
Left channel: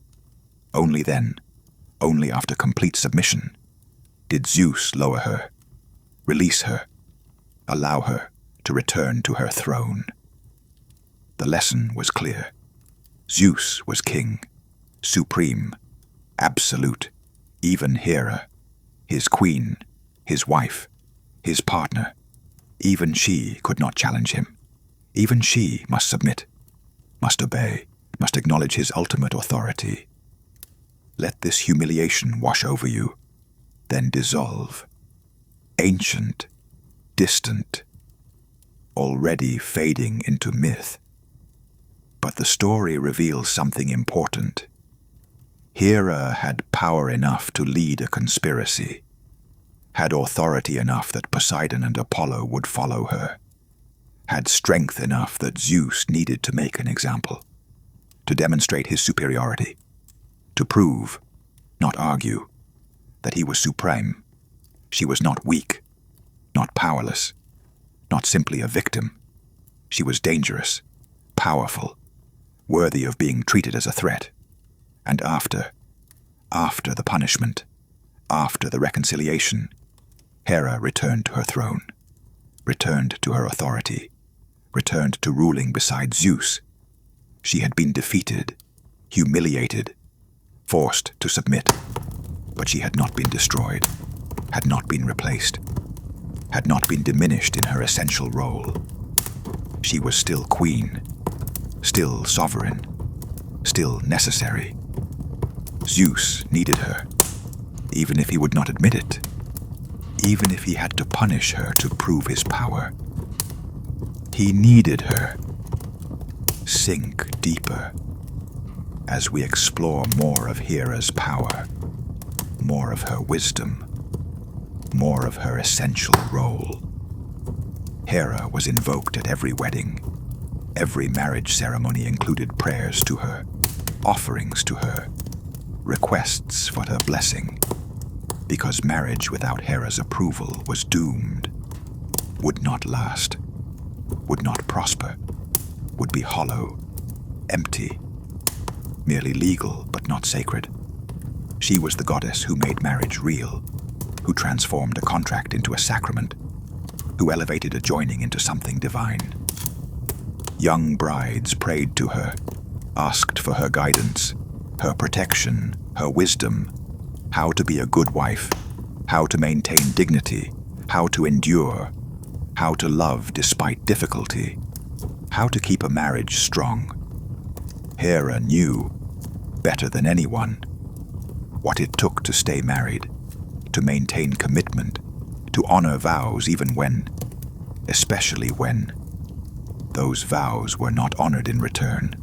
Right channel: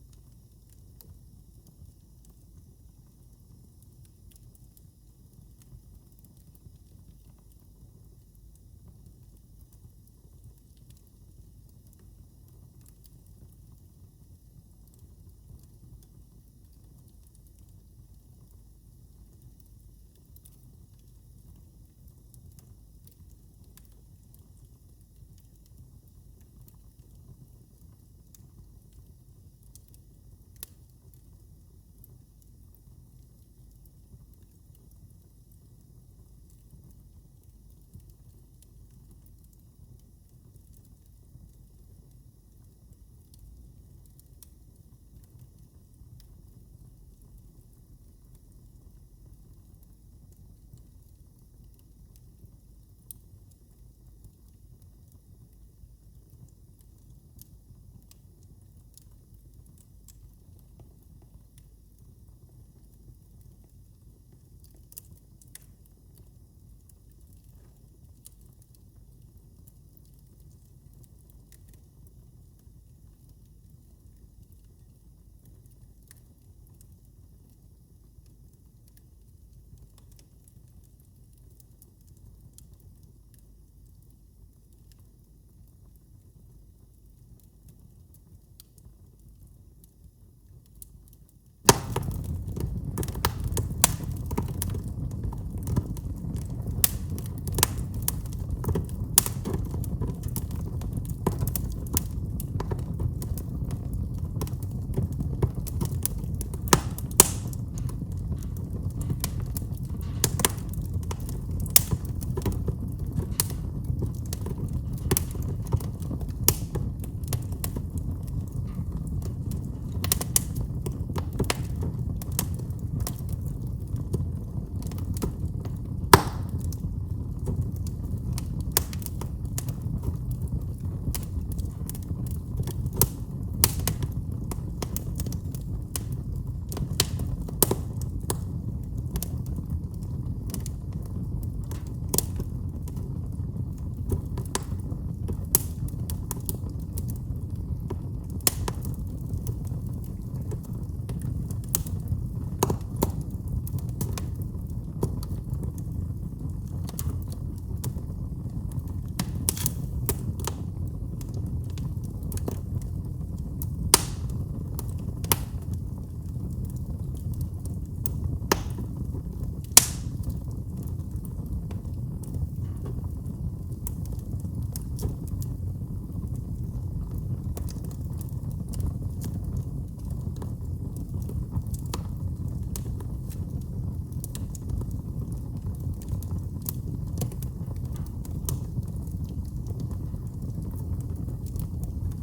Only then, only after complete submission, did Zeus lower her, release her, allow her to return to her throne. The lesson was clear. Zeus was king, supreme, absolute. Even Hera, his queen, his wife, his partner, even she could not challenge him. Even she must submit, must obey, must acknowledge his ultimate authority. Let this humiliation wash over you, then dissolve. Ancient, distant, already fading into myth. But the story reveals something important. Hera had power enough to lead a conspiracy, had authority enough that Poseidon and Apollo would follow her, had strength enough that Zeus needed to make an example, to demonstrate his superiority, to prove, not argue, that he was supreme. She was not weak, not powerless, not simply a victim. She was dangerous, powerful, worthy of being treated as a threat. And after the punishment, after the reconciliation, Hera returned to her throne, returned to her authority, returned to ruling beside Zeus. She had been defeated, humiliated, forced to submit, but she had not been destroyed, had not been replaced, had not been diminished in her essential role. She was still queen, still sovereign, still necessary. Zeus needed her, even if he would not admit it, even if he had to punish her to prove his power. He needed her. Sink deeper as we explore more of Hera's power, more of her wisdom, more of her essential role. Hera was invoked at every wedding. Every marriage ceremony included prayers to her, offerings to her, requests for her blessing, because marriage without Hera's approval was doomed, would not last, would not prosper, would be hollow, empty, merely legal but not sacred. She was the goddess who made marriage real, who transformed a contract into a sacrament, who elevated a joining into something divine. Young brides prayed to her, asked for her guidance, her protection, her wisdom, how to be a good wife, how to maintain dignity, how to endure, how to love despite difficulty, how to keep a marriage strong. Hera knew, better than anyone, what it took to stay married, to maintain commitment, to honor vows even when, especially when, those vows were not honored in return.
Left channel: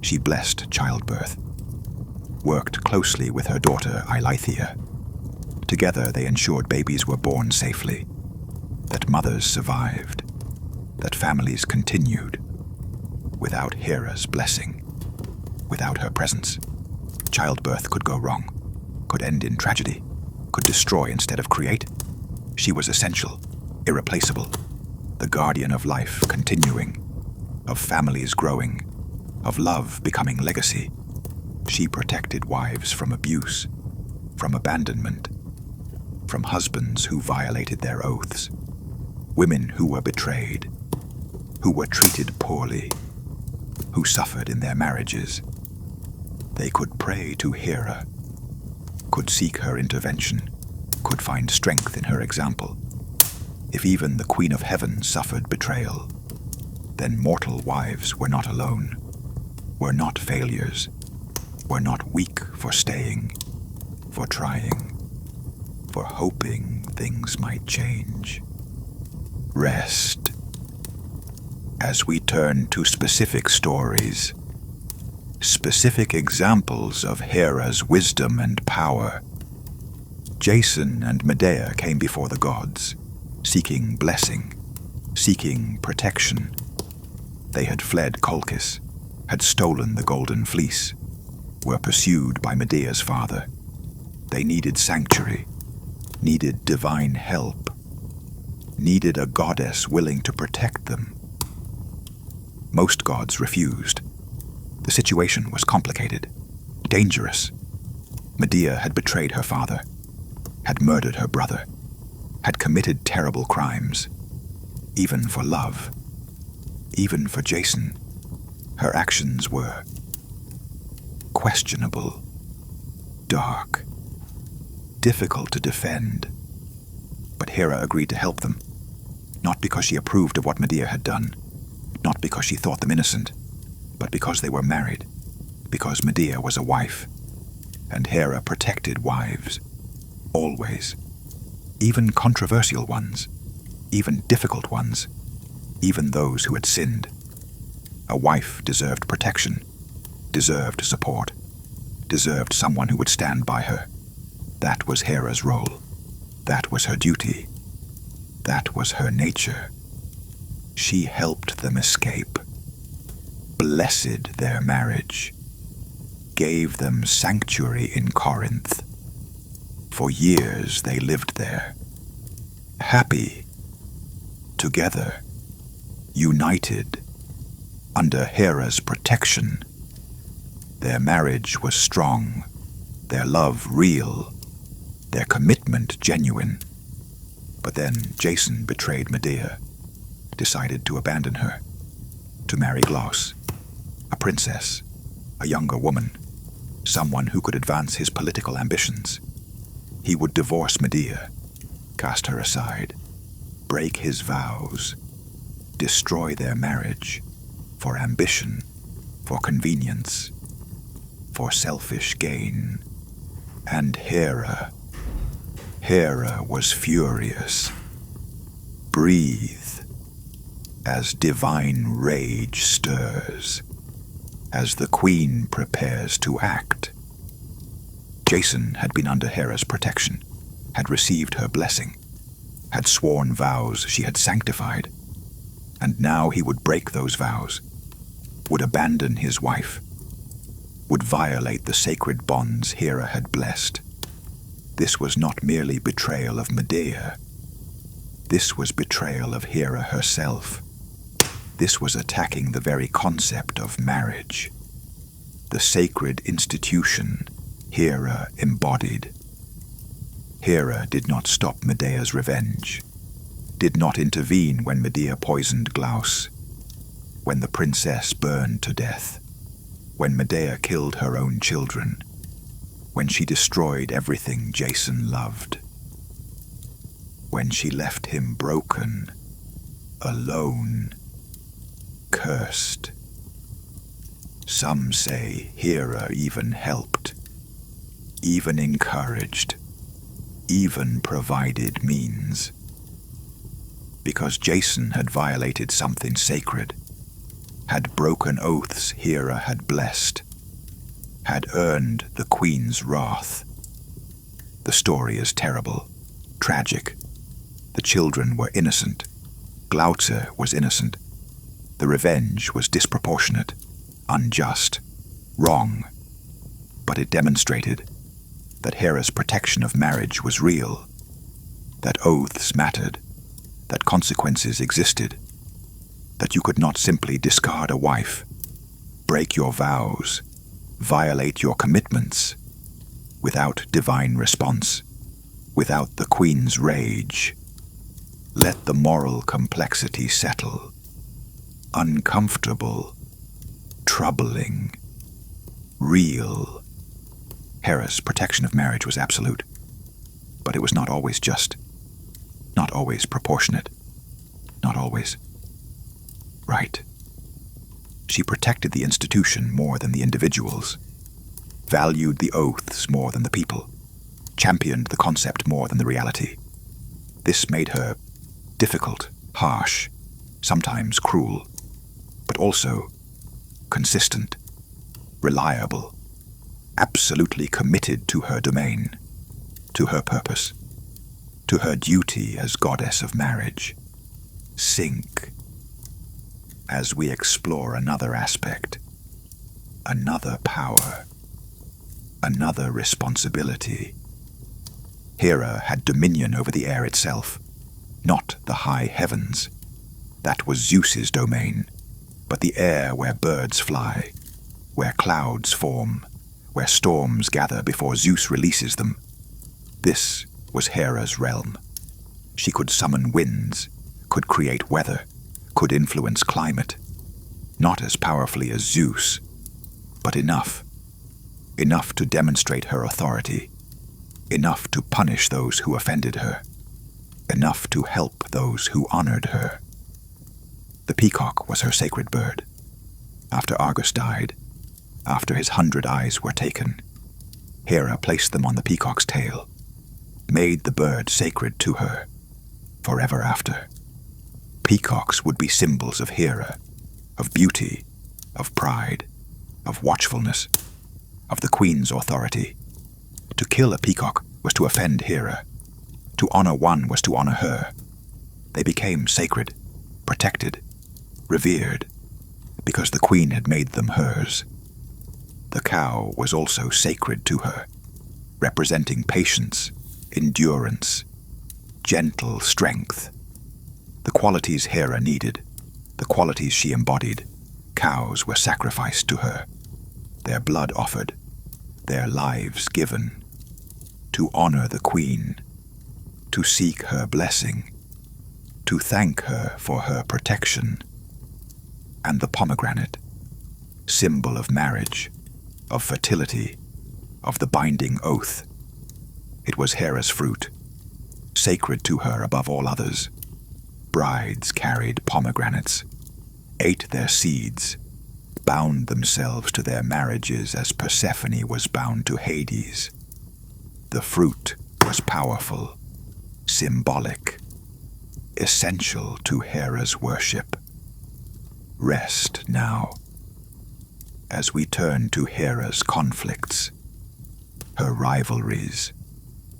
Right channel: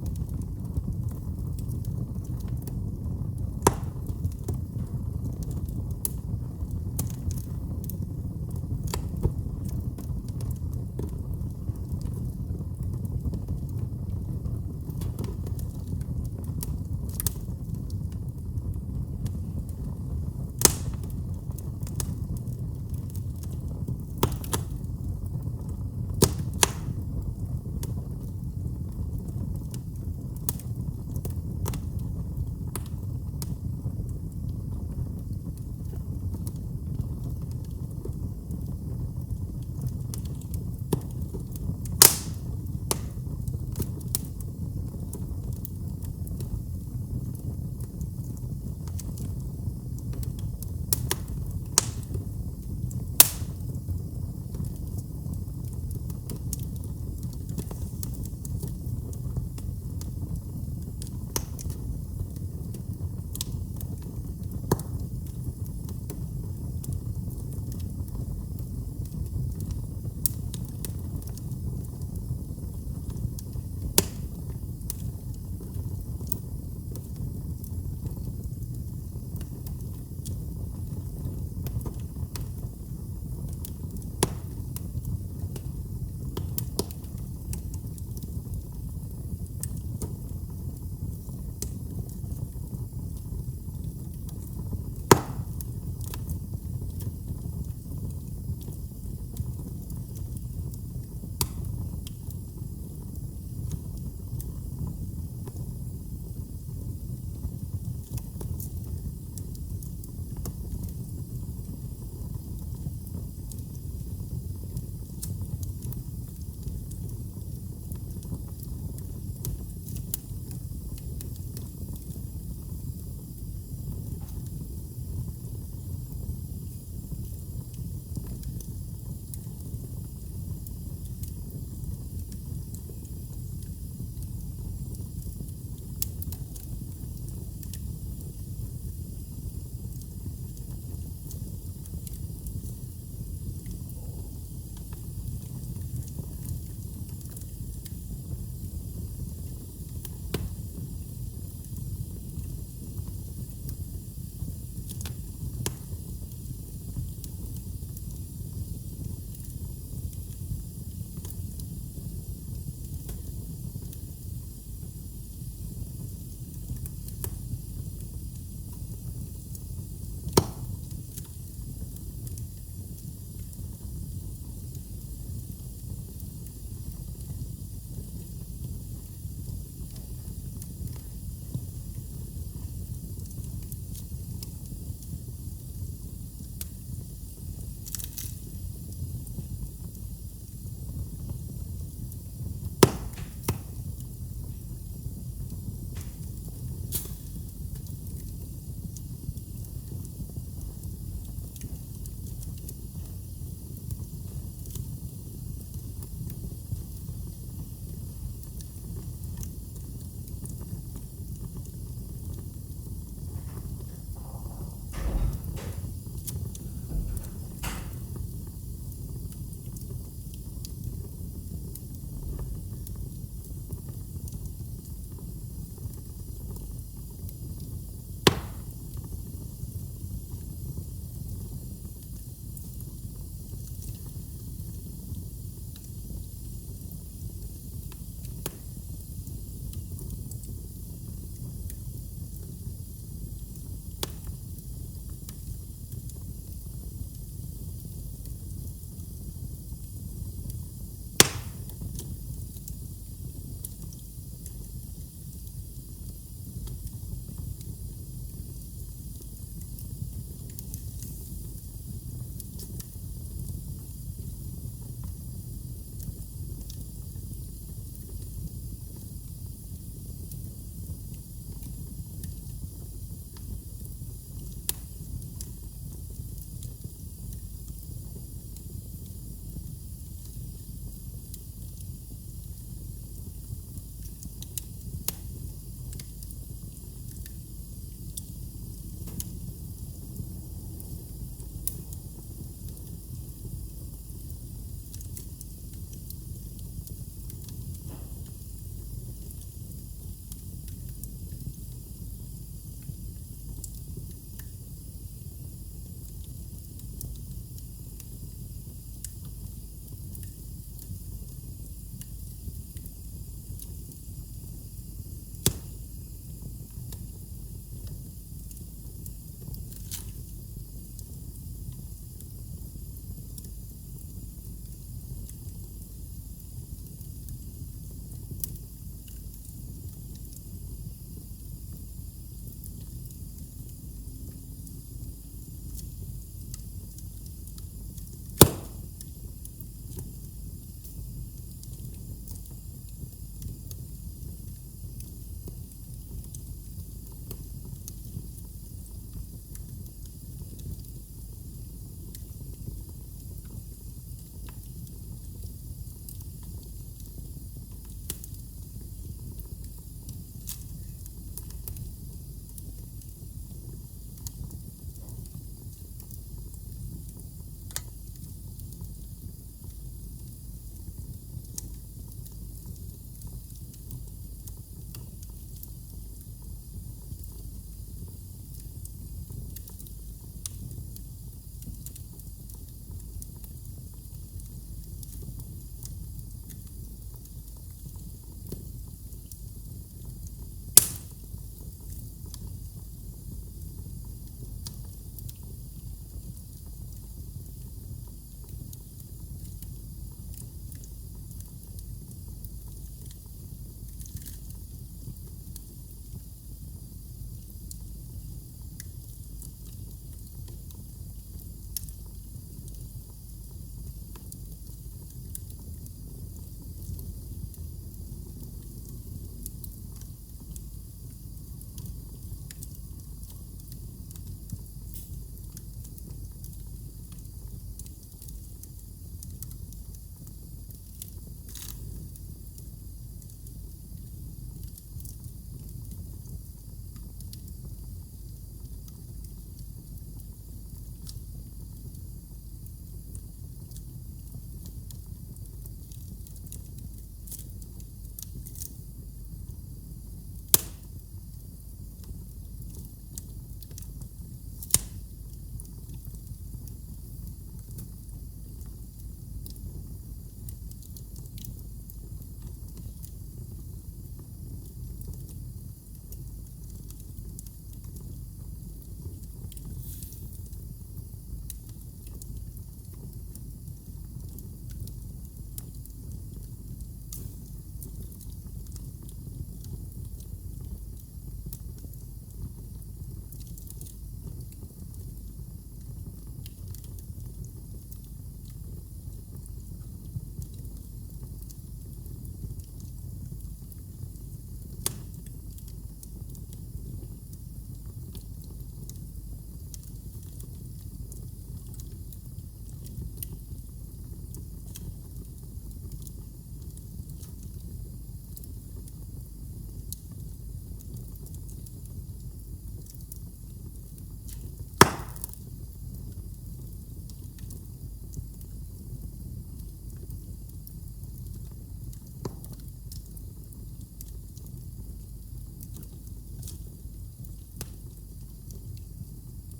She blessed childbirth, worked closely with her daughter Eileithyia. Together they ensured babies were born safely, that mothers survived, that families continued. Without Hera's blessing, without her presence, childbirth could go wrong, could end in tragedy, could destroy instead of create. She was essential, irreplaceable, the guardian of life continuing, of families growing, of love becoming legacy. She protected wives from abuse, from abandonment, from husbands who violated their oaths, women who were betrayed, who were treated poorly, who suffered in their marriages. They could pray to Hera, could seek her intervention, could find strength in her example. If even the Queen of Heaven suffered betrayal, then mortal wives were not alone, were not failures, were not weak for staying, for trying, for hoping things might change. Rest. As we turn to specific stories, specific examples of Hera's wisdom and power, Jason and Medea came before the gods, seeking blessing, seeking protection. They had fled Colchis, had stolen the golden fleece, were pursued by Medea's father. They needed sanctuary, needed divine help, needed a goddess willing to protect them. Most gods refused. The situation was complicated, dangerous. Medea had betrayed her father, had murdered her brother, had committed terrible crimes, even for love, even for Jason. Her actions were questionable, dark, difficult to defend. But Hera agreed to help them, not because she approved of what Medea had done, not because she thought them innocent, but because they were married, because Medea was a wife, and Hera protected wives, always, even controversial ones, even difficult ones, even those who had sinned. A wife deserved protection, deserved support, deserved someone who would stand by her. That was Hera's role. That was her duty. That was her nature. She helped them escape, blessed their marriage, gave them sanctuary in Corinth. For years they lived there, happy, together, united, under Hera's protection. Their marriage was strong, their love real, their commitment genuine. But then Jason betrayed Medea, decided to abandon her, to marry Glauce, a princess, a younger woman, someone who could advance his political ambitions. He would divorce Medea, cast her aside, break his vows, destroy their marriage, for ambition, for convenience, for selfish gain. And Hera was furious. Breathe as divine rage stirs, as the queen prepares to act. Jason had been under Hera's protection, had received her blessing, had sworn vows she had sanctified, and now he would break those vows, would abandon his wife, would violate the sacred bonds Hera had blessed. This was not merely betrayal of Medea. This was betrayal of Hera herself. This was attacking the very concept of marriage, the sacred institution Hera embodied. Hera did not stop Medea's revenge, did not intervene when Medea poisoned Glauce, when the princess burned to death, when Medea killed her own children, when she destroyed everything Jason loved, when she left him broken, alone, cursed. Some say Hera even helped, even encouraged, even provided means. Because Jason had violated something sacred, had broken oaths Hera had blessed, had earned the queen's wrath. The story is terrible, tragic. The children were innocent. Glauce was innocent. The revenge was disproportionate, unjust, wrong. But it demonstrated that Hera's protection of marriage was real, that oaths mattered, that consequences existed, that you could not simply discard a wife, break your vows, violate your commitments, without divine response, without the queen's rage. Let the moral complexity settle. Uncomfortable, troubling, real. Hera's protection of marriage was absolute, but it was not always just, not always proportionate, not always right. She protected the institution more than the individuals, valued the oaths more than the people, championed the concept more than the reality. This made her difficult, harsh, sometimes cruel, but also consistent, reliable, absolutely committed to her domain, to her purpose, to her duty as goddess of marriage. Sink as we explore another aspect, another power, another responsibility. Hera had dominion over the air itself, not the high heavens. That was Zeus's domain, but the air where birds fly, where clouds form, where storms gather before Zeus releases them. This was Hera's realm. She could summon winds, could create weather, could influence climate, not as powerfully as Zeus, but enough to demonstrate her authority, enough to punish those who offended her, enough to help those who honored her. The peacock was her sacred bird. After Argus died, after his 100 eyes were taken, Hera placed them on the peacock's tail, made the bird sacred to her forever after. Peacocks would be symbols of Hera, of beauty, of pride, of watchfulness, of the queen's authority. To kill a peacock was to offend Hera. To honor one was to honor her. They became sacred, protected, revered, because the queen had made them hers. The cow was also sacred to her, representing patience, endurance, gentle strength. The qualities Hera needed, the qualities she embodied. Cows were sacrificed to her, their blood offered, their lives given, to honor the queen, to seek her blessing, to thank her for her protection. And the pomegranate, symbol of marriage, of fertility, of the binding oath. It was Hera's fruit, sacred to her above all others. Brides carried pomegranates, ate their seeds, bound themselves to their marriages as Persephone was bound to Hades. The fruit was powerful, symbolic, essential to Hera's worship. Rest now, as we turn to Hera's conflicts, her rivalries,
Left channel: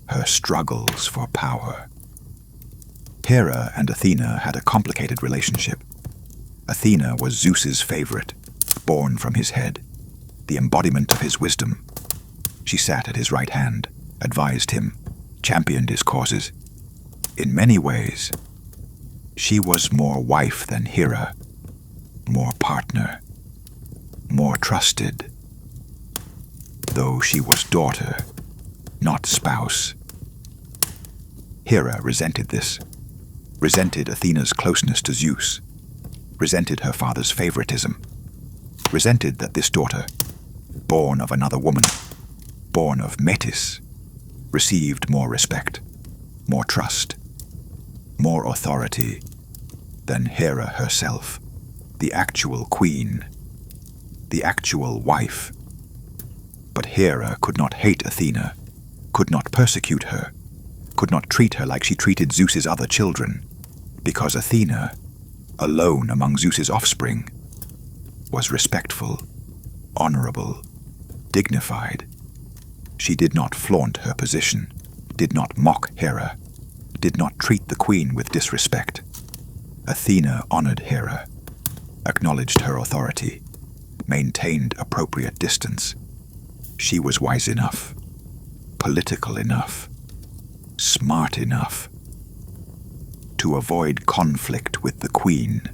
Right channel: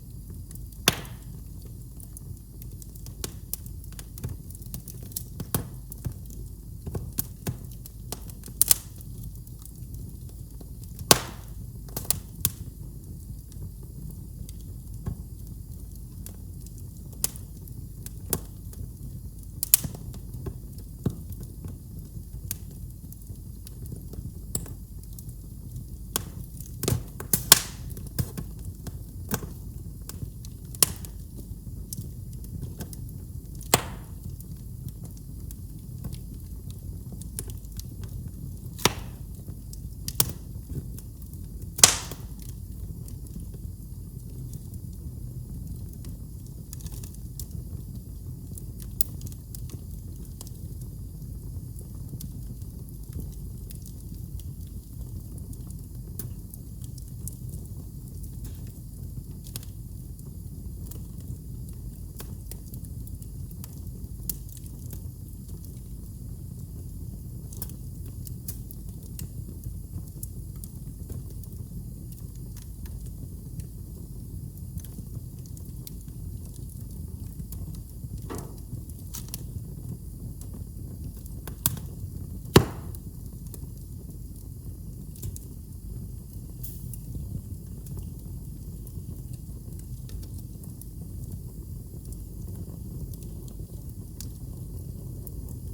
her struggles for power. Hera and Athena had a complicated relationship. Athena was Zeus's favorite, born from his head, the embodiment of his wisdom. She sat at his right hand, advised him, championed his causes. In many ways, she was more wife than Hera, more partner, more trusted, though she was daughter, not spouse. Hera resented this, resented Athena's closeness to Zeus, resented her father's favoritism, resented that this daughter, born of another woman, born of Metis, received more respect, more trust, more authority than Hera herself, the actual queen, the actual wife. But Hera could not hate Athena, could not persecute her, could not treat her like she treated Zeus's other children, because Athena, alone among Zeus's offspring, was respectful, honorable, dignified. She did not flaunt her position, did not mock Hera, did not treat the queen with disrespect. Athena honored Hera, acknowledged her authority, maintained appropriate distance. She was wise enough, political enough, smart enough to avoid conflict with the queen.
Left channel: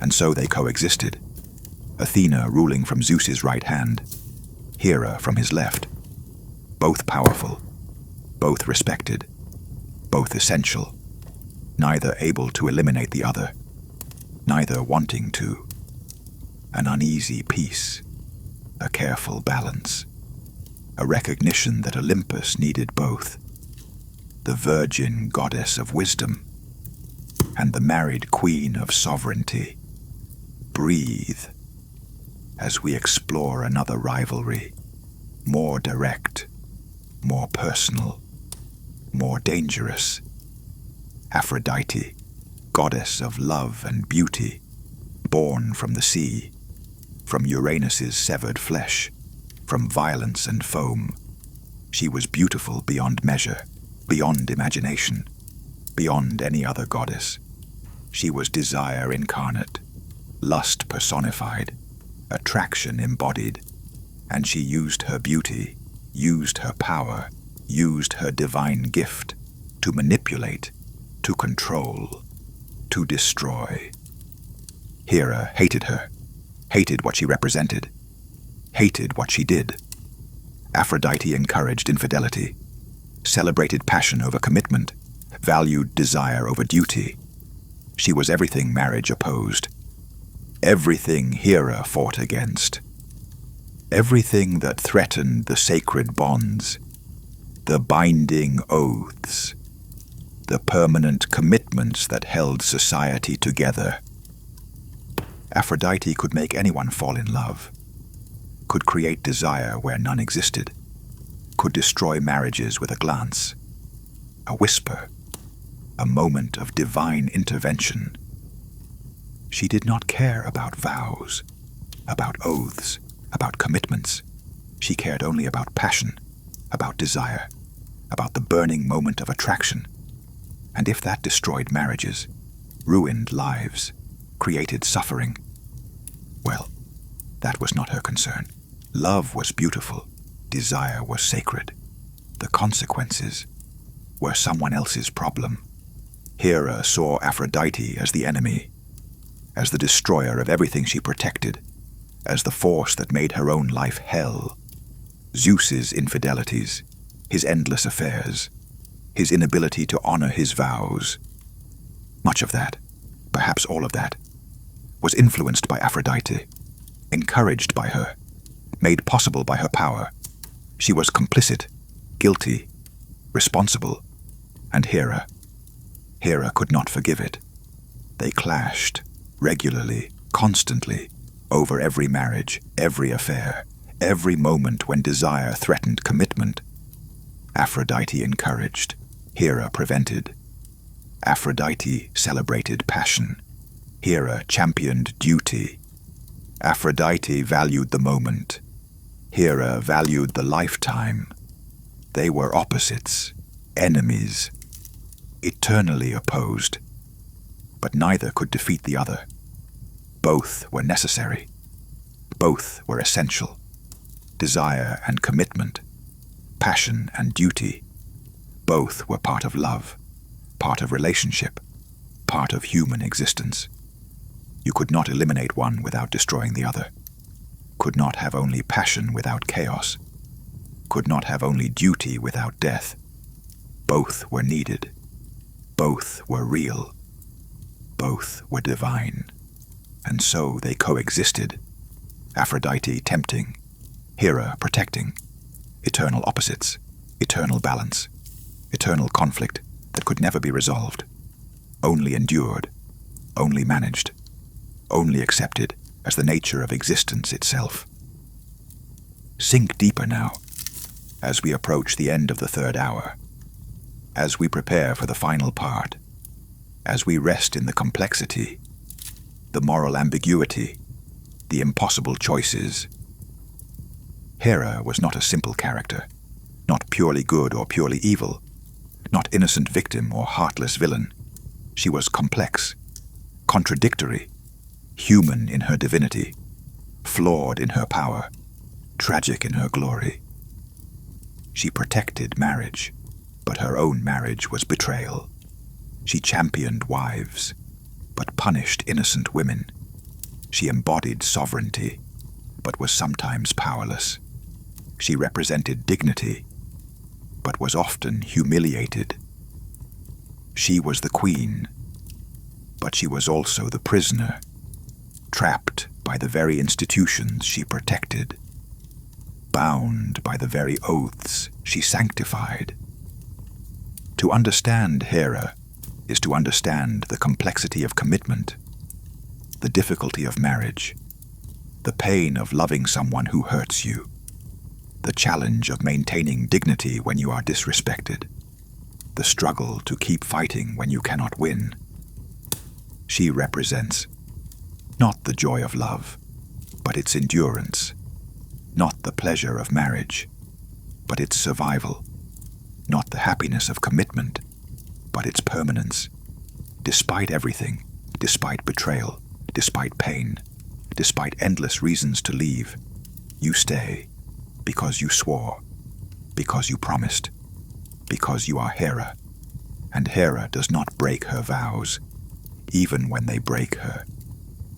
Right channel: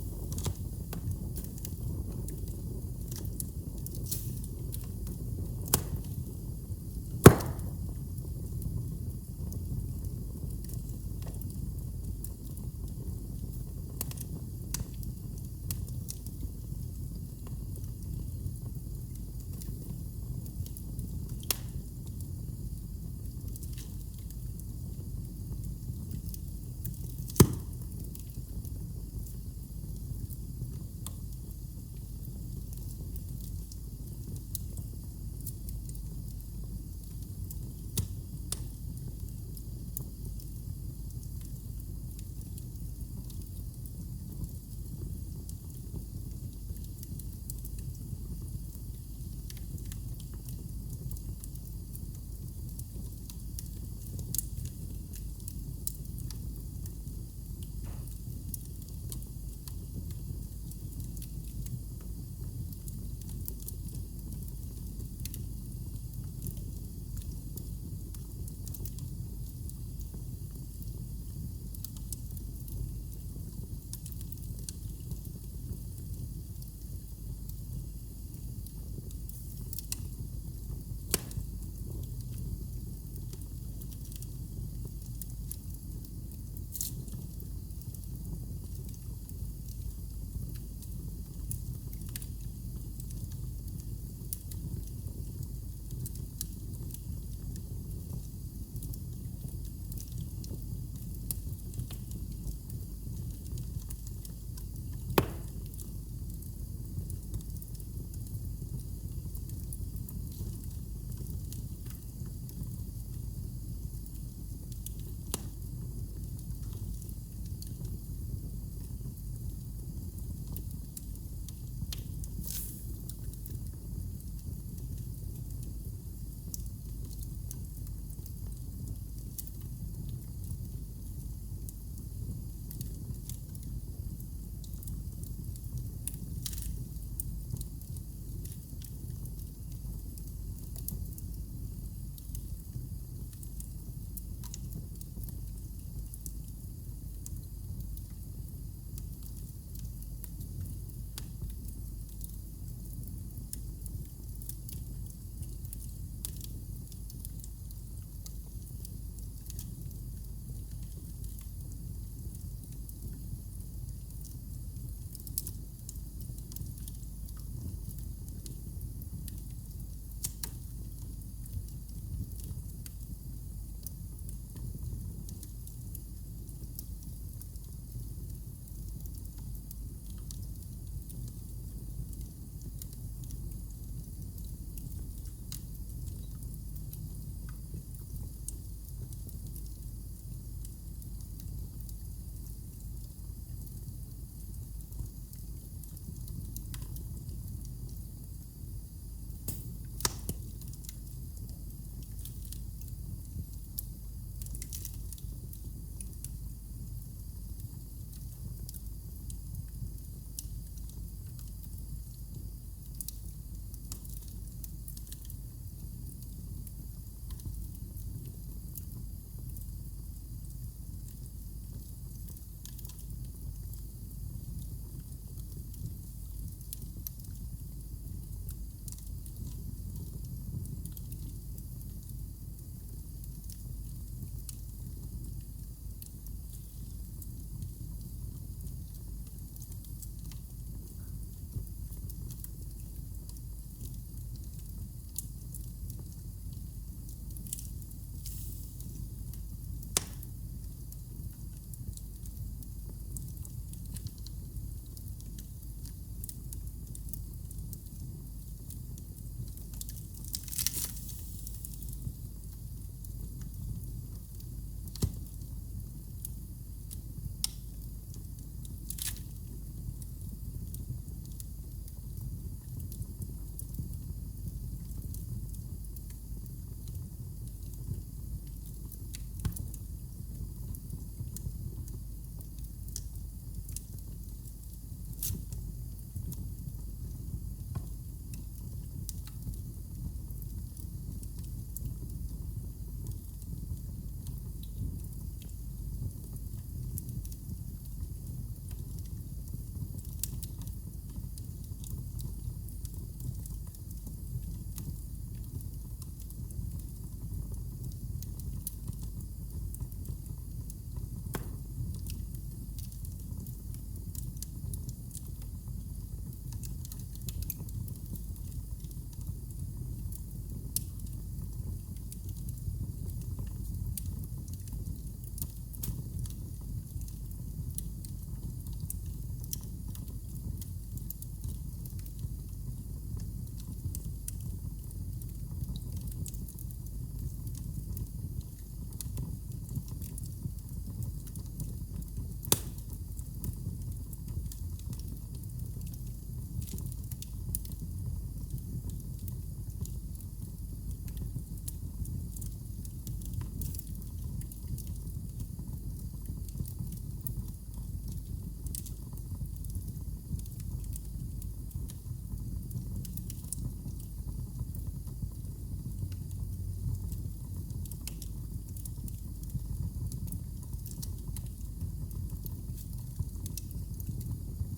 And so they coexisted, Athena ruling from Zeus's right hand, Hera from his left, both powerful, both respected, both essential, neither able to eliminate the other, neither wanting to. An uneasy peace, a careful balance, a recognition that Olympus needed both, the virgin goddess of wisdom and the married queen of sovereignty. Breathe, as we explore another rivalry, more direct, more personal, more dangerous. Aphrodite, goddess of love and beauty, born from the sea, from Uranus's severed flesh, from violence and foam. She was beautiful beyond measure, beyond imagination, beyond any other goddess. She was desire incarnate, lust personified, attraction embodied, and she used her beauty, used her power, used her divine gift to manipulate, to control, to destroy. Hera hated her, hated what she represented, hated what she did. Aphrodite encouraged infidelity, celebrated passion over commitment, valued desire over duty. She was everything marriage opposed, everything Hera fought against, everything that threatened the sacred bonds, the binding oaths, the permanent commitments that held society together. Aphrodite could make anyone fall in love, could create desire where none existed, could destroy marriages with a glance, a whisper, a moment of divine intervention. She did not care about vows, about oaths, about commitments. She cared only about passion, about desire, about the burning moment of attraction. And if that destroyed marriages, ruined lives, created suffering, well, that was not her concern. Love was beautiful, desire was sacred. The consequences were someone else's problem. Hera saw Aphrodite as the enemy, as the destroyer of everything she protected, as the force that made her own life hell. Zeus's infidelities, his endless affairs, his inability to honor his vows. Much of that, perhaps all of that, was influenced by Aphrodite, encouraged by her, made possible by her power. She was complicit, guilty, responsible, and Hera could not forgive it. They clashed, regularly, constantly, over every marriage, every affair, every moment when desire threatened commitment. Aphrodite encouraged, Hera prevented. Aphrodite celebrated passion, Hera championed duty. Aphrodite valued the moment, Hera valued the lifetime. They were opposites, enemies, eternally opposed, but neither could defeat the other. Both were necessary. Both were essential. Desire and commitment, passion and duty, both were part of love, part of relationship, part of human existence. You could not eliminate one without destroying the other. Could not have only passion without chaos. Could not have only duty without death. Both were needed. Both were real. Both were divine. And so they coexisted. Aphrodite tempting, Hera protecting. Eternal opposites, eternal balance, eternal conflict that could never be resolved. Only endured, only managed, only accepted as the nature of existence itself. Sink deeper now, as we approach the end of the third hour, as we prepare for the final part, as we rest in the complexity, the moral ambiguity, the impossible choices. Hera was not a simple character, not purely good or purely evil, not innocent victim or heartless villain. She was complex, contradictory, human in her divinity, flawed in her power, tragic in her glory. She protected marriage, but her own marriage was betrayal. She championed wives, but punished innocent women. She embodied sovereignty, but was sometimes powerless. She represented dignity, but was often humiliated. She was the queen, but she was also the prisoner, trapped by the very institutions she protected, bound by the very oaths she sanctified. To understand Hera is to understand the complexity of commitment, the difficulty of marriage, The pain of loving someone who hurts you. The challenge of maintaining dignity when you are disrespected. The struggle to keep fighting when you cannot win. She represents not the joy of love, but its endurance. Not the pleasure of marriage, but its survival. Not the happiness of commitment, but its permanence. Despite everything, despite betrayal, despite pain, despite endless reasons to leave, you stay because you swore, because you promised, because you are Hera. And Hera does not break her vows, even when they break her.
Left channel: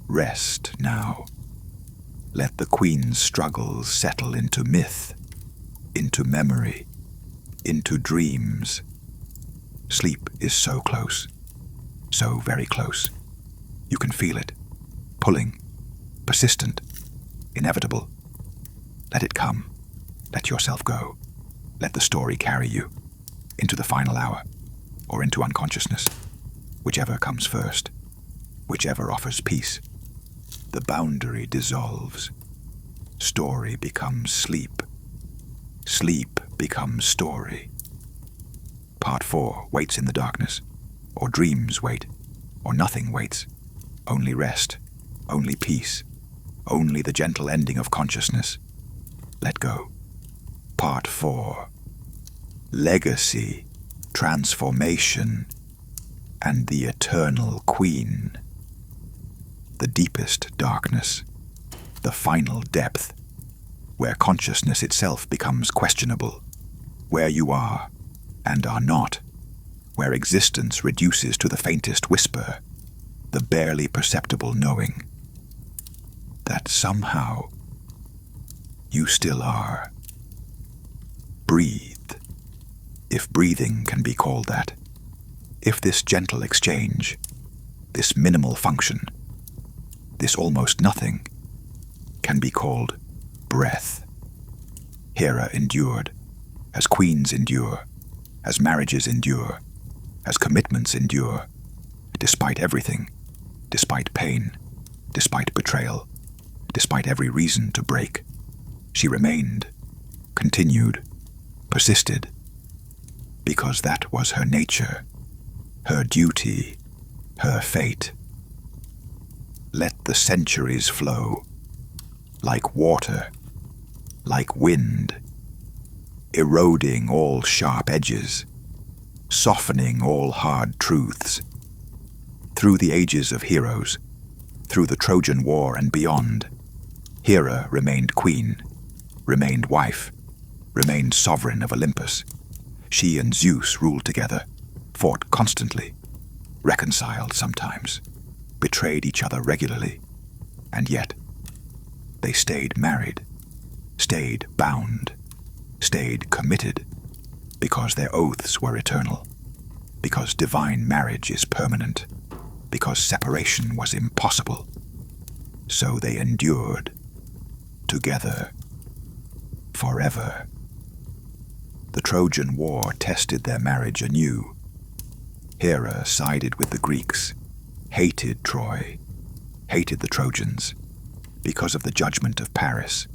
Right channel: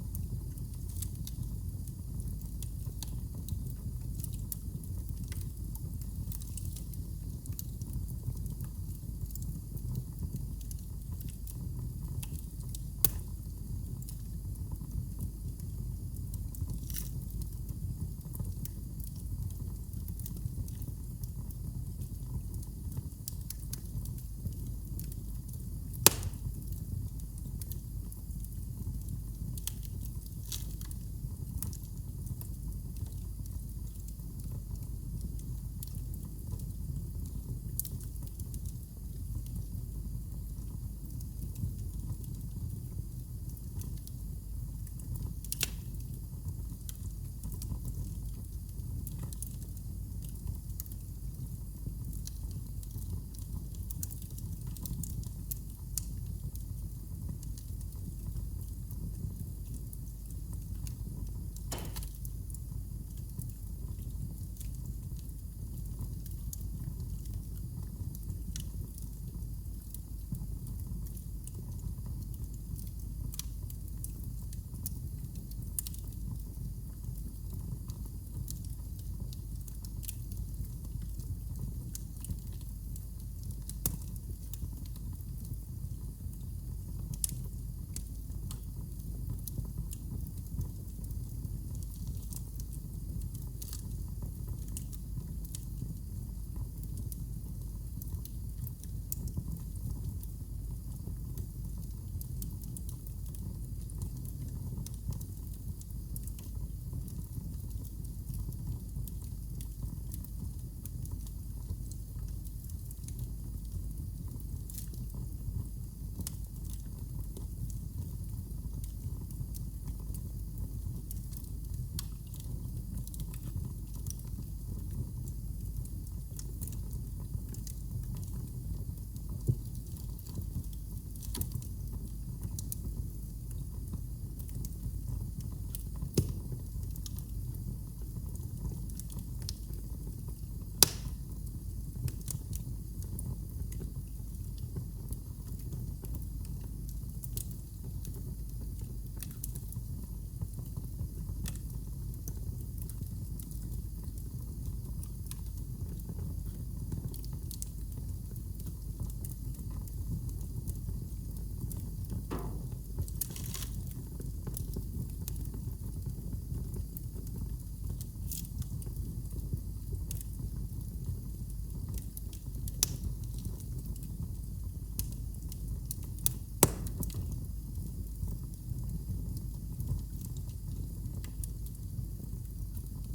Rest now. Let the queen's struggles settle into myth, into memory, into dreams. Sleep is so close, so very close. You can feel it, pulling, persistent, inevitable. Let it come. Let yourself go. Let the story carry you into the final hour or into unconsciousness, whichever comes first, whichever offers peace. The boundary dissolves. Story becomes sleep. Sleep becomes story. Part 4 waits in the darkness, or dreams wait, or nothing waits. Only rest, only peace, only the gentle ending of consciousness. Let go. Part 4. Legacy, transformation, and the eternal queen. The deepest darkness, the final depth, where consciousness itself becomes questionable, where you are and are not, where existence reduces to the faintest whisper, the barely perceptible knowing that somehow you still are. Breathe, if breathing can be called that. If this gentle exchange, this minimal function, this almost nothing, can be called breath. Hera endured, as queens endure, as marriages endure, as commitments endure, despite everything, despite pain, despite betrayal, despite every reason to break. She remained, continued, persisted, because that was her nature, her duty, her fate. Let the centuries flow, like water, like wind, eroding all sharp edges, softening all hard truths. Through the ages of heroes, through the Trojan War and beyond, Hera remained queen, remained wife, remained sovereign of Olympus. She and Zeus ruled together, fought constantly, reconciled sometimes, betrayed each other regularly, and yet they stayed married, stayed bound, stayed committed, because their oaths were eternal, because divine marriage is permanent, because separation was impossible. So they endured, together, forever. The Trojan War tested their marriage anew. Hera sided with the Greeks, hated Troy, hated the Trojans, because of the judgment of Paris,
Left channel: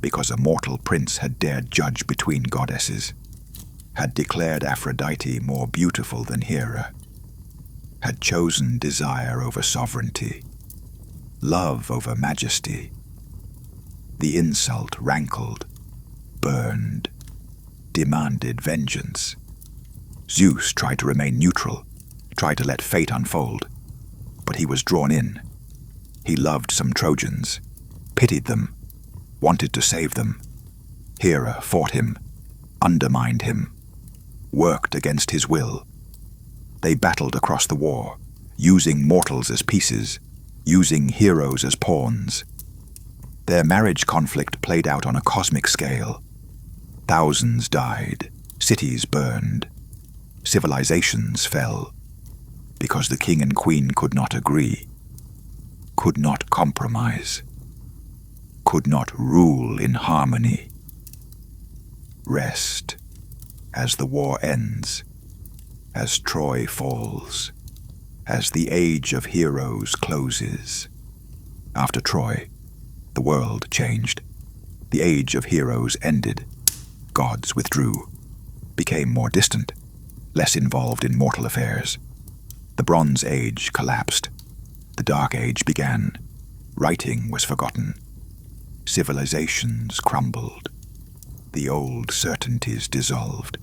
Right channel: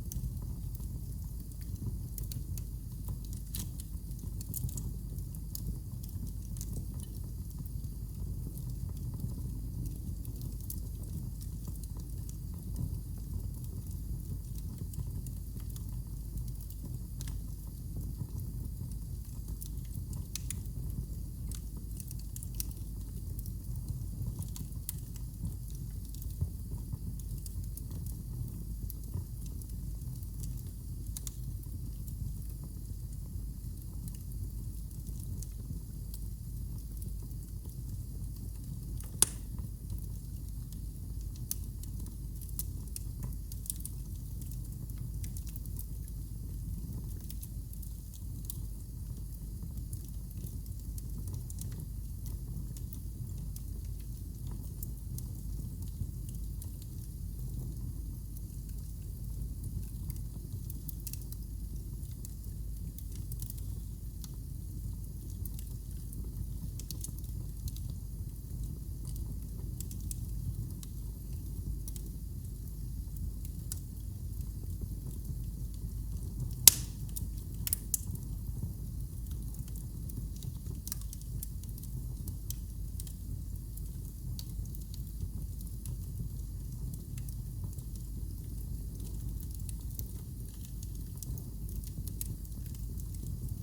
because a mortal prince had dared judge between goddesses, had declared Aphrodite more beautiful than Hera, had chosen desire over sovereignty, love over majesty. The insult rankled, burned, demanded vengeance. Zeus tried to remain neutral, tried to let fate unfold, but he was drawn in. He loved some Trojans, pitied them, wanted to save them. Hera fought him, undermined him, worked against his will. They battled across the war, using mortals as pieces, using heroes as pawns. Their marriage conflict played out on a cosmic scale. Thousands died, cities burned, civilizations fell, because the king and queen could not agree, could not compromise, could not rule in harmony. Rest as the war ends, as Troy falls, as the age of heroes closes. After Troy, the world changed. The age of heroes ended. Gods withdrew, became more distant, less involved in mortal affairs. The Bronze Age collapsed. The Dark Age began. Writing was forgotten. Civilizations crumbled. The old certainties dissolved.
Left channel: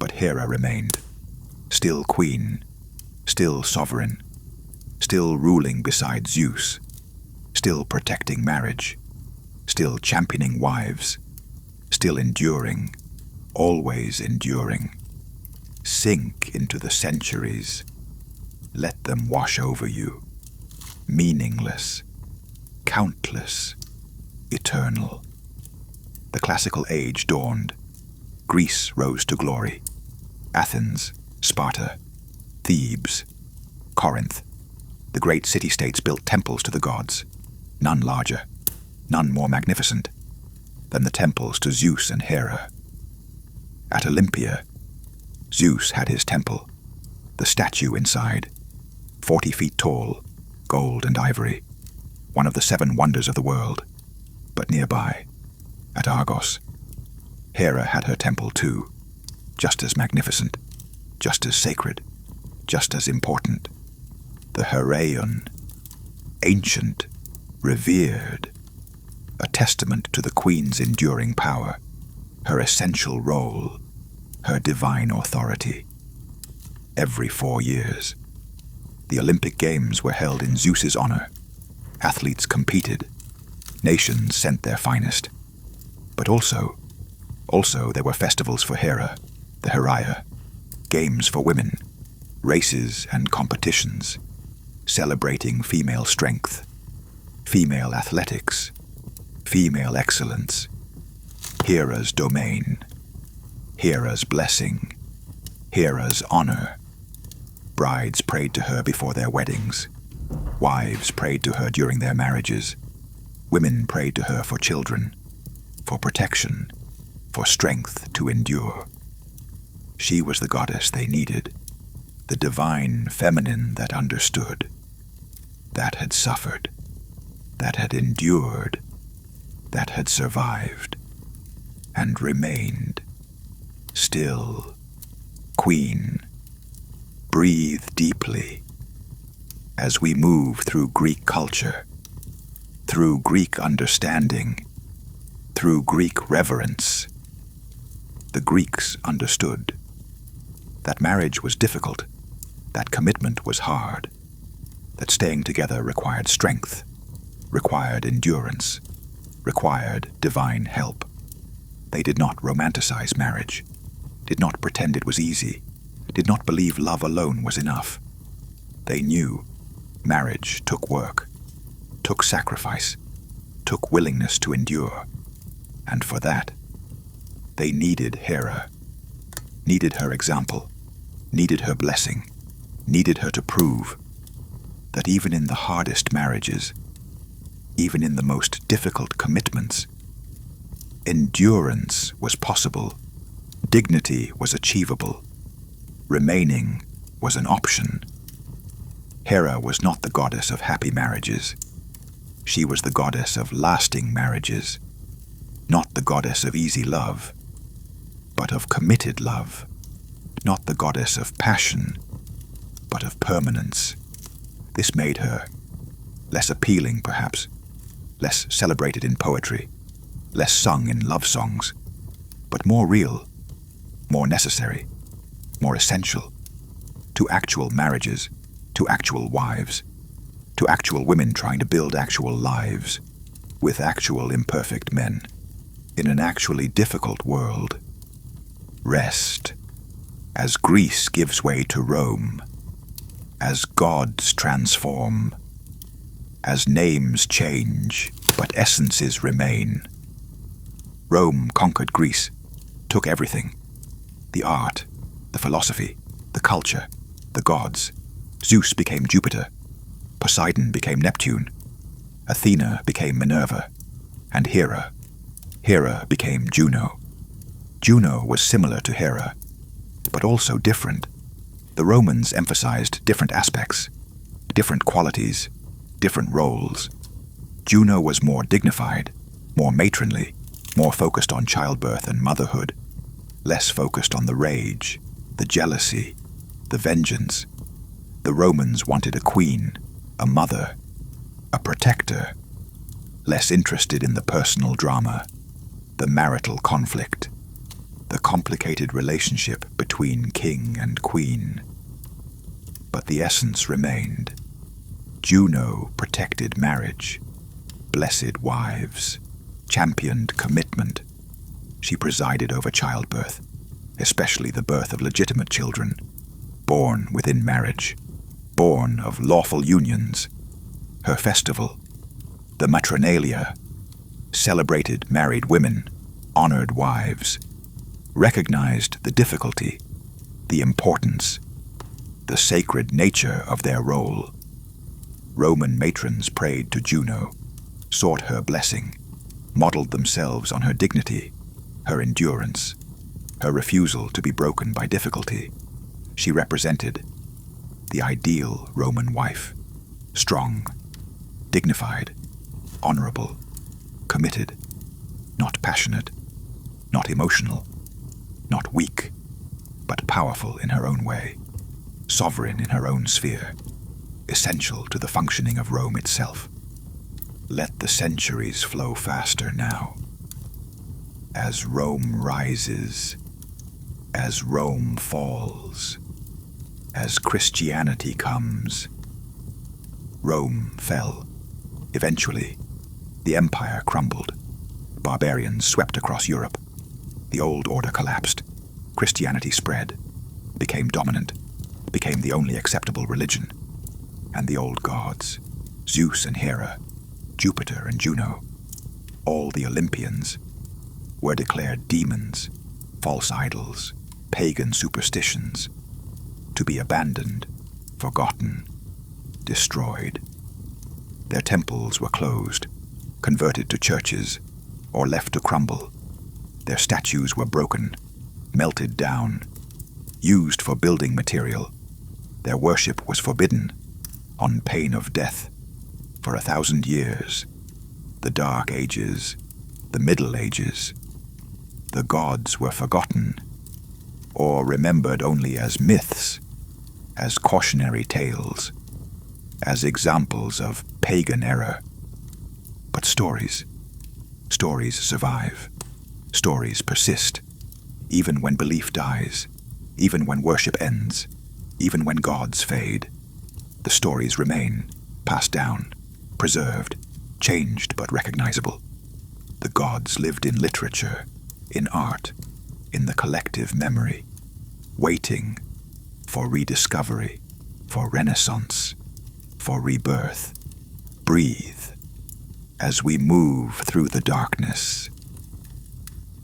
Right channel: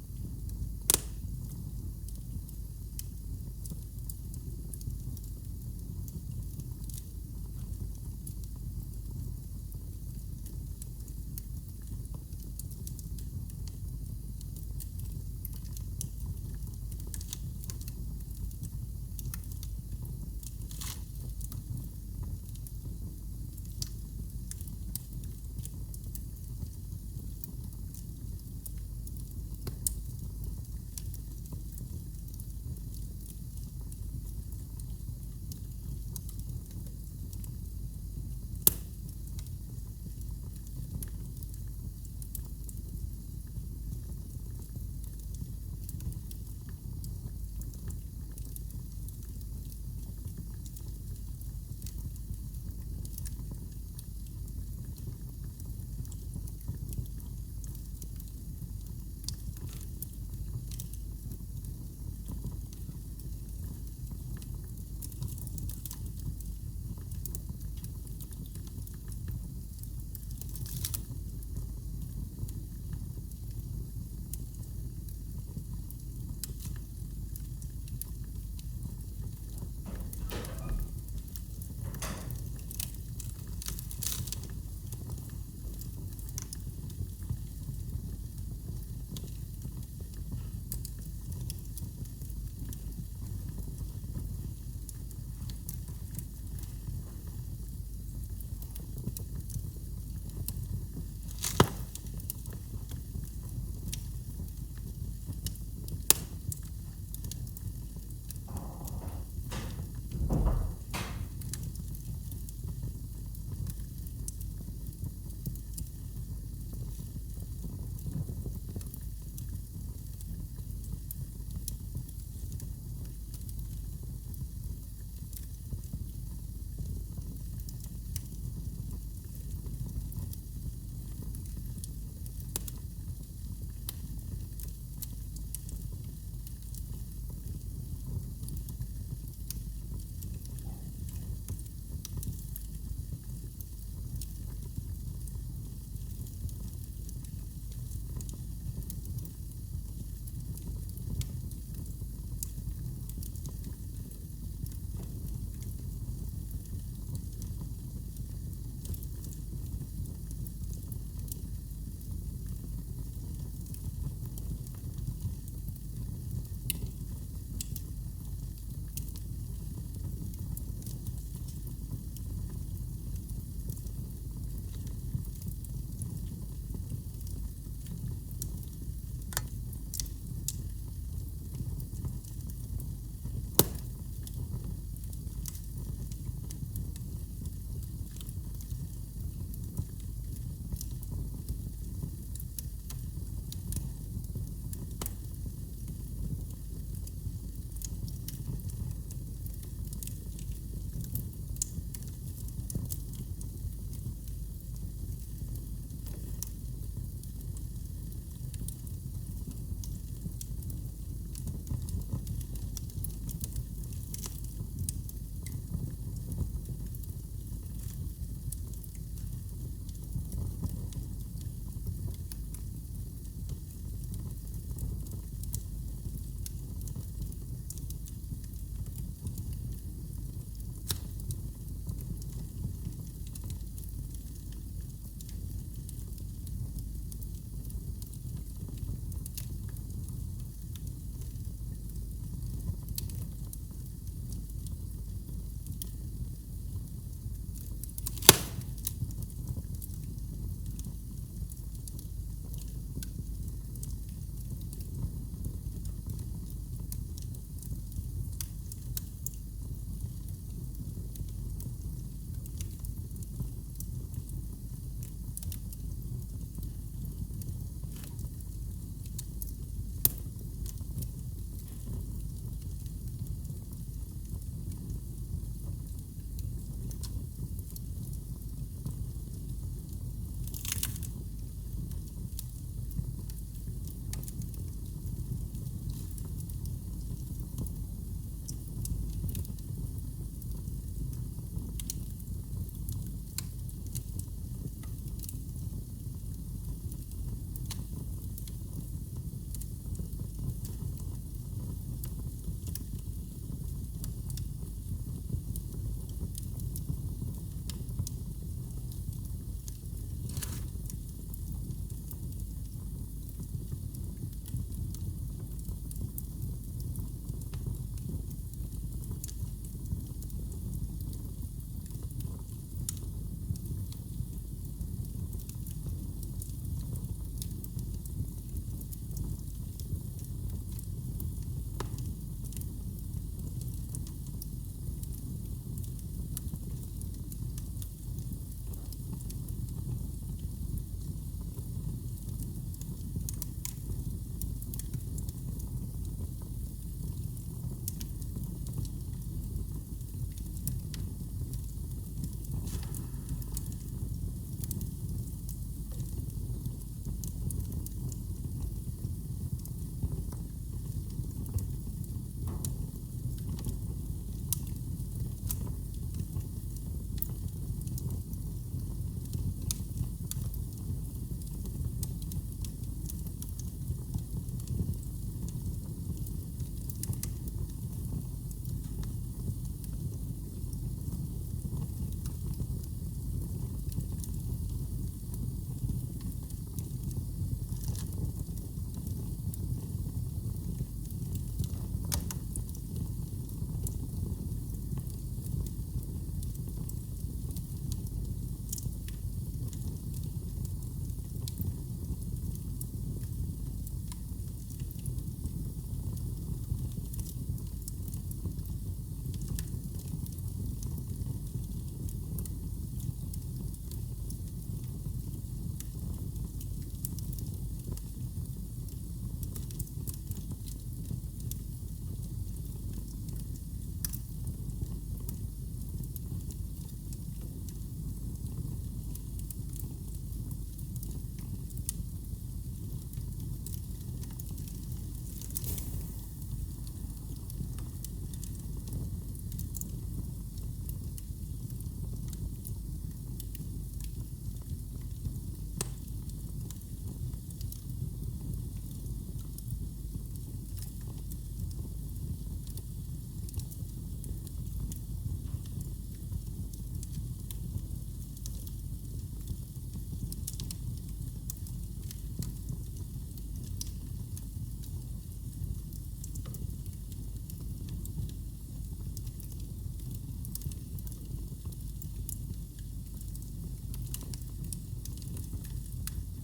But Hera remained, still queen, still sovereign, still ruling beside Zeus, still protecting marriage, still championing wives, still enduring, always enduring. Sink into the centuries. Let them wash over you. Meaningless, countless, eternal. The classical age dawned. Greece rose to glory. Athens, Sparta, Thebes, Corinth. The great city-states built temples to the gods, none larger, none more magnificent than the temples to Zeus and Hera. At Olympia, Zeus had his temple, the statue inside, 40 feet tall, gold and ivory, one of the 7 wonders of the world. But nearby, at Argos, Hera had her temple too, just as magnificent, just as sacred, just as important. The Heraion, ancient, revered, a testament to the queen's enduring power, her essential role, her divine authority. Every 4 years, the Olympic Games were held in Zeus's honor. Athletes competed. Nations sent their finest. But also there were festivals for Hera, the Heraia, games for women, races and competitions, celebrating female strength, female athletics, female excellence, Hera's domain, Hera's blessing, Hera's honor. Brides prayed to her before their weddings. Wives prayed to her during their marriages. Women prayed to her for children, for protection, for strength to endure. She was the goddess they needed, the divine feminine that understood, that had suffered, that had endured, that had survived, and remained, still, queen. Breathe deeply as we move through Greek culture, through Greek understanding, through Greek reverence. The Greeks understood that marriage was difficult, that commitment was hard, that staying together required strength, required endurance, required divine help. They did not romanticize marriage, did not pretend it was easy, did not believe love alone was enough. They knew marriage took work, took sacrifice, took willingness to endure. And for that, they needed Hera, needed her example, needed her blessing, needed her to prove that even in the hardest marriages, even in the most difficult commitments, endurance was possible, dignity was achievable, remaining was an option. Hera was not the goddess of happy marriages. She was the goddess of lasting marriages, not the goddess of easy love, but of committed love, not the goddess of passion, but of permanence. This made her less appealing, perhaps, less celebrated in poetry, less sung in love songs, but more real, more necessary, more essential to actual marriages, to actual wives, to actual women trying to build actual lives with actual imperfect men in an actually difficult world. Rest as Greece gives way to Rome, as gods transform, as names change but essences remain. Rome conquered Greece, took everything, the art, the philosophy, the culture, the gods. Zeus became Jupiter, Poseidon became Neptune, Athena became Minerva, and Hera became Juno. Juno was similar to Hera, but also different. The Romans emphasized different aspects, different qualities, different roles. Juno was more dignified, more matronly, more focused on childbirth and motherhood, less focused on the rage, the jealousy, the vengeance. The Romans wanted a queen, a mother, a protector, less interested in the personal drama, the marital conflict, the complicated relationship between king and queen. But the essence remained. Juno protected marriage, blessed wives, championed commitment. She presided over childbirth, especially the birth of legitimate children, born within marriage, born of lawful unions. Her festival, the Matronalia, celebrated married women, honored wives, recognized the difficulty, the importance, the sacred nature of their role. Roman matrons prayed to Juno, sought her blessing, modeled themselves on her dignity, her endurance, her refusal to be broken by difficulty. She represented the ideal Roman wife, strong, dignified, honorable, committed, not passionate, not emotional, not weak, but powerful in her own way, sovereign in her own sphere, essential to the functioning of Rome itself. Let the centuries flow faster now. As Rome rises, as Rome falls, as Christianity comes. Rome fell. Eventually, the empire crumbled. Barbarians swept across Europe. The old order collapsed. Christianity spread, became dominant, became the only acceptable religion. And the old gods, Zeus and Hera, Jupiter and Juno, all the Olympians, were declared demons, false idols, pagan superstitions, to be abandoned, forgotten, destroyed. Their temples were closed, converted to churches, or left to crumble. Their statues were broken, melted down, used for building material. Their worship was forbidden, on pain of death, for 1,000 years. The Dark Ages, the Middle Ages. The gods were forgotten, or remembered only as myths, as cautionary tales, as examples of pagan error. But stories survive. Stories persist, even when belief dies, even when worship ends, even when gods fade. The stories remain, passed down, preserved, changed but recognizable. The gods lived in literature, in art, in the collective memory, waiting for rediscovery, for renaissance, for rebirth. Breathe as we move through the darkness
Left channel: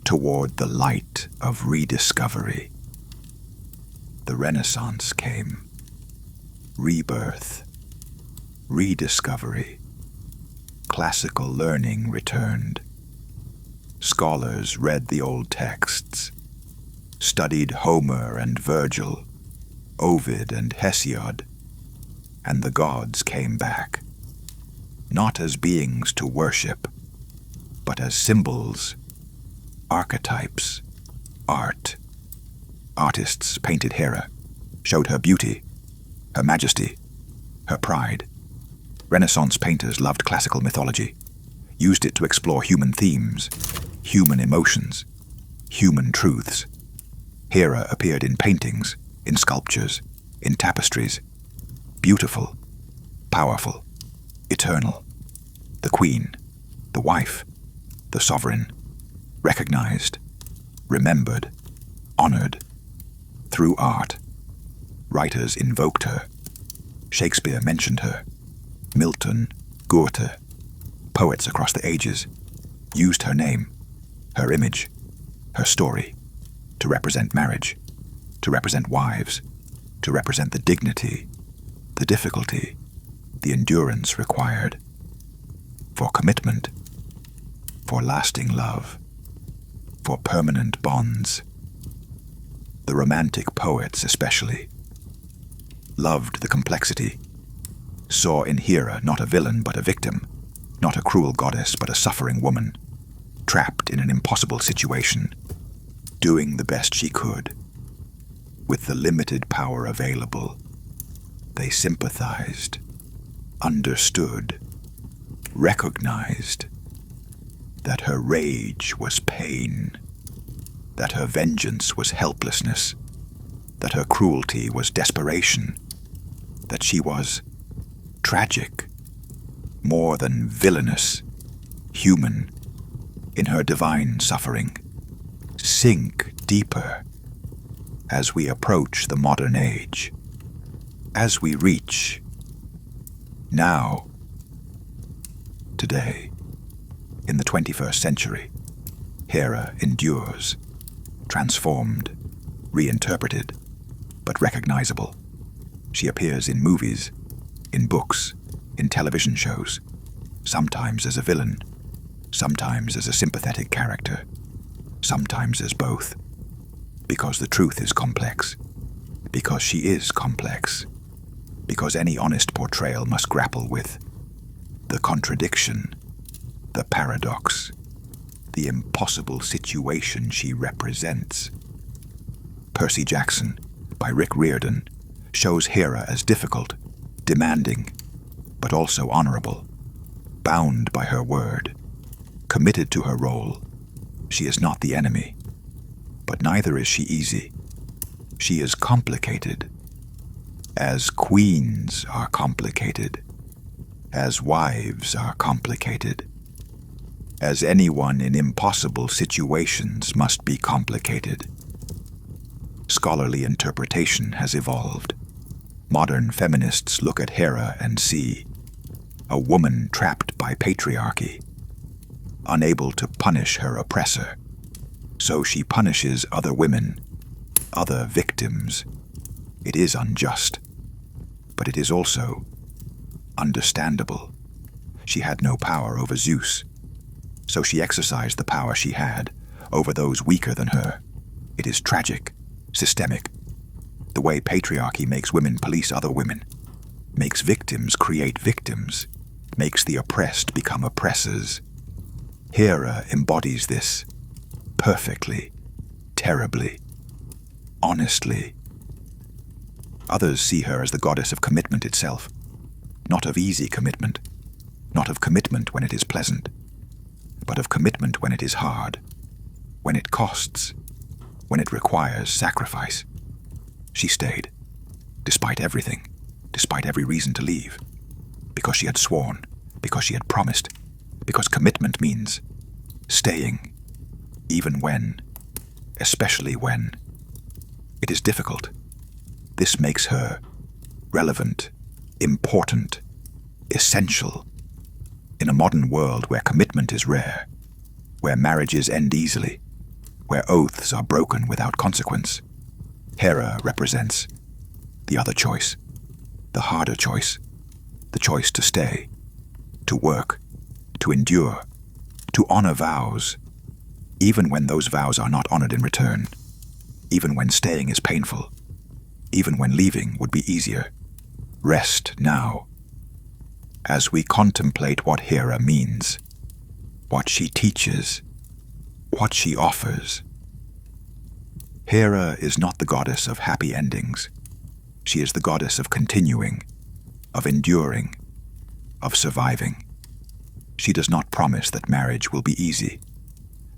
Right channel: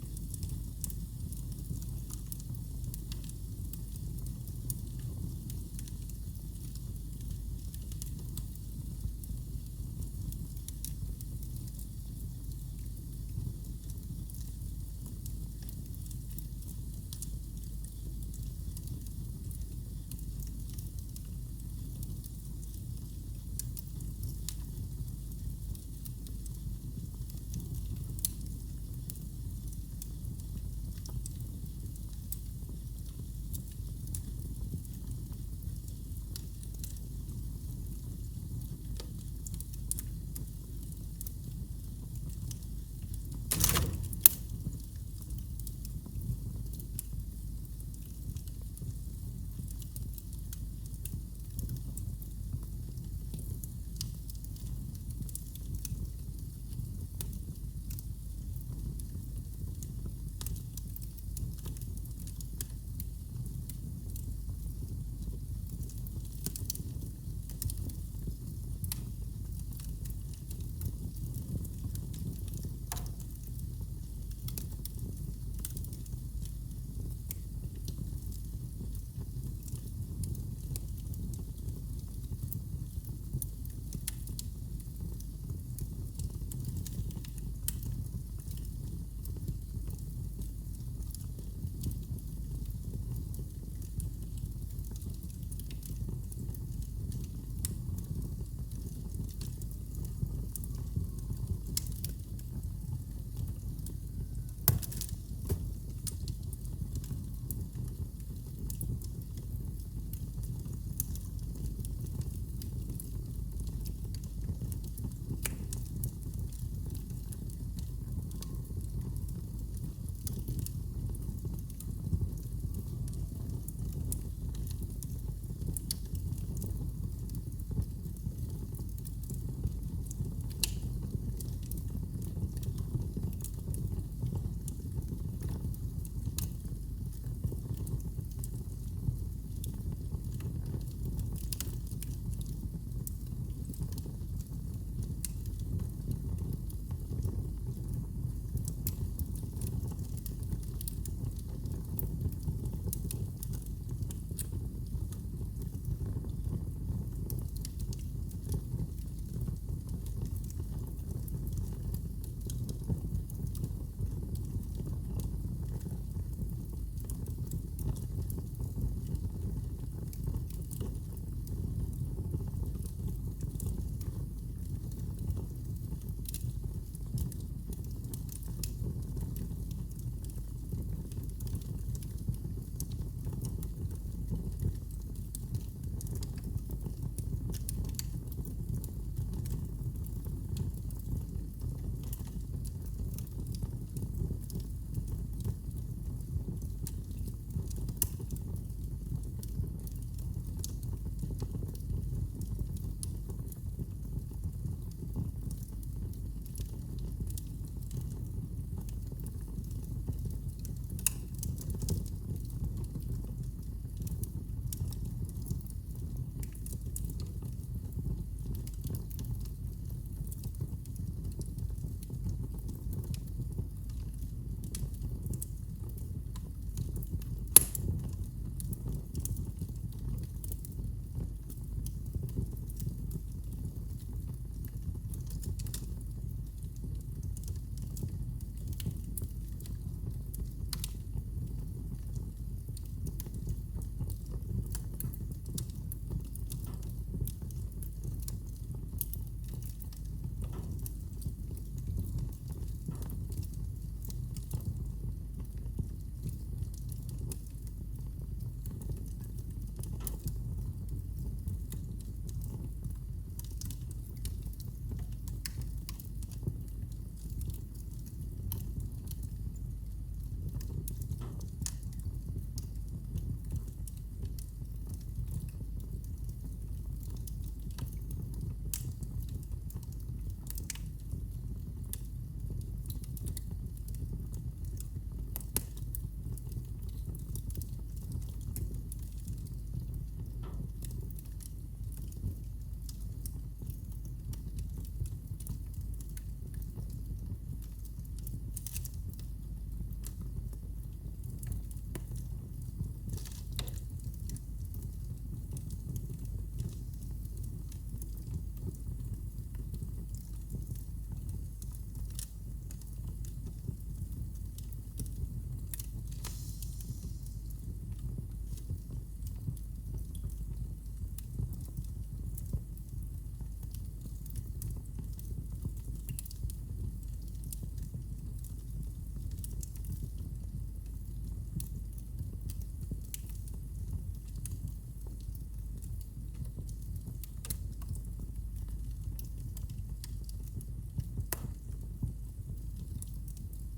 toward the light of rediscovery. The Renaissance came. Rebirth, rediscovery. Classical learning returned. Scholars read the old texts, studied Homer and Virgil, Ovid and Hesiod, and the gods came back, not as beings to worship, but as symbols, archetypes, art. Artists painted Hera, showed her beauty, her majesty, her pride. Renaissance painters loved classical mythology, used it to explore human themes, human emotions, human truths. Hera appeared in paintings, in sculptures, in tapestries. Beautiful, powerful, eternal. The queen, the wife, the sovereign, recognized, remembered, honored. Through art, writers invoked her. Shakespeare mentioned her. Milton, Goethe, poets across the ages, used her name, her image, her story, to represent marriage, to represent wives, to represent the dignity, the difficulty, the endurance required, for commitment, for lasting love, for permanent bonds. The Romantic poets especially loved the complexity, saw in Hera not a villain but a victim, Not a cruel goddess, but a suffering woman, trapped in an impossible situation, doing the best she could. With the limited power available, they sympathized, understood, recognized that her rage was pain, that her vengeance was helplessness, that her cruelty was desperation, that she was tragic, more than villainous, human in her divine suffering. Sink deeper as we approach the modern age, as we reach now, today, in the 21st century. Hera endures, transformed, reinterpreted, but recognizable. She appears in movies, in books, in television shows, sometimes as a villain, sometimes as a sympathetic character, sometimes as both. Because the truth is complex, because she is complex, because any honest portrayal must grapple with the contradiction, the paradox, the impossible situation she represents. Percy Jackson, by Rick Riordan, shows Hera as difficult, demanding, but also honorable, bound by her word, committed to her role. She is not the enemy, but neither is she easy. She is complicated, as queens are complicated, as wives are complicated, as anyone in impossible situations must be complicated. Scholarly interpretation has evolved. Modern feminists look at Hera and see a woman trapped by patriarchy, unable to punish her oppressor. So she punishes other women, other victims. It is unjust, but it is also understandable. She had no power over Zeus, so she exercised the power she had over those weaker than her. It is tragic, systemic. The way patriarchy makes women police other women, makes victims create victims, makes the oppressed become oppressors. Hera embodies this perfectly, terribly, honestly. Others see her as the goddess of commitment itself, not of easy commitment, not of commitment when it is pleasant, but of commitment when it is hard, when it costs, when it requires sacrifice. She stayed, despite everything, despite every reason to leave, because she had sworn, because she had promised, because commitment means staying, even when, especially when, it is difficult. This makes her relevant, important, essential. In a modern world where commitment is rare, where marriages end easily, where oaths are broken without consequence, Hera represents the other choice, the harder choice, the choice to stay, to work, to endure, to honor vows, even when those vows are not honored in return, even when staying is painful, even when leaving would be easier. Rest now, as we contemplate what Hera means, what she teaches, what she offers. Hera is not the goddess of happy endings. She is the goddess of continuing, of enduring, of surviving. She does not promise that marriage will be easy,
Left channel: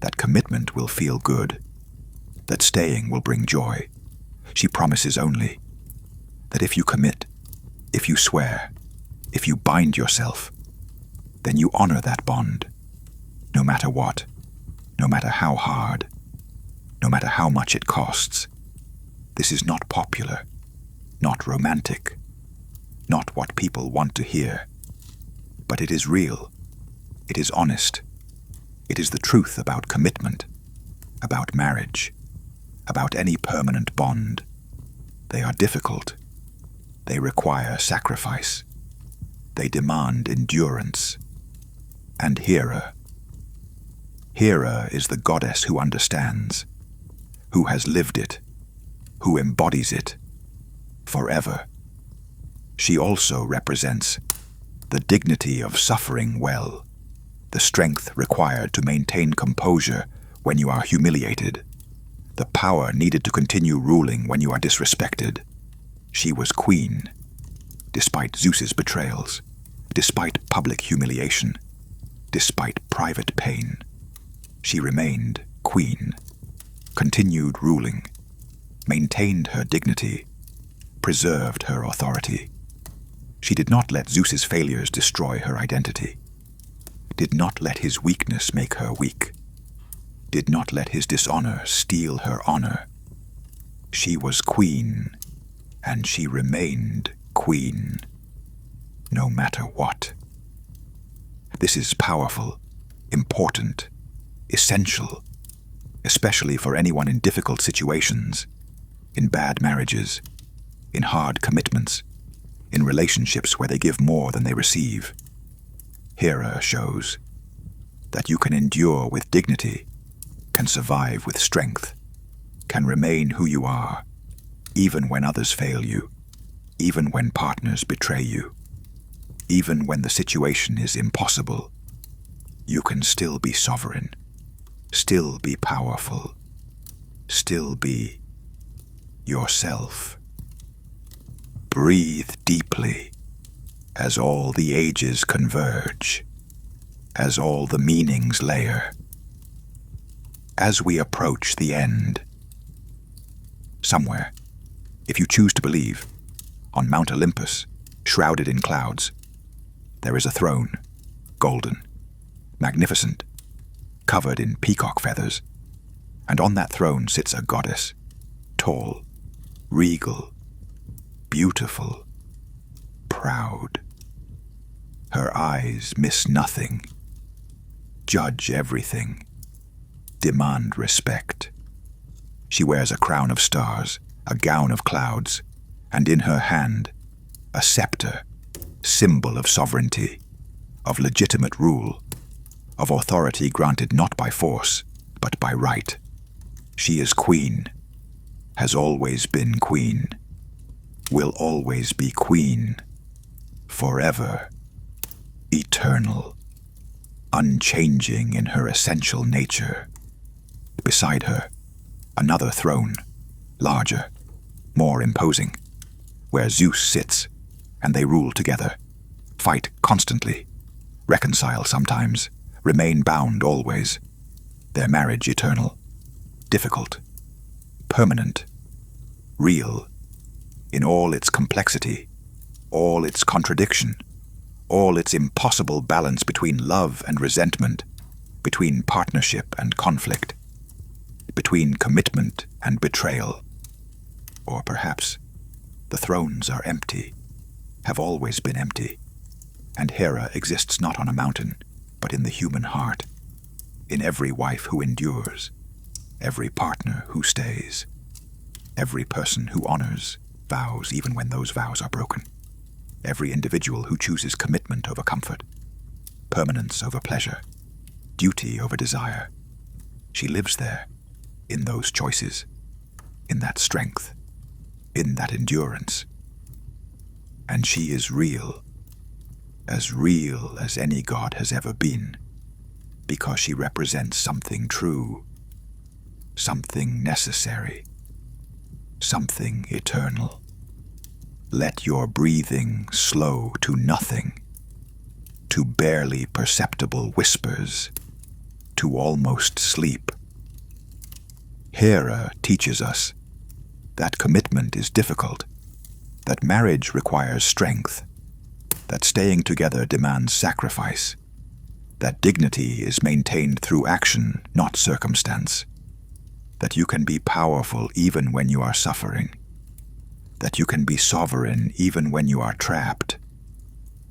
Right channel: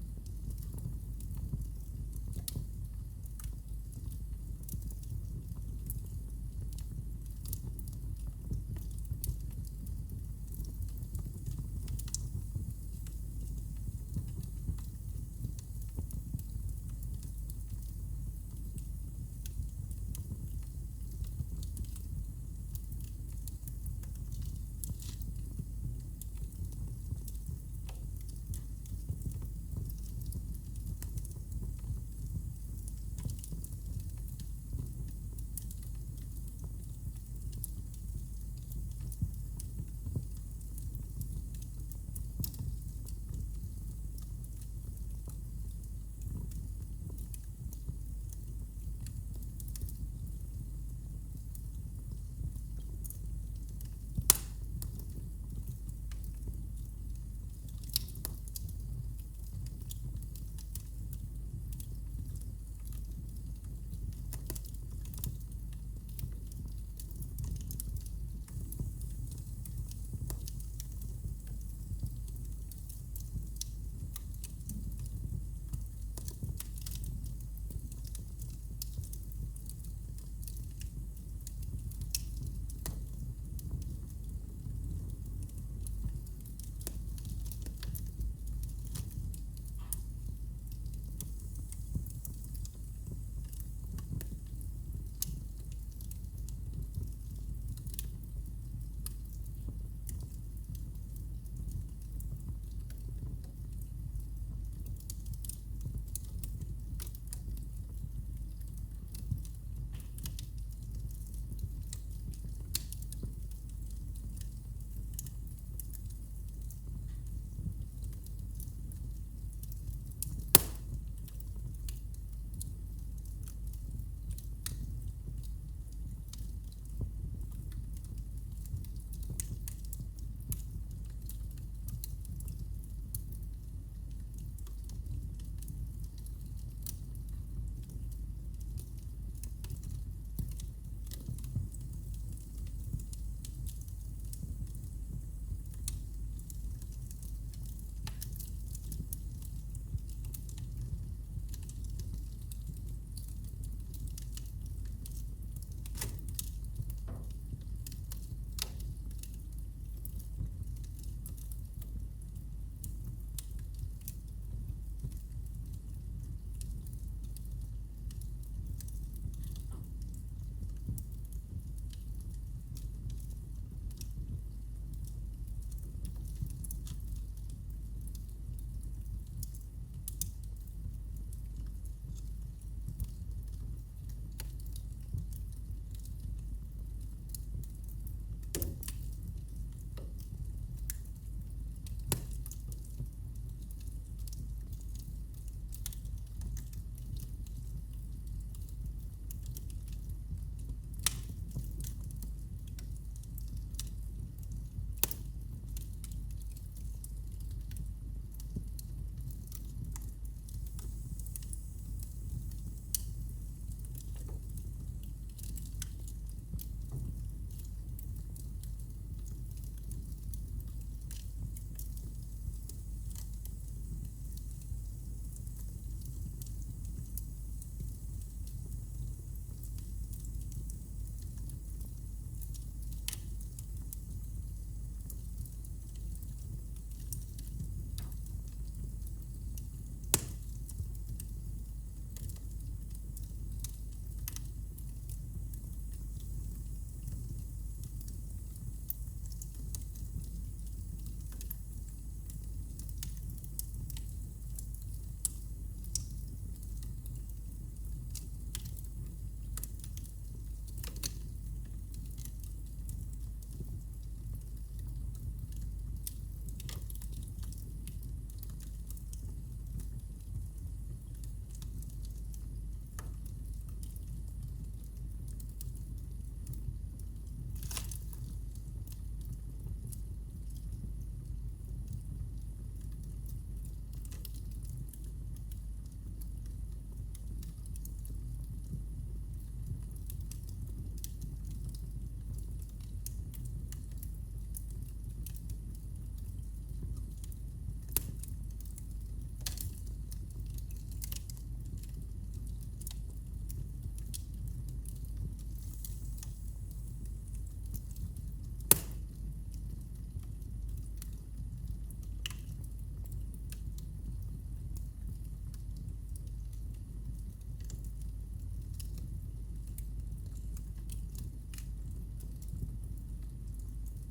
that commitment will feel good, that staying will bring joy. She promises only that if you commit, if you swear, if you bind yourself, then you honor that bond, no matter what, no matter how hard, no matter how much it costs. This is not popular, not romantic, not what people want to hear, but it is real, it is honest, it is the truth about commitment, about marriage, about any permanent bond. They are difficult, they require sacrifice, they demand endurance. And Hera is the goddess who understands, who has lived it, who embodies it forever. She also represents the dignity of suffering well, the strength required to maintain composure when you are humiliated, the power needed to continue ruling when you are disrespected. She was queen, despite Zeus's betrayals, despite public humiliation, despite private pain. She remained queen, continued ruling, maintained her dignity, preserved her authority. She did not let Zeus's failures destroy her identity, did not let his weakness make her weak, did not let his dishonor steal her honor. She was queen, and she remained queen, no matter what. This is powerful, important, essential, especially for anyone in difficult situations, in bad marriages, in hard commitments, in relationships where they give more than they receive. Hera shows that you can endure with dignity, can survive with strength, can remain who you are, even when others fail you, even when partners betray you, even when the situation is impossible. You can still be sovereign, still be powerful, still be yourself. Breathe deeply as all the ages converge, as all the meanings layer. As we approach the end, somewhere, if you choose to believe, on Mount Olympus, shrouded in clouds, there is a throne, golden, magnificent, covered in peacock feathers, and on that throne sits a goddess, tall, regal, beautiful, proud. Her eyes miss nothing, judge everything, demand respect. She wears a crown of stars, a gown of clouds, and in her hand, a scepter, symbol of sovereignty, of legitimate rule, of authority granted not by force, but by right. She is queen, has always been queen, will always be queen, forever, eternal, unchanging in her essential nature. Beside her, another throne, larger, more imposing, where Zeus sits, and they rule together, fight constantly, reconcile sometimes, remain bound always, their marriage eternal, difficult, permanent, real, in all its complexity, all its contradiction, all its impossible balance between love and resentment, between partnership and conflict, between commitment and betrayal. Or perhaps the thrones are empty, have always been empty, and Hera exists not on a mountain, but in the human heart, in every wife who endures, every partner who stays, every person who honors vows even when those vows are broken, every individual who chooses commitment over comfort, permanence over pleasure, duty over desire. She lives there, in those choices, in that strength, in that endurance. And she is real as any god has ever been, because she represents something true, something necessary, something eternal. Let your breathing slow to nothing, to barely perceptible whispers, to almost sleep. Hera teaches us that commitment is difficult, that marriage requires strength, that staying together demands sacrifice, that dignity is maintained through action, not circumstance, that you can be powerful even when you are suffering, that you can be sovereign even when you are trapped,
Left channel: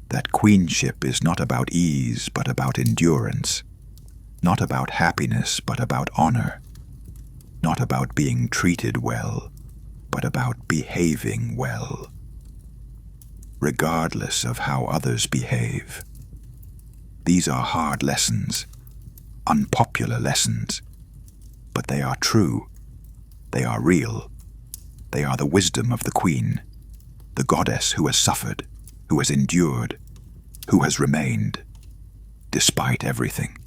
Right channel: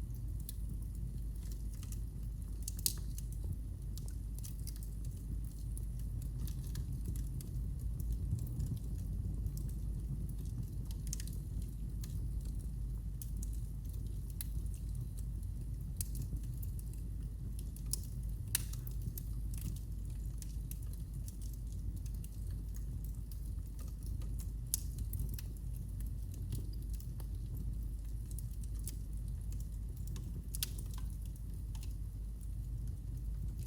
that queenship is not about ease but about endurance, not about happiness but about honor, not about being treated well, but about behaving well, regardless of how others behave. These are hard lessons, unpopular lessons, but they are true, they are real, they are the wisdom of the queen, the goddess who has suffered, who has endured, who has remained. Despite everything,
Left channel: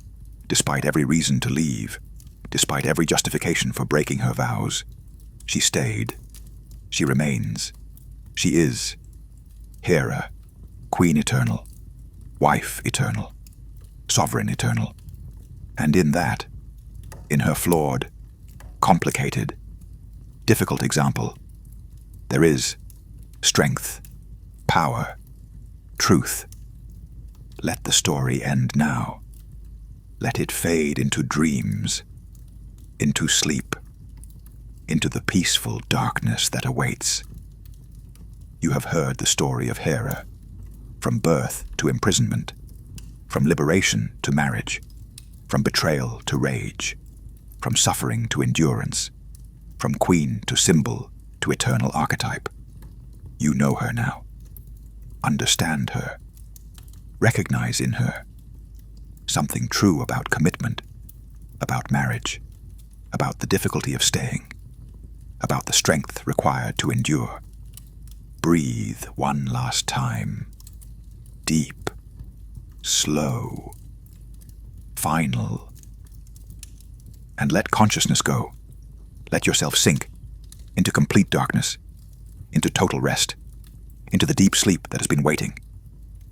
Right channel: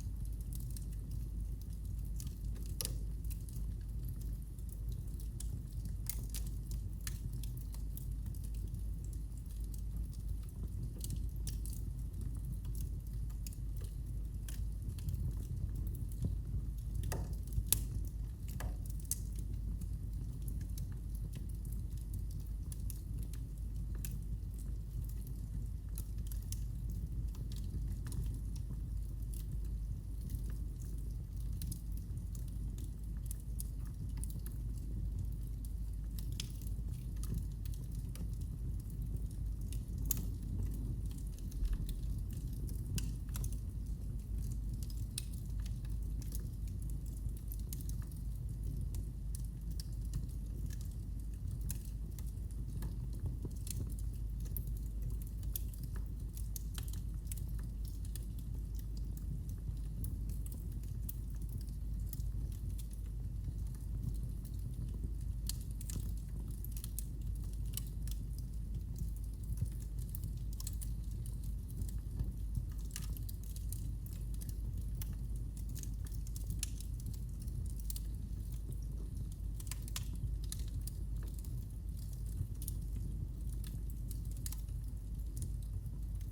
despite every reason to leave, despite every justification for breaking her vows, she stayed. She remains. She is Hera, Queen Eternal, Wife Eternal, Sovereign Eternal. And in that, in her flawed, complicated, difficult example, there is strength, power, truth. Let the story end now. Let it fade into dreams, into sleep, into the peaceful darkness that awaits. You have heard the story of Hera, from birth to imprisonment, from liberation to marriage, from betrayal to rage, from suffering to endurance, from queen to symbol to eternal archetype. You know her now. Understand her. Recognize in her something true about commitment, about marriage, about the difficulty of staying, about the strength required to endure. Breathe one last time. Deep, slow, final. And let consciousness go. Let yourself sink into complete darkness, into total rest, into the deep sleep that has been waiting,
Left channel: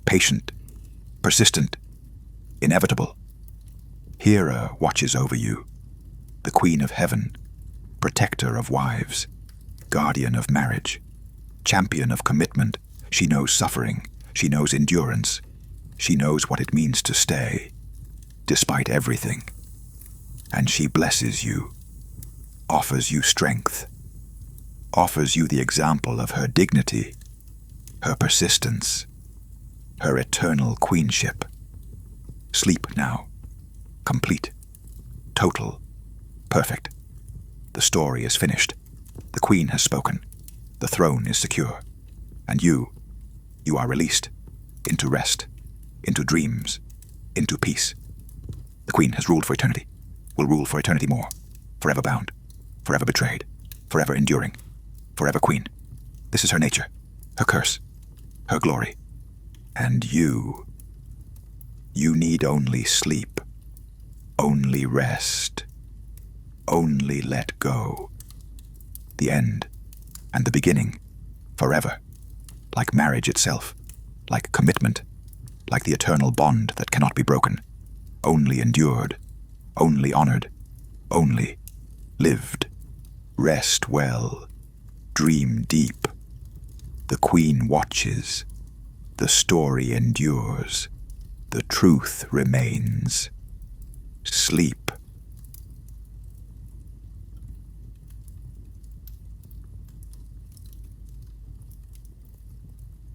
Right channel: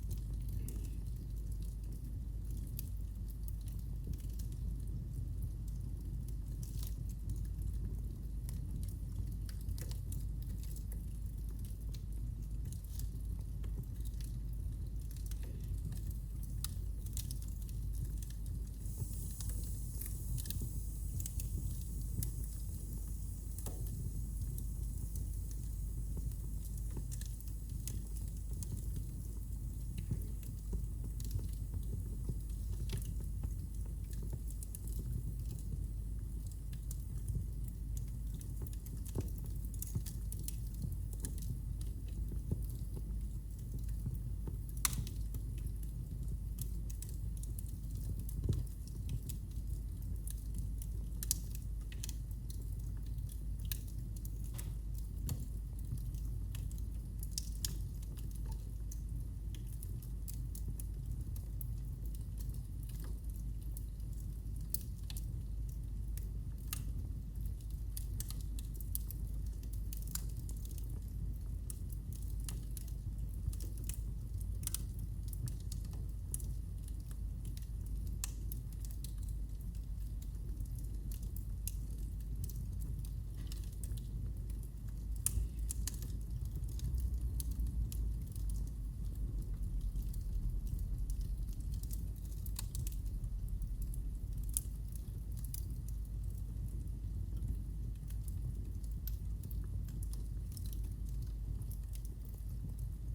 patient, persistent, inevitable. Hera watches over you, the Queen of Heaven, protector of wives, guardian of marriage, champion of commitment. She knows suffering. She knows endurance. She knows what it means to stay, despite everything. And she blesses you, offers you strength, offers you the example of her dignity, her persistence, her eternal queenship. Sleep now, complete, total, perfect. The story is finished. The queen has spoken. The throne is secure. And you are released into rest, into dreams, into peace. The queen has ruled for eternity, will rule for eternity more, forever bound, forever betrayed, forever enduring, forever queen. This is her nature, her curse, her glory. And you need only sleep, only rest, only let go. The end and the beginning, forever, like marriage itself, like commitment, like the eternal bond that cannot be broken, only endured, only honored, only lived. Rest well, dream deep. The queen watches, the story endures, the truth remains. Sleep